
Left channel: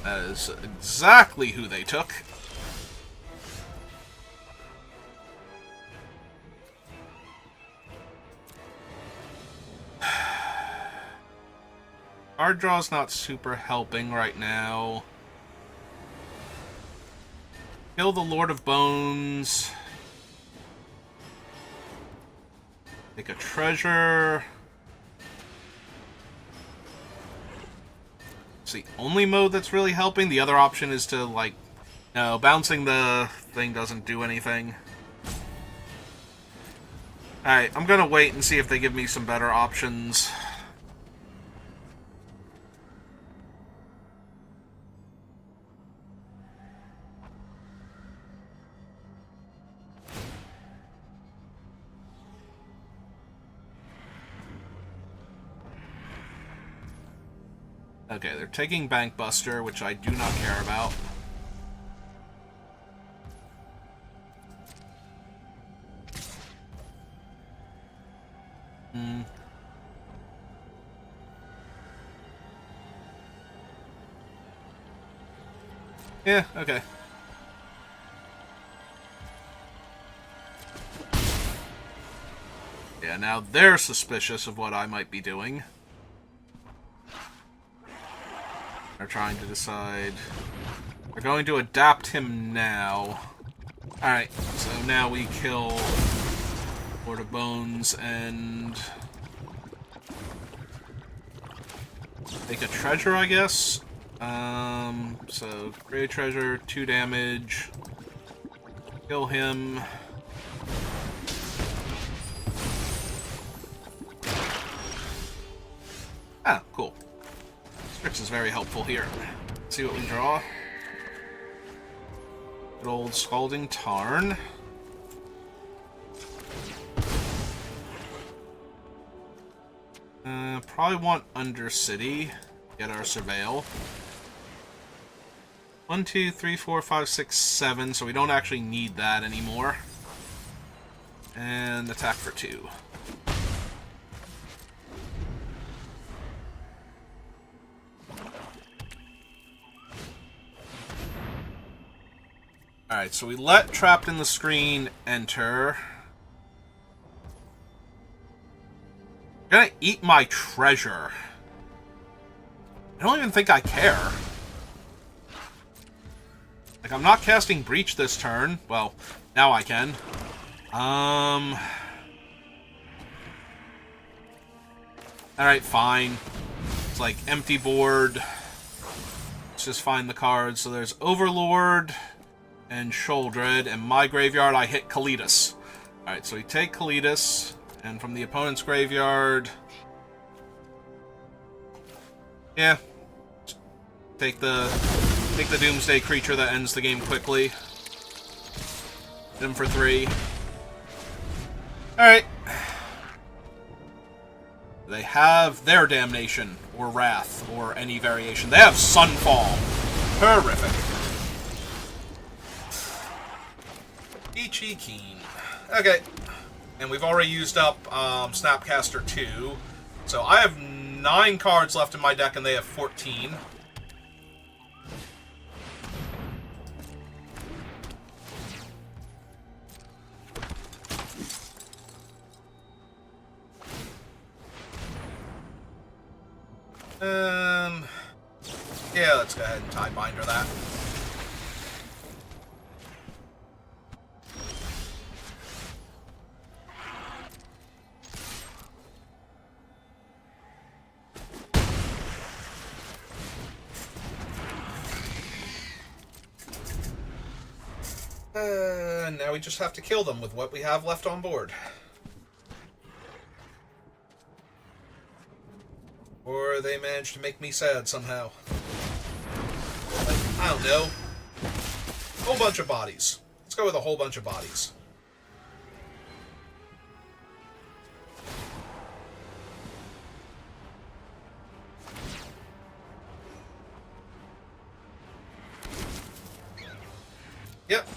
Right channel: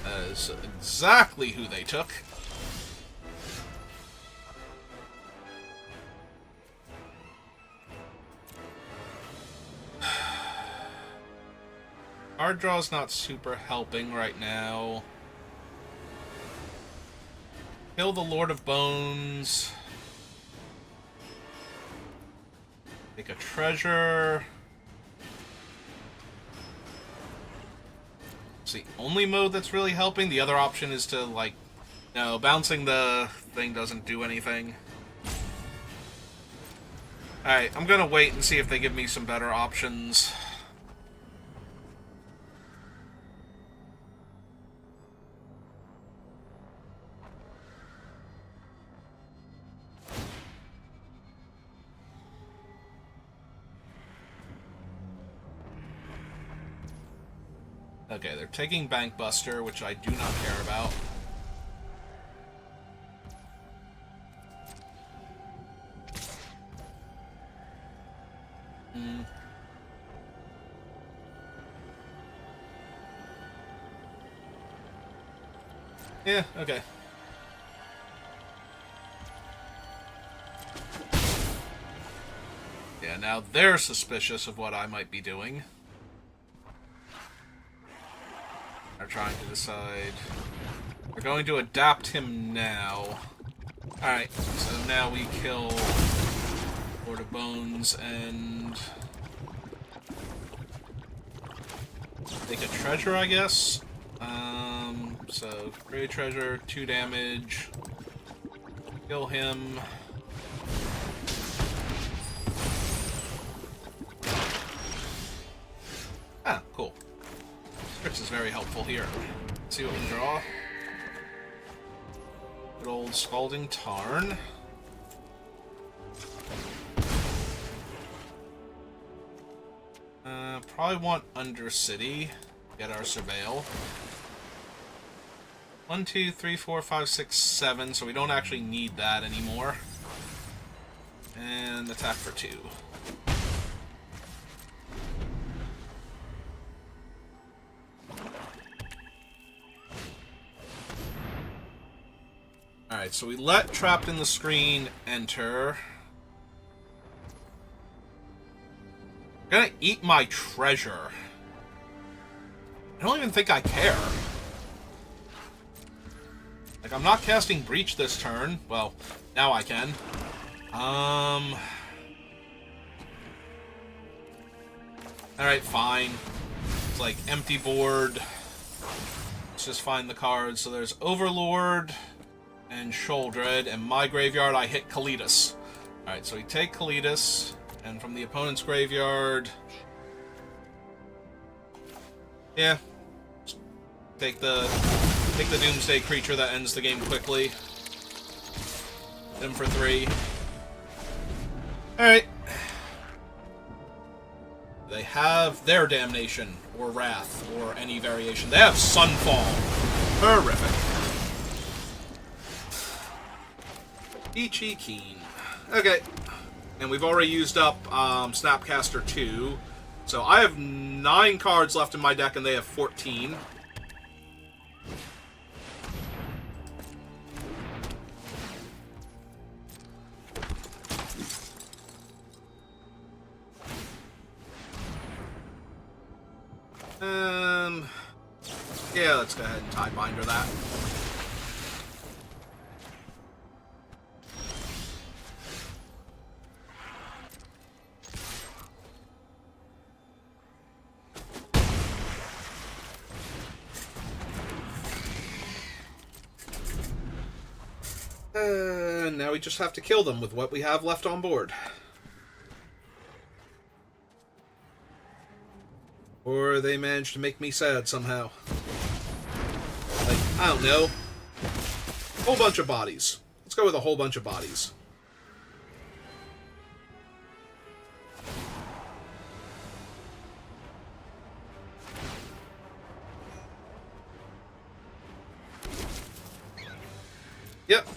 That is exactly who they took. Card draw's not super helping right now. Kill the Lord of Bones. Take a treasure. It's the only mode that's really helping. The other option is to, like... No, bouncing the thing doesn't do anything. Alright, I'm gonna wait and see if they give me some better options. Okay, they're taking Bank Buster, which I do not care about. Yeah, okay. Yeah, now they're suspicious of what I might be doing. They're trying to decide. They're going to adapt him now. Alright, so now we kill Lord of Bones and take a treasure, I guess. So great treasure, 2 damage. Kill him. Ah, cool. Scripts is very helpful here. Let's see what we can draw. Good old Scalding Tarn. Probably want Undercity. Get our Surveil. 1, 2, 3, 4, 5, 6, 7, so we don't actually need that anymore. And attack for 2. Alright, so we let Trapped in the Screen enter. You're gonna eat my treasure. I don't even think I care. Like, I'm not casting Breach this turn. Well, now I can. Alright, fine. It's like empty board. Let's just find the cards. So there's Overlord and Sholdred, and my graveyard I hit Kalitas. Alright, so we take Kalitas, and from the opponent's graveyard... Yeah. Take the Doomsday creature that ends the game quickly. Hit him for 3. Alright. They have their Damnation, or Wrath, or any variation. They have Sunfall. Horrific. Ichi Keen. Okay. And we've already used up Snapcaster 2. So I have 9 cards left in my deck, and they have 14. Yeah, let's go ahead and Tidebinder that. Now we just have to kill them with what we have left on board. Or they managed to make me sad somehow. Like, I don't know. Whole bunch of bodies. Let's go with a whole bunch of bodies. Yep.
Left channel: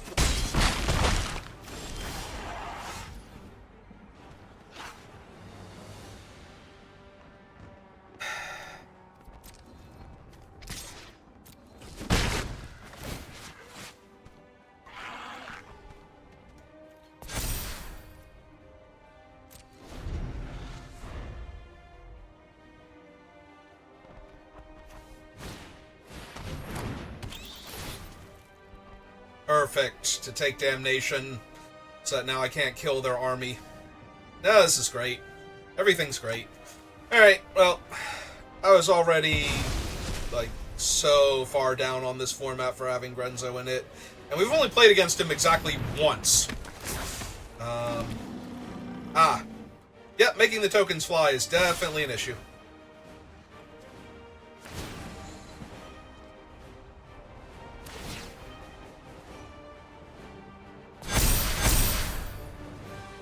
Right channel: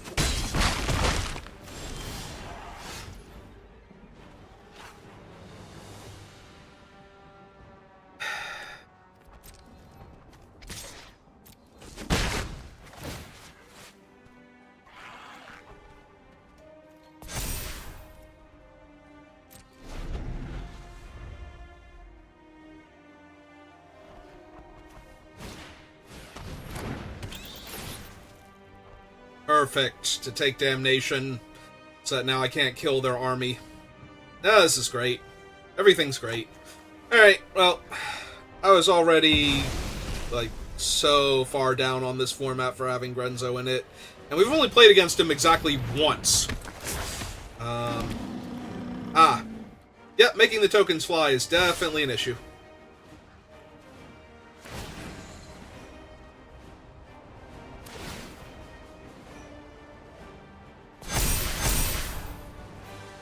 perfect to take damnation, so that now I can't kill their army. No, this is great. Everything's great. Alright, well, I was already, like, so far down on this format for having Grenzo in it, and we've only played against him exactly once. Yep, making the tokens fly is definitely an issue.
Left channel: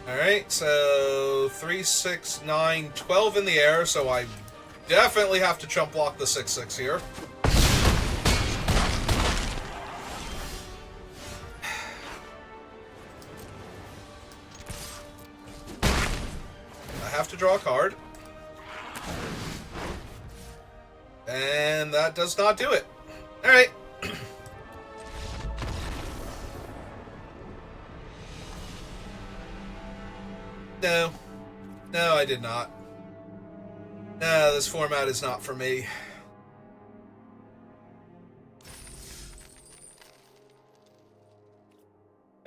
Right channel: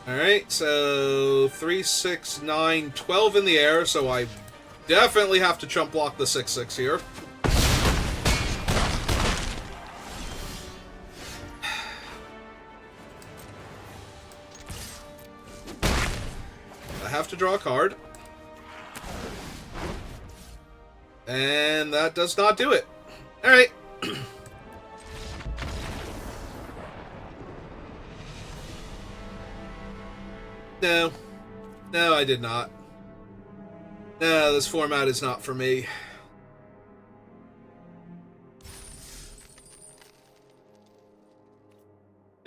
Alright, so 3, 6, 9, 12 in the air, so I definitely have to chump block the 6/6 here. I have to draw a card. And that does not do it. Alright. No. No, I did not. No, this format is not for me.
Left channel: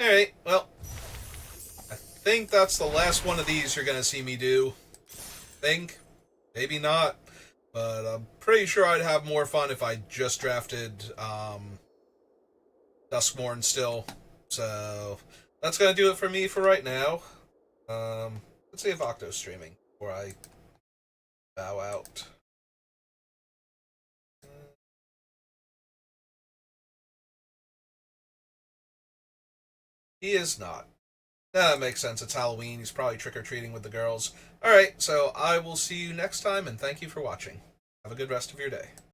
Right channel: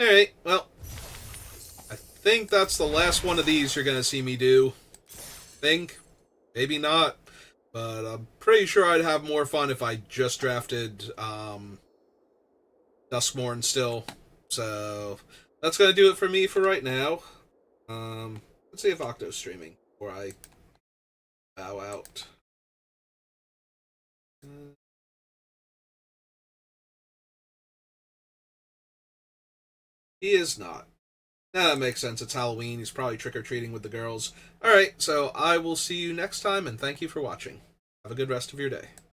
Alright, well. I think that's the last one of these you're going to see me do. Think. Maybe not. But I'm pretty sure I'd have more fun if I just drafted Duskmorn still. So, that's going to do it for me for right now. Let's see if Octo's streaming before I bow out. He is not. That makes sense. It's Halloween. He's probably trick-or-treating with the girls. Alright, so I will see you next time, and thank you for watching. Have a good rest of your day.